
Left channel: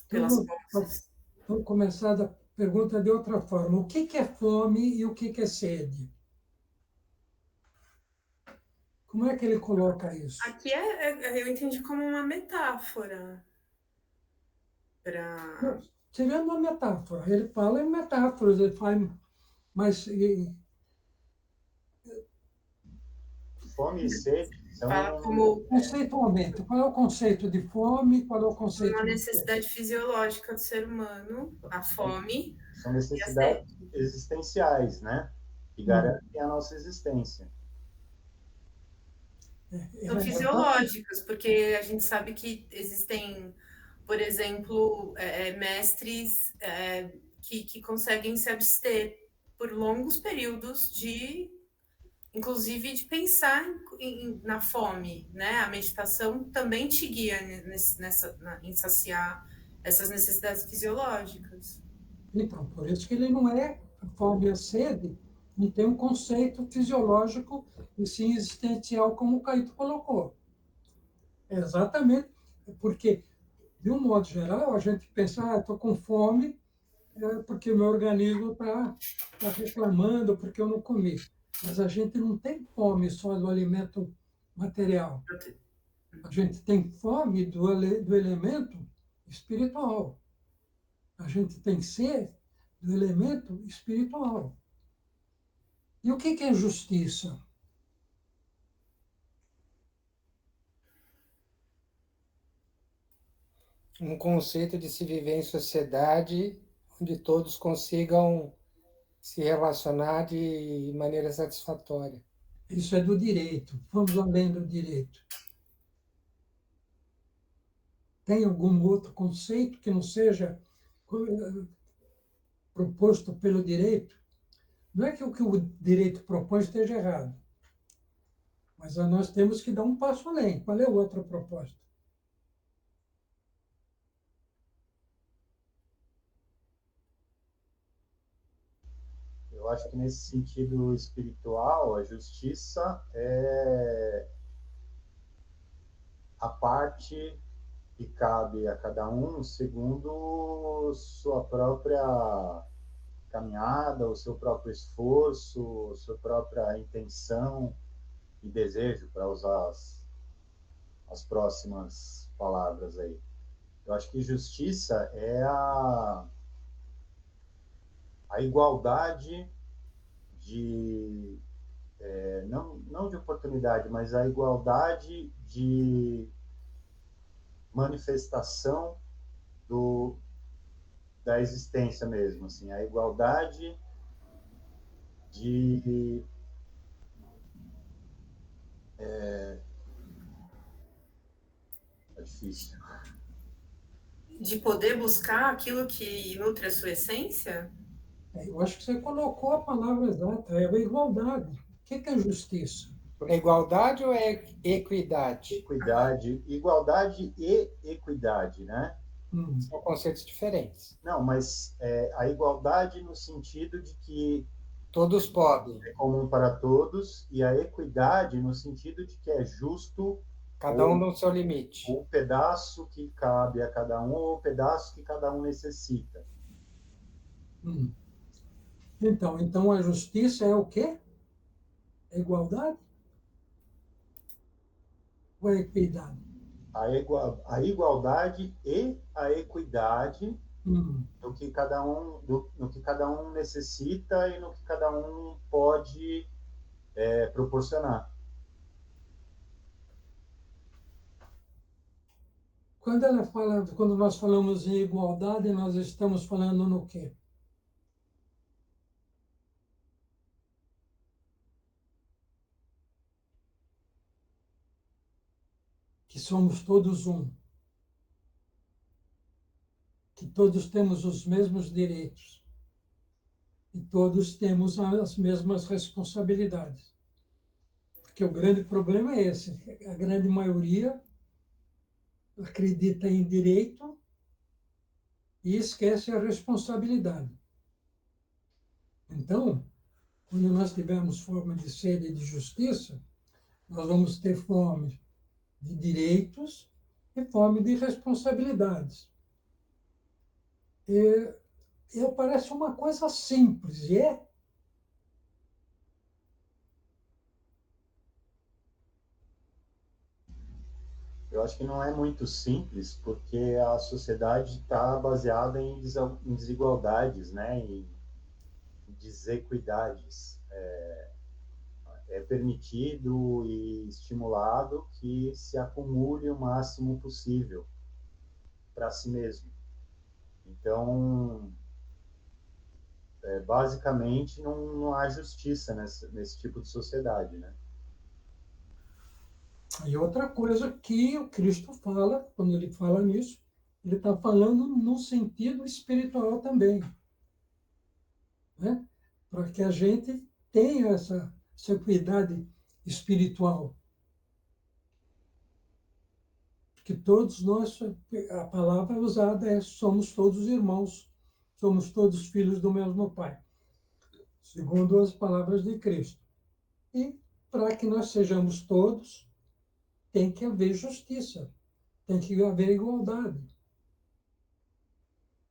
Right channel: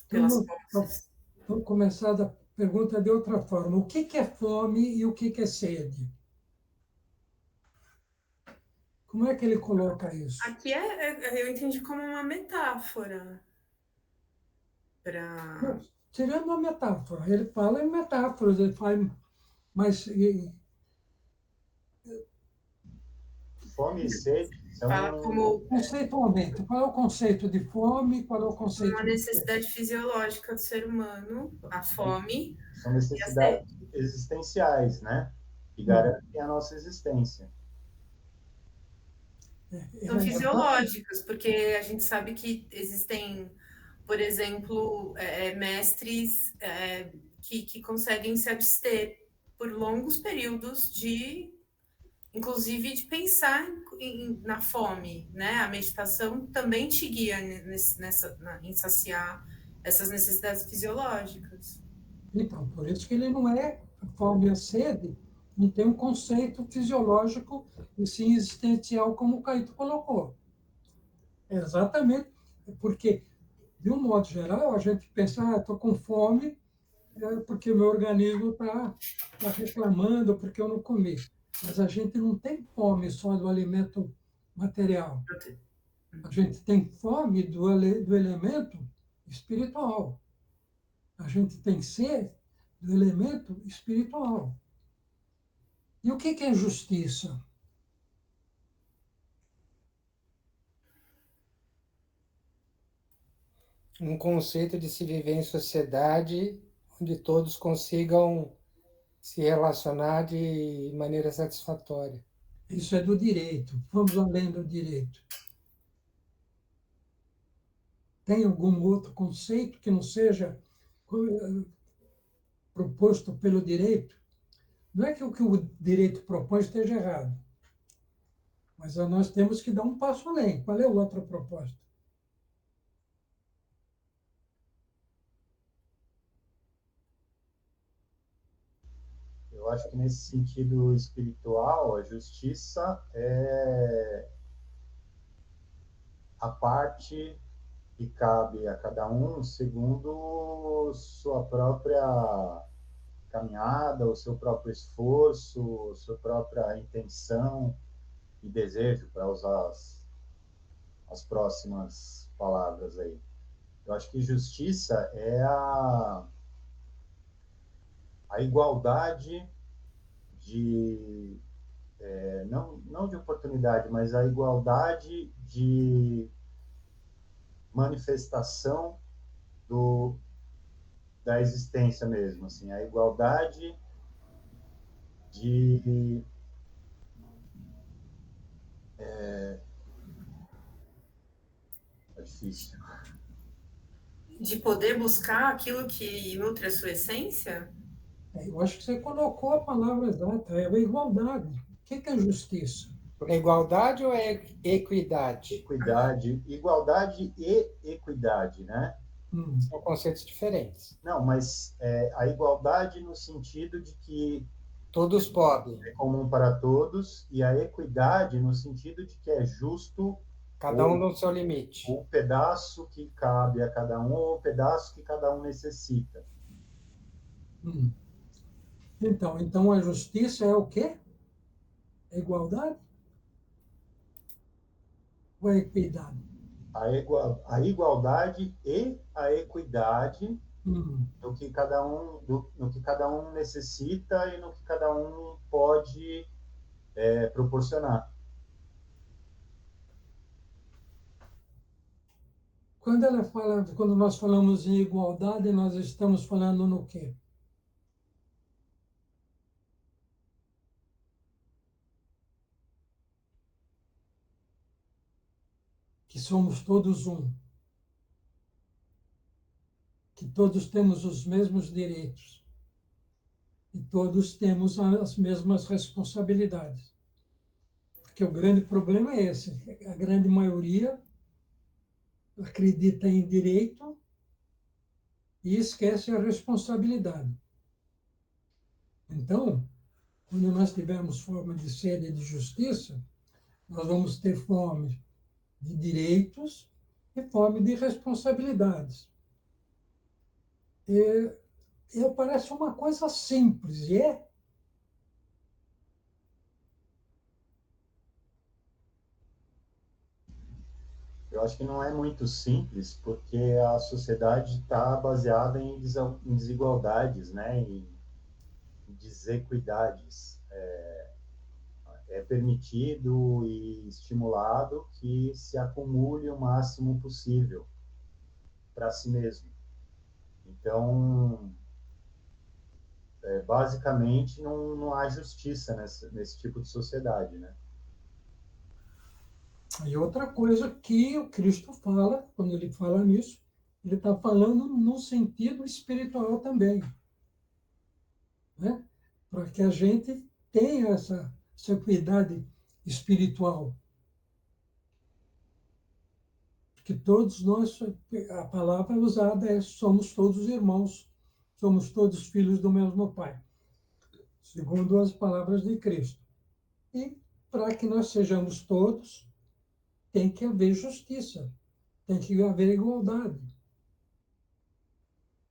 pelas posses. Vamos começar a pergunta de outra forma. O que é fome e o que é sede? Como é que ele coloca isso? Aqui eu entendi como uma metáfora. Seria uma metáfora. Ele fala em metáforas, ele faz, mas Fome e sede fala como conceitualmente, qual é o conceito de fome? Qual é o conceito uma de necessidade fisiológica do ser humano, a fome. São necessidades existenciais, né? Que garantem a nossa existência. São fisiológicas, porque a gente sabe que existem, por exemplo, mestres que conseguem se abster por longos períodos inclusive de pensar na fome, né? A meditação também te guia em saciar essas necessidades fisiológicas. Então, por isso que ele não é fome e sede, não tem um conceito fisiológico e sim existencial, como o Caíto colocou. Exatamente, porque, de um modo geral, a gente pensa, estou com fome porque meu organismo está reclamando, porque eu não comi. Mas a gente não tem fome só do alimento material. A gente tem fome do elemento espiritual. A gente tem sede do elemento espiritual. E o que é justiça? Um conceito de se viver em sociedade onde todos consigam se relacionar de maneira satisfatória. Isso é do direito. Vamos além do direito. Tem algum outro conceito que não seja proposto pelo direito? Não é que o direito propõe esteja errado, mas nós temos que dar um passo além. Qual é a outra proposta? Eu acho que nesse sentido espiritual, a justiça é a parte que cabe a cada um segundo sua própria caminhada, o seu próprio esforço, sua própria intenção e desejo, para usar as próximas palavras aí. Eu acho que justiça é a igualdade de não de oportunidade, mas a igualdade de manifestação da existência mesmo, assim, a igualdade de é difícil. De poder buscar aquilo que nutre a sua essência? Eu acho que você colocou a palavra exata, é a igualdade. O que é justiça? É igualdade ou é equidade? Igualdade e equidade, né? São conceitos diferentes. Não, mas a igualdade no sentido de que todos podem. É comum para todos, e a equidade no sentido de que é justo cada um no seu limite. O pedaço que cabe a cada um ou o pedaço que cada um necessita. Então a justiça é o quê? A igualdade? Ou a equidade? A igualdade e a equidade no que cada um necessita e no que cada um pode proporcionar. Quando nós falamos em igualdade, nós estamos falando no quê? Que somos todos um. Que todos temos os mesmos direitos. E todos temos as mesmas responsabilidades. Porque o grande problema é esse. A grande maioria acredita em direito e esquece a responsabilidade. Então, quando nós tivermos fome de sede e de justiça, nós vamos ter fome de direitos e fome de responsabilidades. Parece uma coisa simples, e é. Eu acho que não é muito simples, porque a sociedade está baseada em desigualdades, né? Em desequidades. É permitido e estimulado que se acumule o máximo possível para si mesmo. Então, basicamente, não há justiça nesse tipo de sociedade, né? E outra coisa que o Cristo fala, quando ele fala nisso, ele está falando no sentido espiritual também. Né? Para que a gente tenha essa equidade espiritual. Porque todos nós, a palavra usada é somos todos irmãos, somos todos filhos do mesmo Pai, segundo as palavras de Cristo. E para que nós sejamos todos, tem que haver justiça, tem que haver igualdade.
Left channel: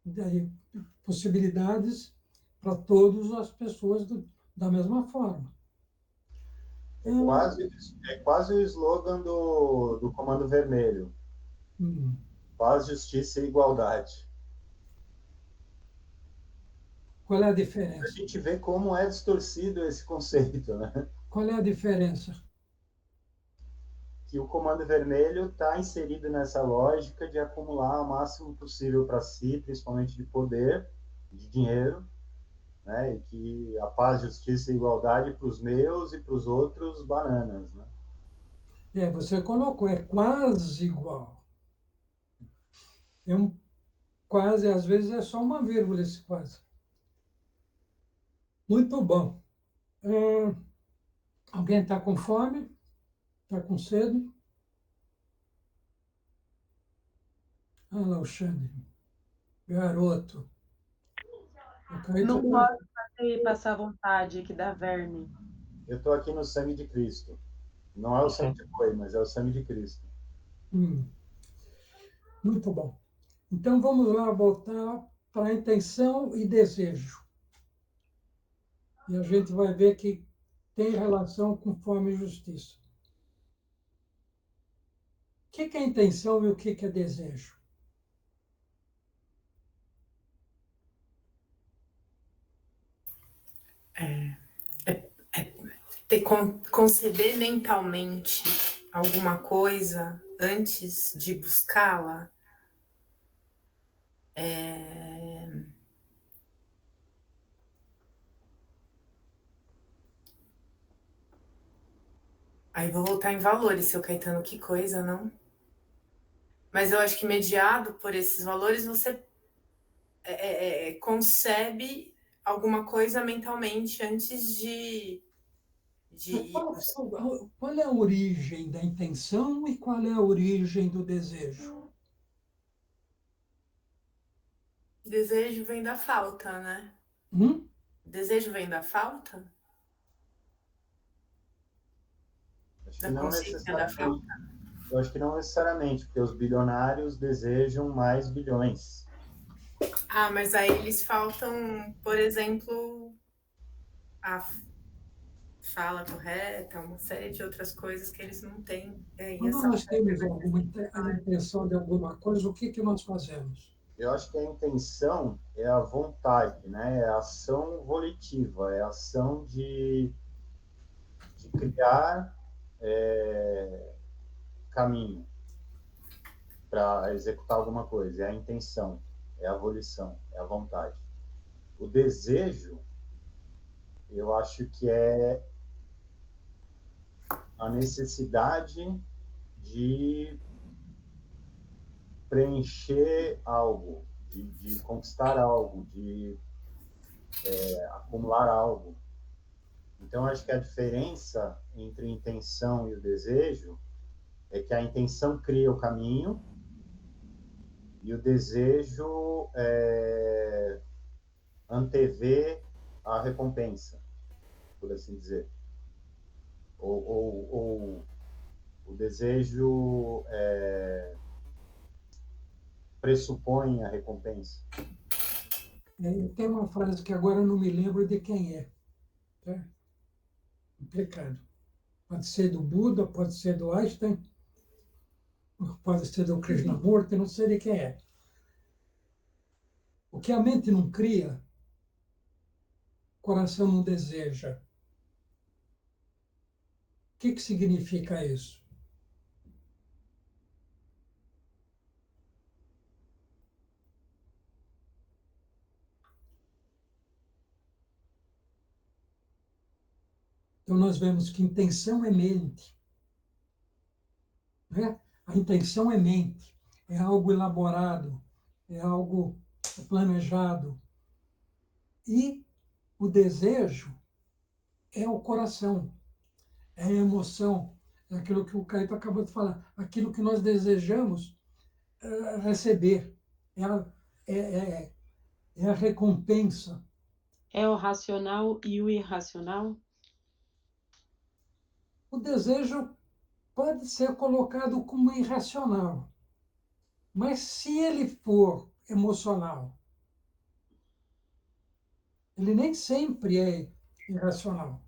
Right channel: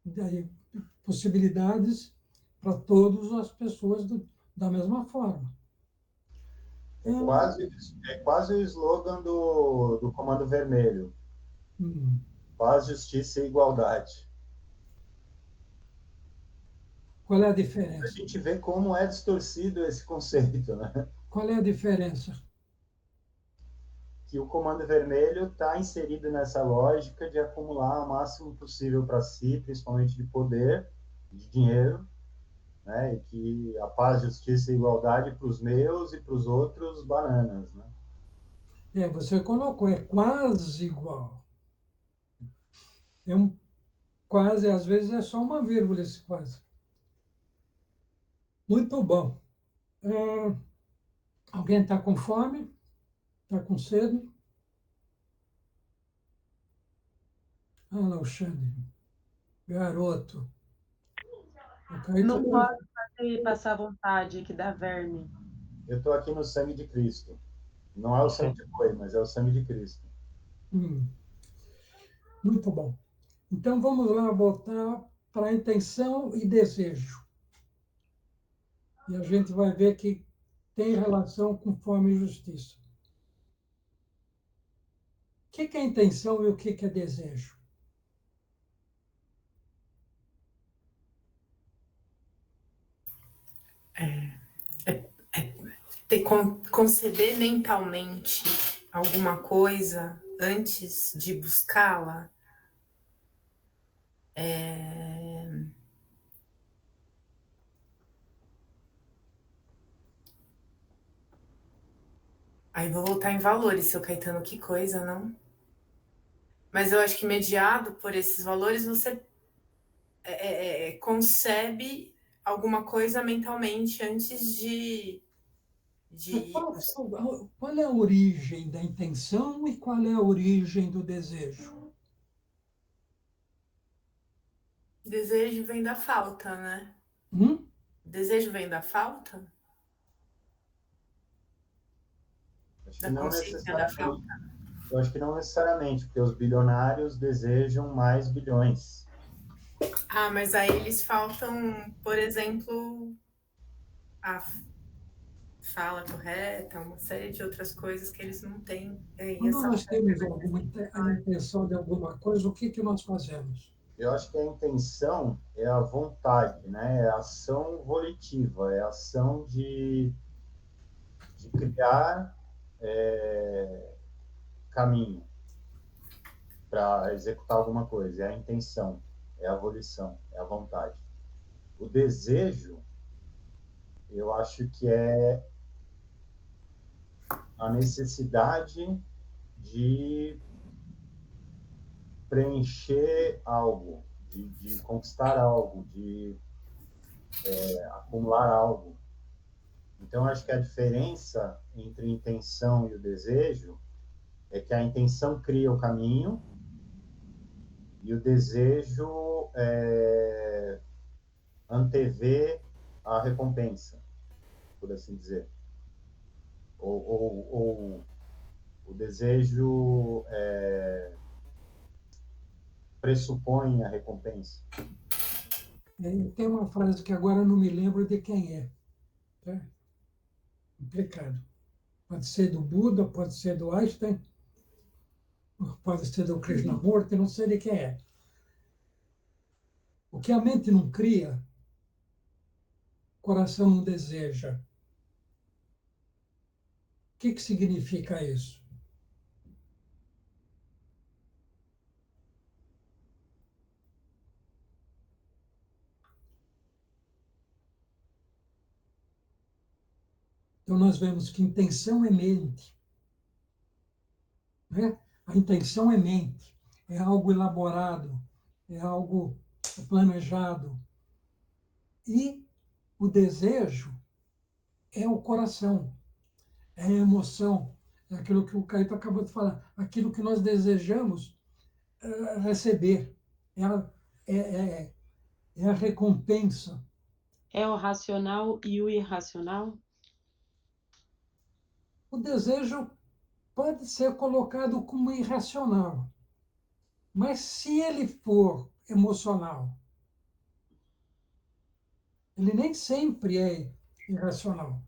Daí, possibilidades para todas as pessoas da mesma forma. É quase o slogan do Comando Vermelho. Paz, justiça e igualdade. Qual é a A diferença? gente vê como é distorcido esse conceito, né? Qual é a diferença? Que o Comando Vermelho está inserido nessa lógica de acumular o máximo possível para si, principalmente de poder, de dinheiro, né? E que a paz, justiça e igualdade para os meus e para os outros, bananas, né? Você colocou, é quase igual. É um quase, às vezes é só uma vírgula esse quase. Muito bom. Alguém está com fome? Está com sede? Ah lá, o Xande. Garoto. Não pode passar vontade, que dá verme. Eu estou aqui no sangue de Cristo. Não é o sangue de boi, mas é o sangue de Cristo. Muito bom. Então, vamos lá voltar para intenção e desejo. E a gente vai ver que tem relação com fome e justiça. O que é intenção e o que é desejo? Conceber mentalmente alguma coisa antes de buscá-la. Aí vou voltar em valores, seu Caetano, que coisa, não? Mas eu acho que mediado por esses valores, você concebe alguma coisa mentalmente antes de Qual é a origem da intenção e qual é a origem do desejo? Desejo vem da falta, né? Desejo vem da falta? Acho Da que não consciência da necessariamente. falta? Eu acho que não necessariamente, porque os bilionários desejam mais bilhões. Ah, mas aí eles faltam, por exemplo, a fala correta, uma série de outras coisas que eles não têm. Quando nós temos a intenção de alguma coisa, o que nós fazemos? Eu acho que a intenção é a vontade, né? É a ação volitiva, é a ação de criar caminho para executar alguma coisa. É a intenção, é a volição, é a vontade. O desejo, eu acho que é a necessidade de preencher algo, de conquistar algo, de acumular algo. Então, acho que a diferença entre a intenção e o desejo é que a intenção cria o caminho e o desejo antevê a recompensa, por assim dizer. Ou o desejo pressupõe a recompensa. Tem uma frase que agora eu não me lembro de quem é. Tá? Complicado. Pode ser do Buda, pode ser do Einstein, pode ser do Krishnamurti, não sei de quem é. O que a mente não cria, o coração não deseja. O que significa isso? Então, nós vemos que intenção é mente. Né? A intenção é mente, é algo elaborado, é algo planejado. E o desejo é o coração, é a emoção, é aquilo que o Caíto acabou de falar, aquilo que nós desejamos receber, é a recompensa. É o racional e o irracional? O desejo pode ser colocado como irracional, mas se ele for emocional, ele nem sempre é irracional.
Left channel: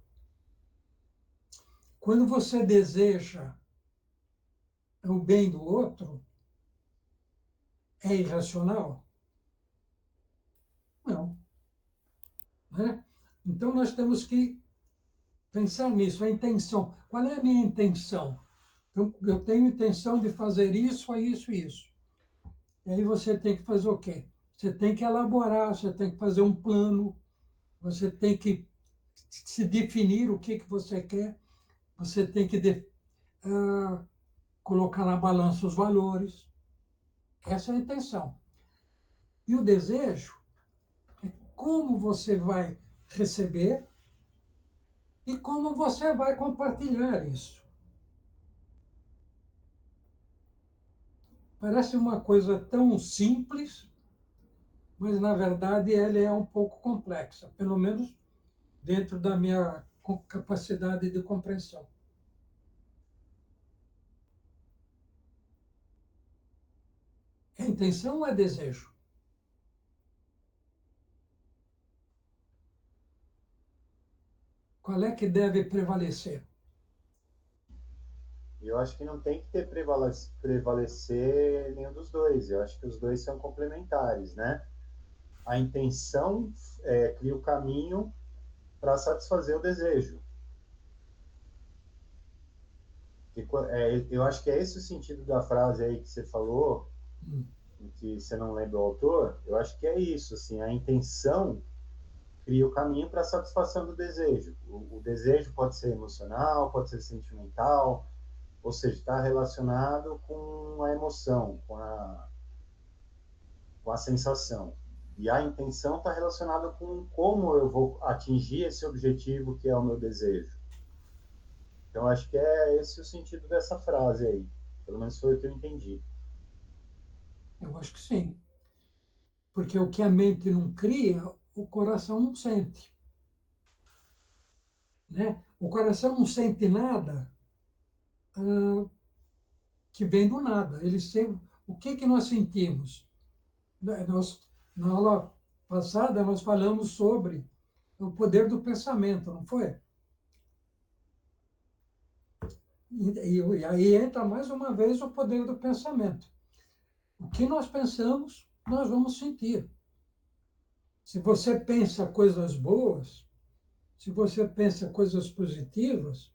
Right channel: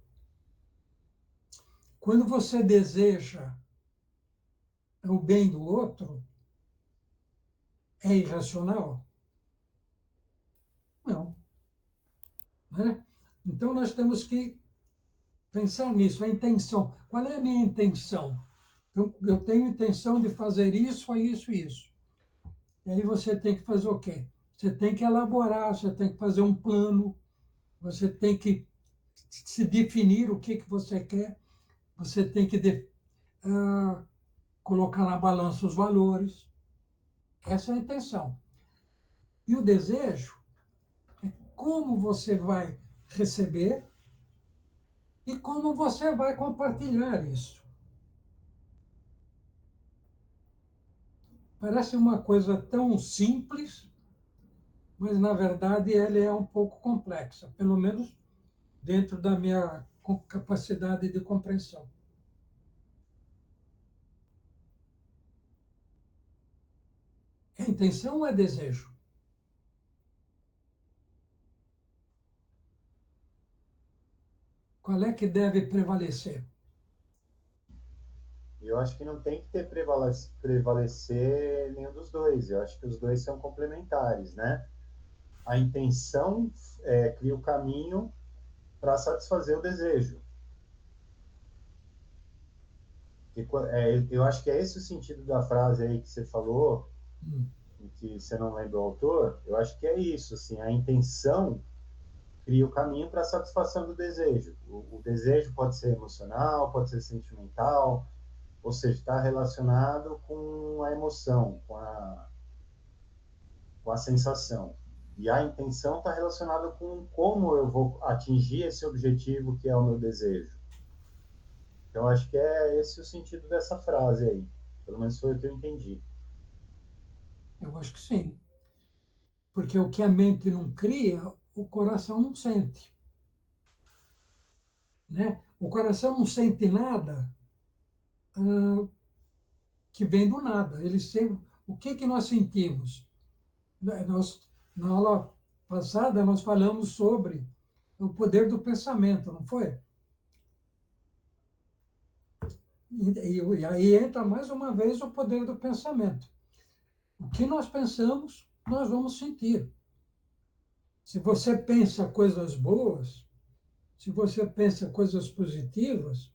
quando você deseja o bem do outro, é irracional? Não. Né? Então, nós temos que pensar nisso, a intenção. Qual é a minha intenção? Eu tenho intenção de fazer isso, isso, isso. E aí você tem que fazer o quê? Você tem que elaborar, você tem que fazer um plano, você tem que se definir o que você quer, você tem que colocar na balança os valores. Essa é a intenção. E o desejo é como você vai receber e como você vai compartilhar isso. Parece uma coisa tão simples, mas, na verdade, ela é um pouco complexa, pelo menos dentro da minha capacidade de compreensão. É intenção ou é desejo? Qual é que deve prevalecer? Eu acho que não tem que ter prevalecer nenhum dos dois. Eu acho que os dois são complementares, né? A intenção cria o caminho para satisfazer o desejo. Eu acho que é esse o sentido da frase aí que você falou, que você não lembra o autor. Eu acho que é isso, assim, a intenção cria o caminho para a satisfação do desejo. O desejo pode ser emocional, pode ser sentimental, ou seja, está relacionado com a emoção, com a sensação. E a intenção está relacionada com como eu vou atingir esse objetivo que é o meu desejo. Então, acho que é esse o sentido dessa frase aí. Pelo menos foi o que eu entendi. Eu acho que sim. Porque o que a mente não cria, o coração não sente. Né? O coração não sente nada que vem do nada. Ele sempre, o que nós sentimos? Na aula passada, nós falamos sobre o poder do pensamento, não foi? E aí entra mais uma vez o poder do pensamento. O que nós pensamos, nós vamos sentir. Se você pensa coisas boas, se você pensa coisas positivas,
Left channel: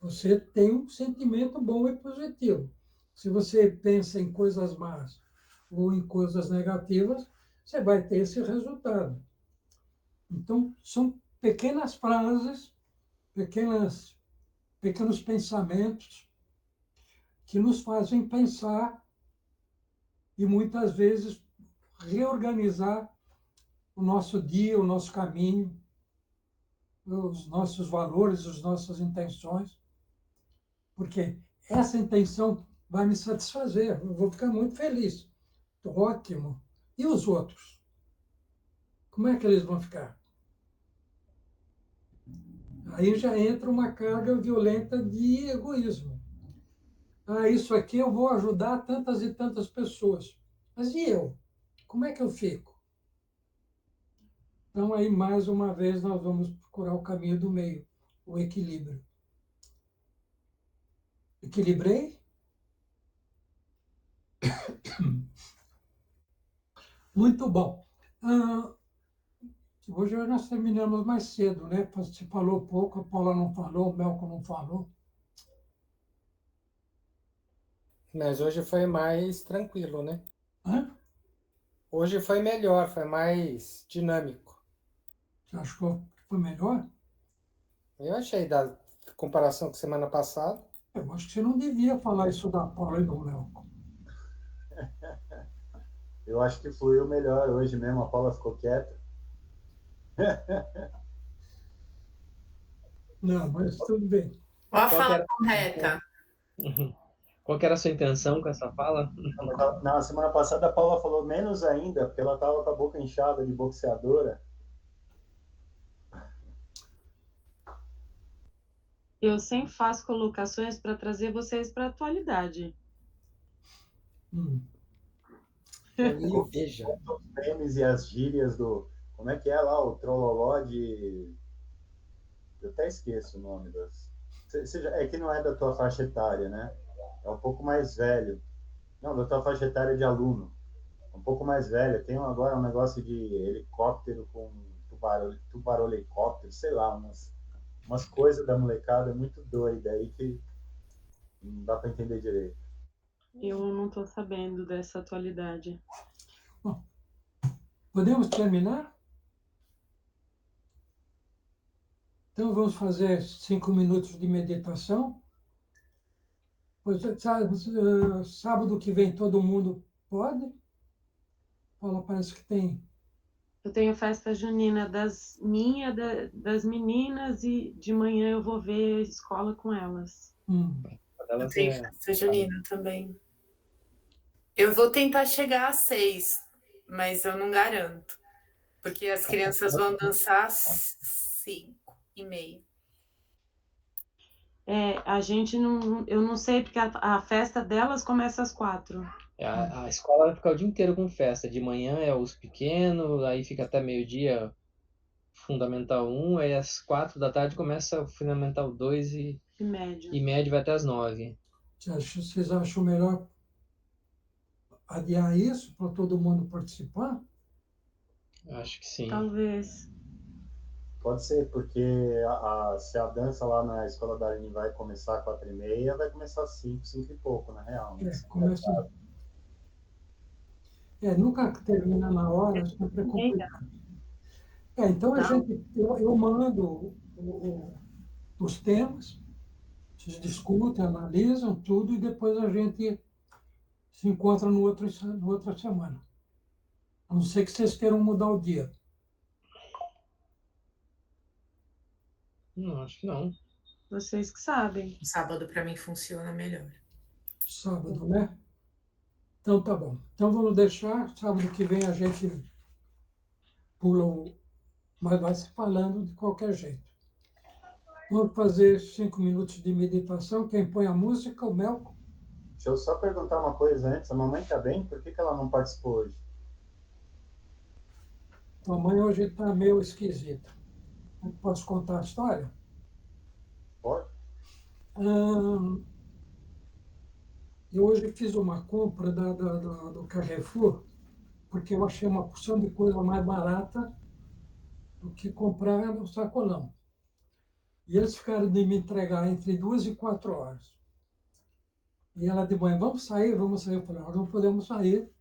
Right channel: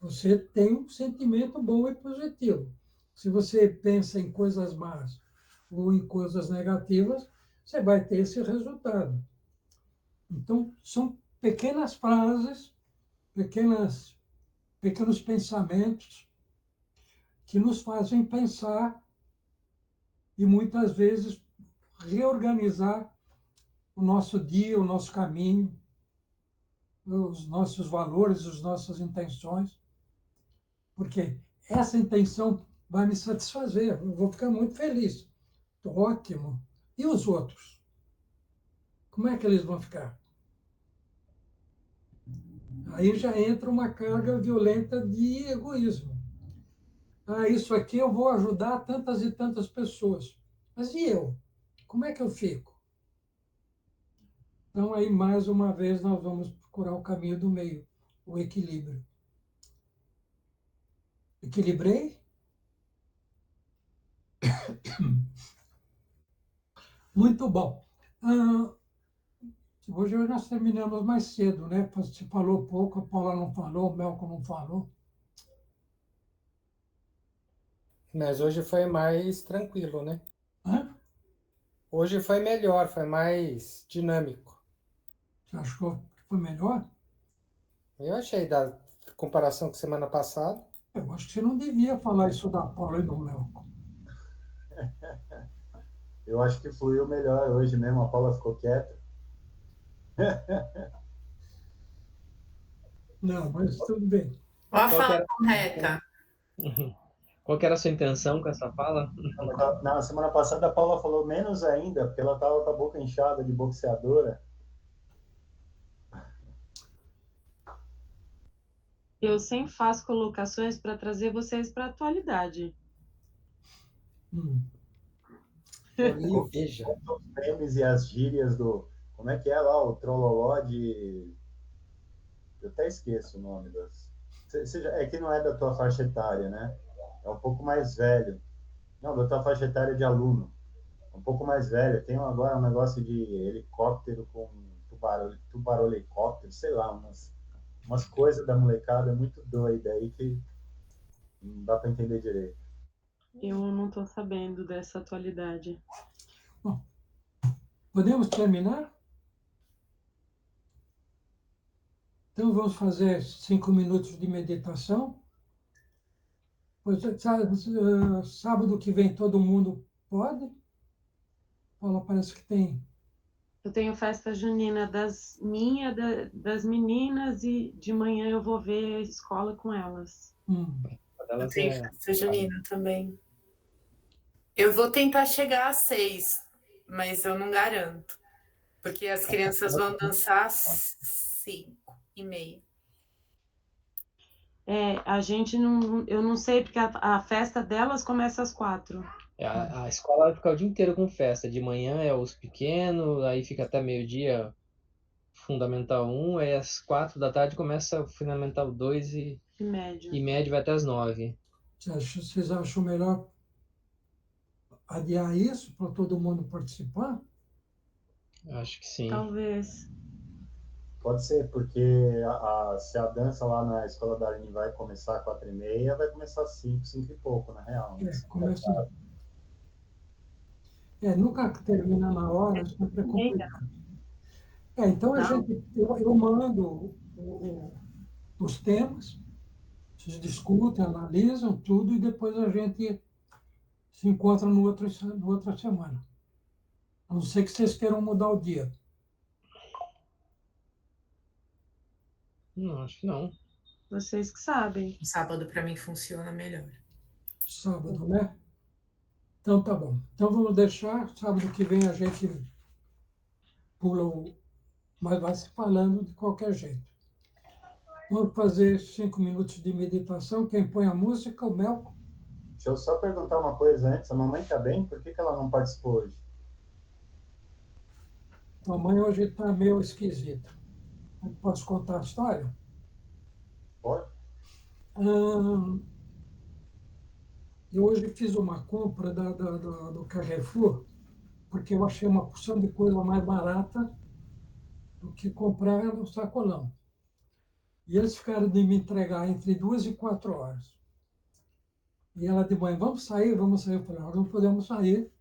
você tem um sentimento bom e positivo. Se você pensa em coisas más ou em coisas negativas, você vai ter esse resultado. Então, são pequenas frases, pequenos pensamentos que nos fazem pensar e, muitas vezes, reorganizar o nosso dia, o nosso caminho, os nossos valores, as nossas intenções, porque essa intenção vai me satisfazer, eu vou ficar muito feliz. Ótimo. E os outros? Como é que eles vão ficar? Aí já entra uma carga violenta de egoísmo. Ah, isso aqui eu vou ajudar tantas e tantas pessoas. Mas e eu? Como é que eu fico? Então, aí, mais uma vez, nós vamos procurar o caminho do meio, o equilíbrio. Equilibrei? Muito bom. Hoje nós terminamos mais cedo, né? Você falou pouco, a Paula não falou, o Melco não falou. Mas hoje foi mais tranquilo, né? Hã? Hoje foi melhor, foi mais dinâmico. Você achou que foi melhor? Eu achei da comparação com semana passada. Eu acho que você não devia falar isso da Paula e do Melco. Eu acho que fluiu melhor hoje mesmo, a Paula ficou quieta. Não, mas tudo bem. Uma Qual que fala era- correta. Qual que era a sua intenção com essa fala? Na semana passada, a Paula falou menos ainda, porque ela estava com a boca inchada de boxeadora. Eu sempre faço colocações para trazer vocês para a atualidade. Olha, veja. Os memes e as gírias do... Como é que é lá? O trololó de... Eu até esqueço o nome das... É que não é da tua faixa etária, né? É um pouco mais velho. Não, da tua faixa etária de aluno. Um pouco mais velho. Tem agora um negócio de helicóptero com tubarão helicóptero, sei lá, umas coisas da molecada muito doida aí que não dá para entender direito. Eu não estou sabendo dessa atualidade. Bom, podemos terminar? Então vamos fazer 5 minutos de meditação. Pois, sábado que vem todo mundo pode? Paula, parece que tem. Eu tenho festa junina das meninas e de manhã eu vou ver a escola com elas. Eu tenho festa junina também. Eu vou tentar chegar às 6, mas eu não garanto. Porque as crianças vão dançar às 5:30. A gente não... Eu não sei, porque a festa delas começa às 4. A escola vai ficar o dia inteiro com festa. De manhã é os pequenos, aí fica até meio-dia Fundamental 1, aí às 4 da tarde começa o Fundamental 2 e médio vai até às 9. Vocês acham melhor adiar isso para todo mundo participar? Acho que sim. Talvez. Pode ser, porque se a dança lá na escola da Aline vai começar às 4:30, vai começar às 5 e pouco, na real. Começa... nunca termina na hora, sempre é complicado. Então eu mando os temas, vocês discutem, analisam tudo e depois a gente se encontra no outra semana. A não ser que vocês queiram mudar o dia. Não, acho que não. Vocês que sabem. Sábado para mim funciona melhor. Sábado, né? Então tá bom. Então vamos deixar, sábado que vem a gente pula mas vai se falando de qualquer jeito. Vamos fazer 5 minutos de meditação. Quem põe a música, o Melco. Deixa eu só perguntar uma coisa antes. A mamãe está bem? Por que ela não participou hoje? A mãe hoje está meio esquisita. Posso contar a história? Pode. Eu hoje fiz uma compra do Carrefour, porque eu achei uma porção de coisa mais barata do que comprar no sacolão. E eles ficaram de me entregar entre 2 e 4 horas. E ela de manhã, vamos sair? Eu falei, nós não podemos sair,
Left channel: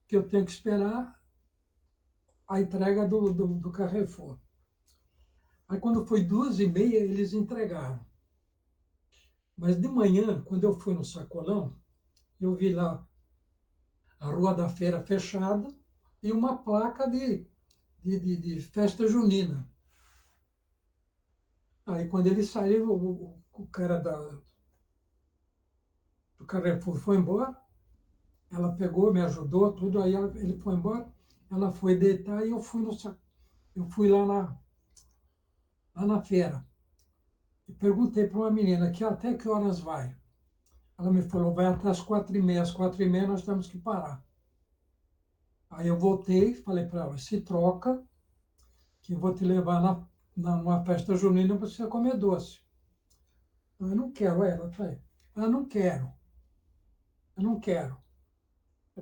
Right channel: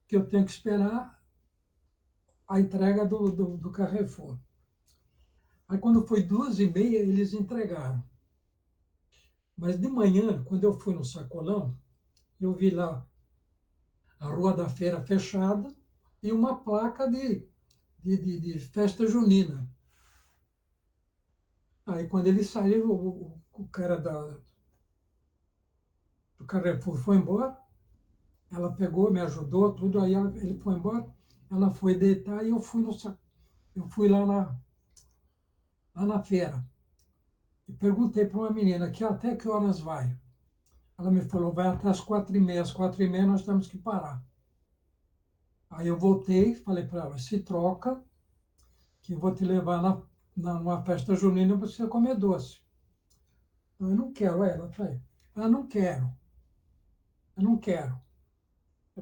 porque eu tenho que esperar a entrega do Carrefour. Aí quando foi 2:30, eles entregaram. Mas de manhã, quando eu fui no sacolão, eu vi lá a Rua da Feira fechada e uma placa de festa junina. Aí quando ele saiu, o cara do Carrefour foi embora, ela pegou, me ajudou, tudo, aí ele foi embora, ela foi deitar e eu fui lá na feira. E perguntei para uma menina, até que horas vai? Ela me falou, vai até as 4:30, às 4:30 nós temos que parar. Aí eu voltei, falei para ela, se troca, que eu vou te levar numa festa junina e você vai comer doce. Eu não quero, ela falou, eu não quero. Eu não quero.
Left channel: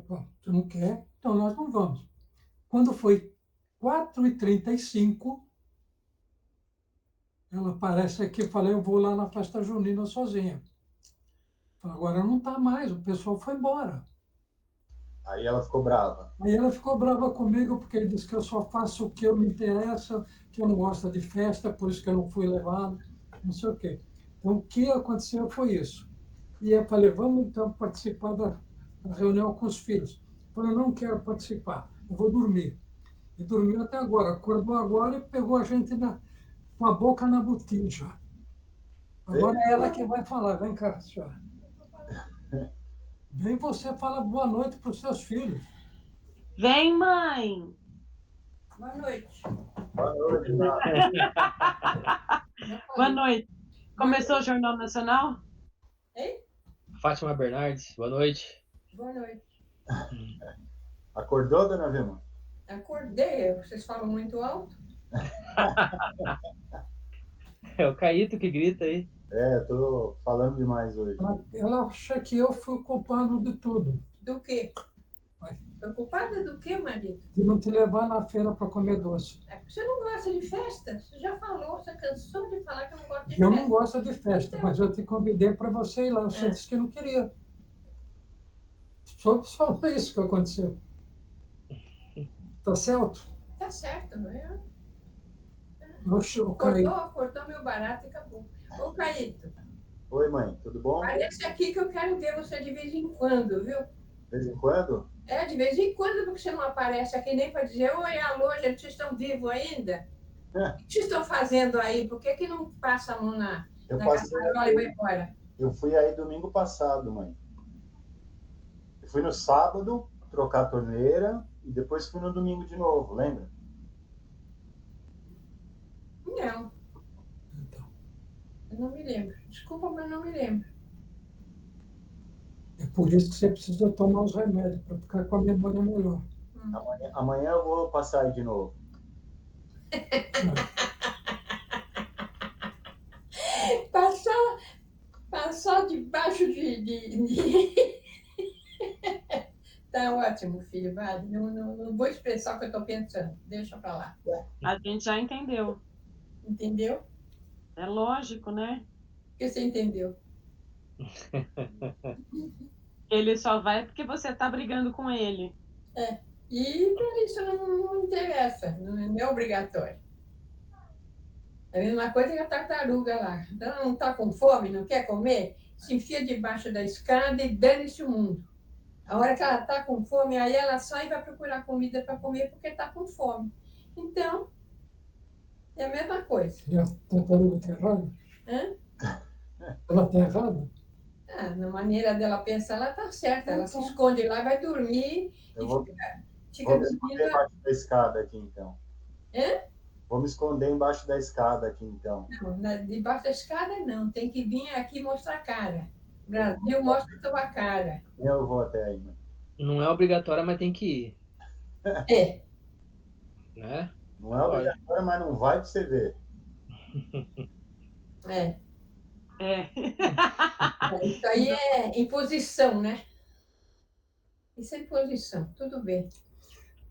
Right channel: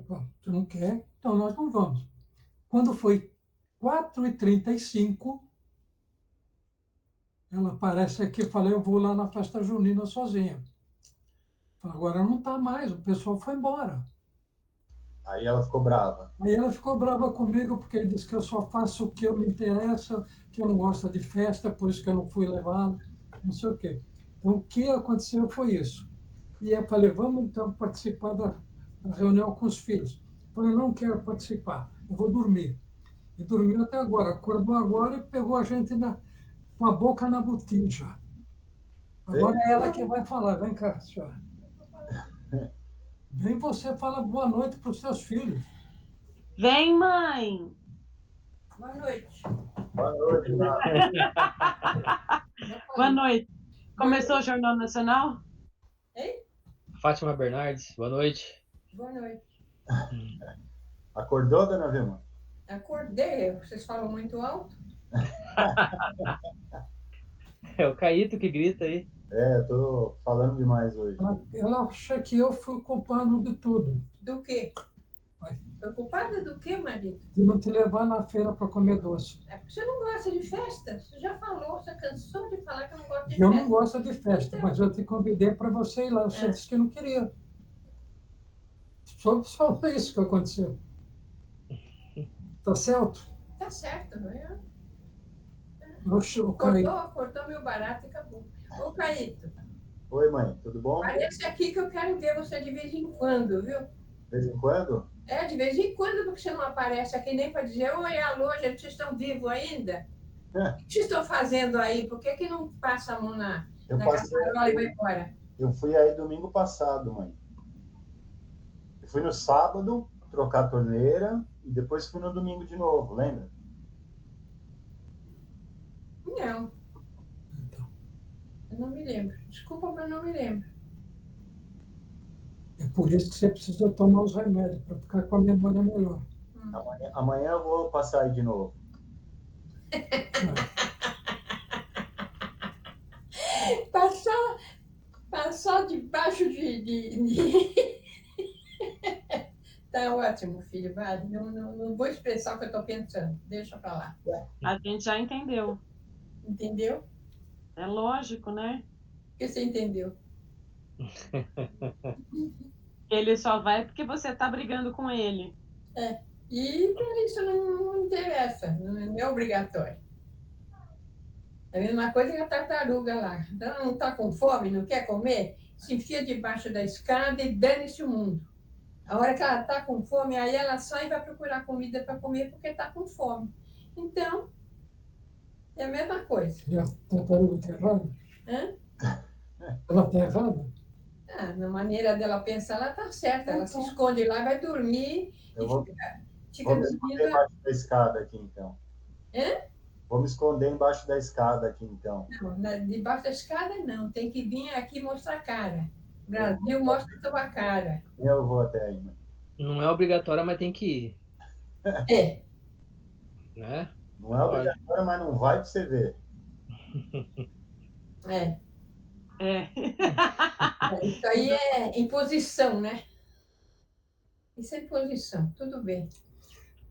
Bom, você não quer? Então nós não vamos. Quando foi 4:35, ela aparece aqui e fala, eu vou lá na festa junina sozinha. Agora não está mais, o pessoal foi embora. Aí ela ficou brava. Aí ela ficou brava comigo, porque ele disse que eu só faço o que eu me interessa, que eu não gosto de festa, por isso que eu não fui levado, não sei o quê. Então, o que aconteceu foi isso. E eu falei, vamos então participar da reunião com os filhos. Eu falei, não quero participar, eu vou dormir. E dormiu até agora, acordou agora e pegou a gente com a boca na botija. Agora é ela que vai falar, vem cá, senhora. Vem você fala boa noite para os seus filhos. Vem, mãe! Boa noite. Boa noite, Boa noite. Começou o Jornal Nacional? Ei? Fátima Bernardes, boa noite. Boa noite. Acordou, dona Vilma? Acordei, vocês falam muito alto? É o Caíto que grita aí. Eu tô falando demais hoje. Ela acha que eu fui o culpado de tudo. Do quê? Vai. Preocupada do quê, marido? De não te levar na feira para comer doce. É porque você não gosta de festa? Você já falou, você cansou de falar que não gosta de Eu festa. não gosto de festa, mas eu te convidei para você ir lá. Você É. disse que não queria. Só isso que aconteceu. Tá certo? Tá certo, não é? O Caí. Cortou meu barato e acabou. Ô, Caíto, Oi, mãe, tudo bom? parece aqui que eu quero ver você de vez em quando, viu? De vez em quando? De vez em quando, porque você não aparece aqui nem para dizer, oi, alô, gente, vocês estão vivos ainda? O que vocês estão fazendo aí? Por que não passa a mão na caçarola e vai embora? Eu fui aí domingo passado, mãe. Eu fui no sábado trocar a torneira e depois fui no domingo de novo, lembra? Não. Eu não me lembro. Desculpa, mas não me lembro. É por isso que você precisa tomar os remédios, para ficar com a memória melhor. Amanhã eu vou passar aí de novo. Passar debaixo de... Tá ótimo, filho. Vai. Não vou expressar o que eu estou pensando. Deixa para lá. A gente já entendeu. Entendeu? É lógico, né? O que você entendeu? Ele só vai porque você está brigando com ele. E para isso não interessa. Não é obrigatório. É a mesma coisa que a tartaruga lá. Então, não está com fome, não quer comer? Se enfia debaixo da escada e dane-se o mundo. A hora que ela está com fome, aí ela sai e vai procurar comida para comer porque está com fome. Então, é a mesma coisa. E a tartaruga está errada? Hã? Ela está errada? Na maneira dela pensar, ela está certa. Ela se esconde lá, vai dormir Eu e vou fica me esconder embaixo da escada aqui, então. Vou me esconder embaixo da escada aqui, então. Não, debaixo da escada não. Tem que vir aqui mostrar a cara. Brasil, mostra a tua cara. Eu vou até aí, mãe. Não é obrigatório, mas tem que ir. Né? Não é obrigatório, mas não vai para você ver. Isso aí é imposição, né? Isso é imposição. Tudo bem.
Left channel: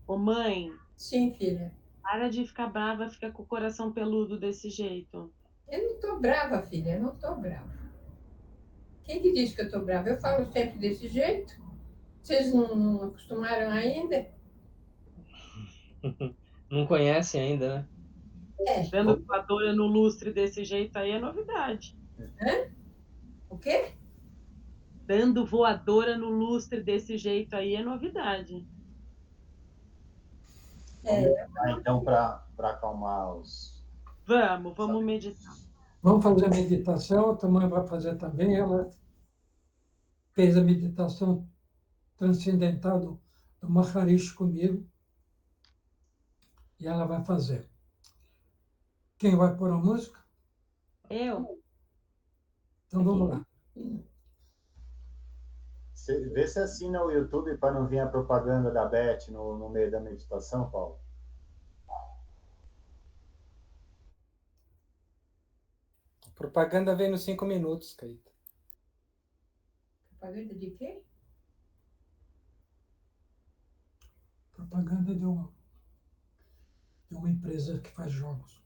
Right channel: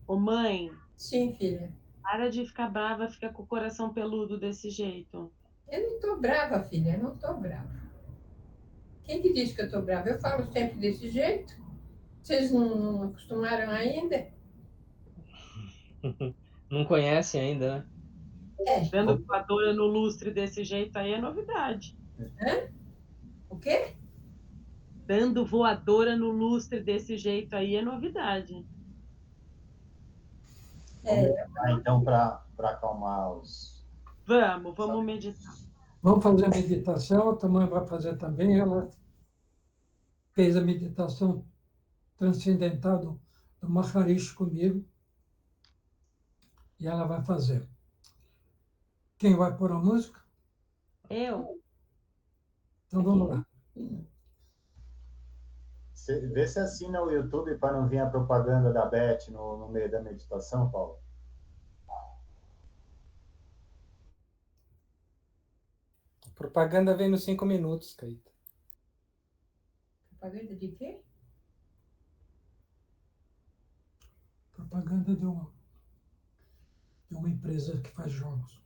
Ô, mãe. Sim, filha. Para de ficar brava, fica com o coração peludo desse jeito. Eu não estou brava, filha. Eu não estou brava. Quem que disse que eu estou brava? Eu falo sempre desse jeito. Vocês não acostumaram ainda? Não conhece ainda, né? Dando voadora no lustre desse jeito aí é novidade. O quê? Dando voadora no lustre desse jeito aí é novidade. Então, para acalmar os... Vamos meditar. Vamos fazer a meditação, a tua mãe vai fazer também. Ela fez a meditação transcendental do Maharishi comigo. E ela vai fazer. Quem vai pôr a música? Eu. Então vamos lá. Vê se assina o YouTube para não vir a propaganda da Beth no meio da meditação, Paulo. A propaganda vem nos 5 minutos, Caíto. Propaganda de quê? Propaganda de uma empresa que faz jogos.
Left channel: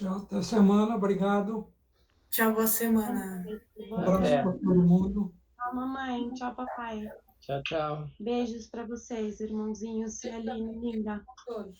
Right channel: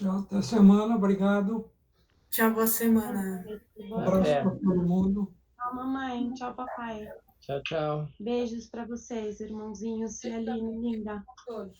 Tchau, até semana, obrigado. Tchau, boa semana. Um abraço para todo mundo. Tchau, mamãe. Tchau, papai. Tchau, tchau. Beijos para vocês, irmãozinhos e Aline, linda. Todos.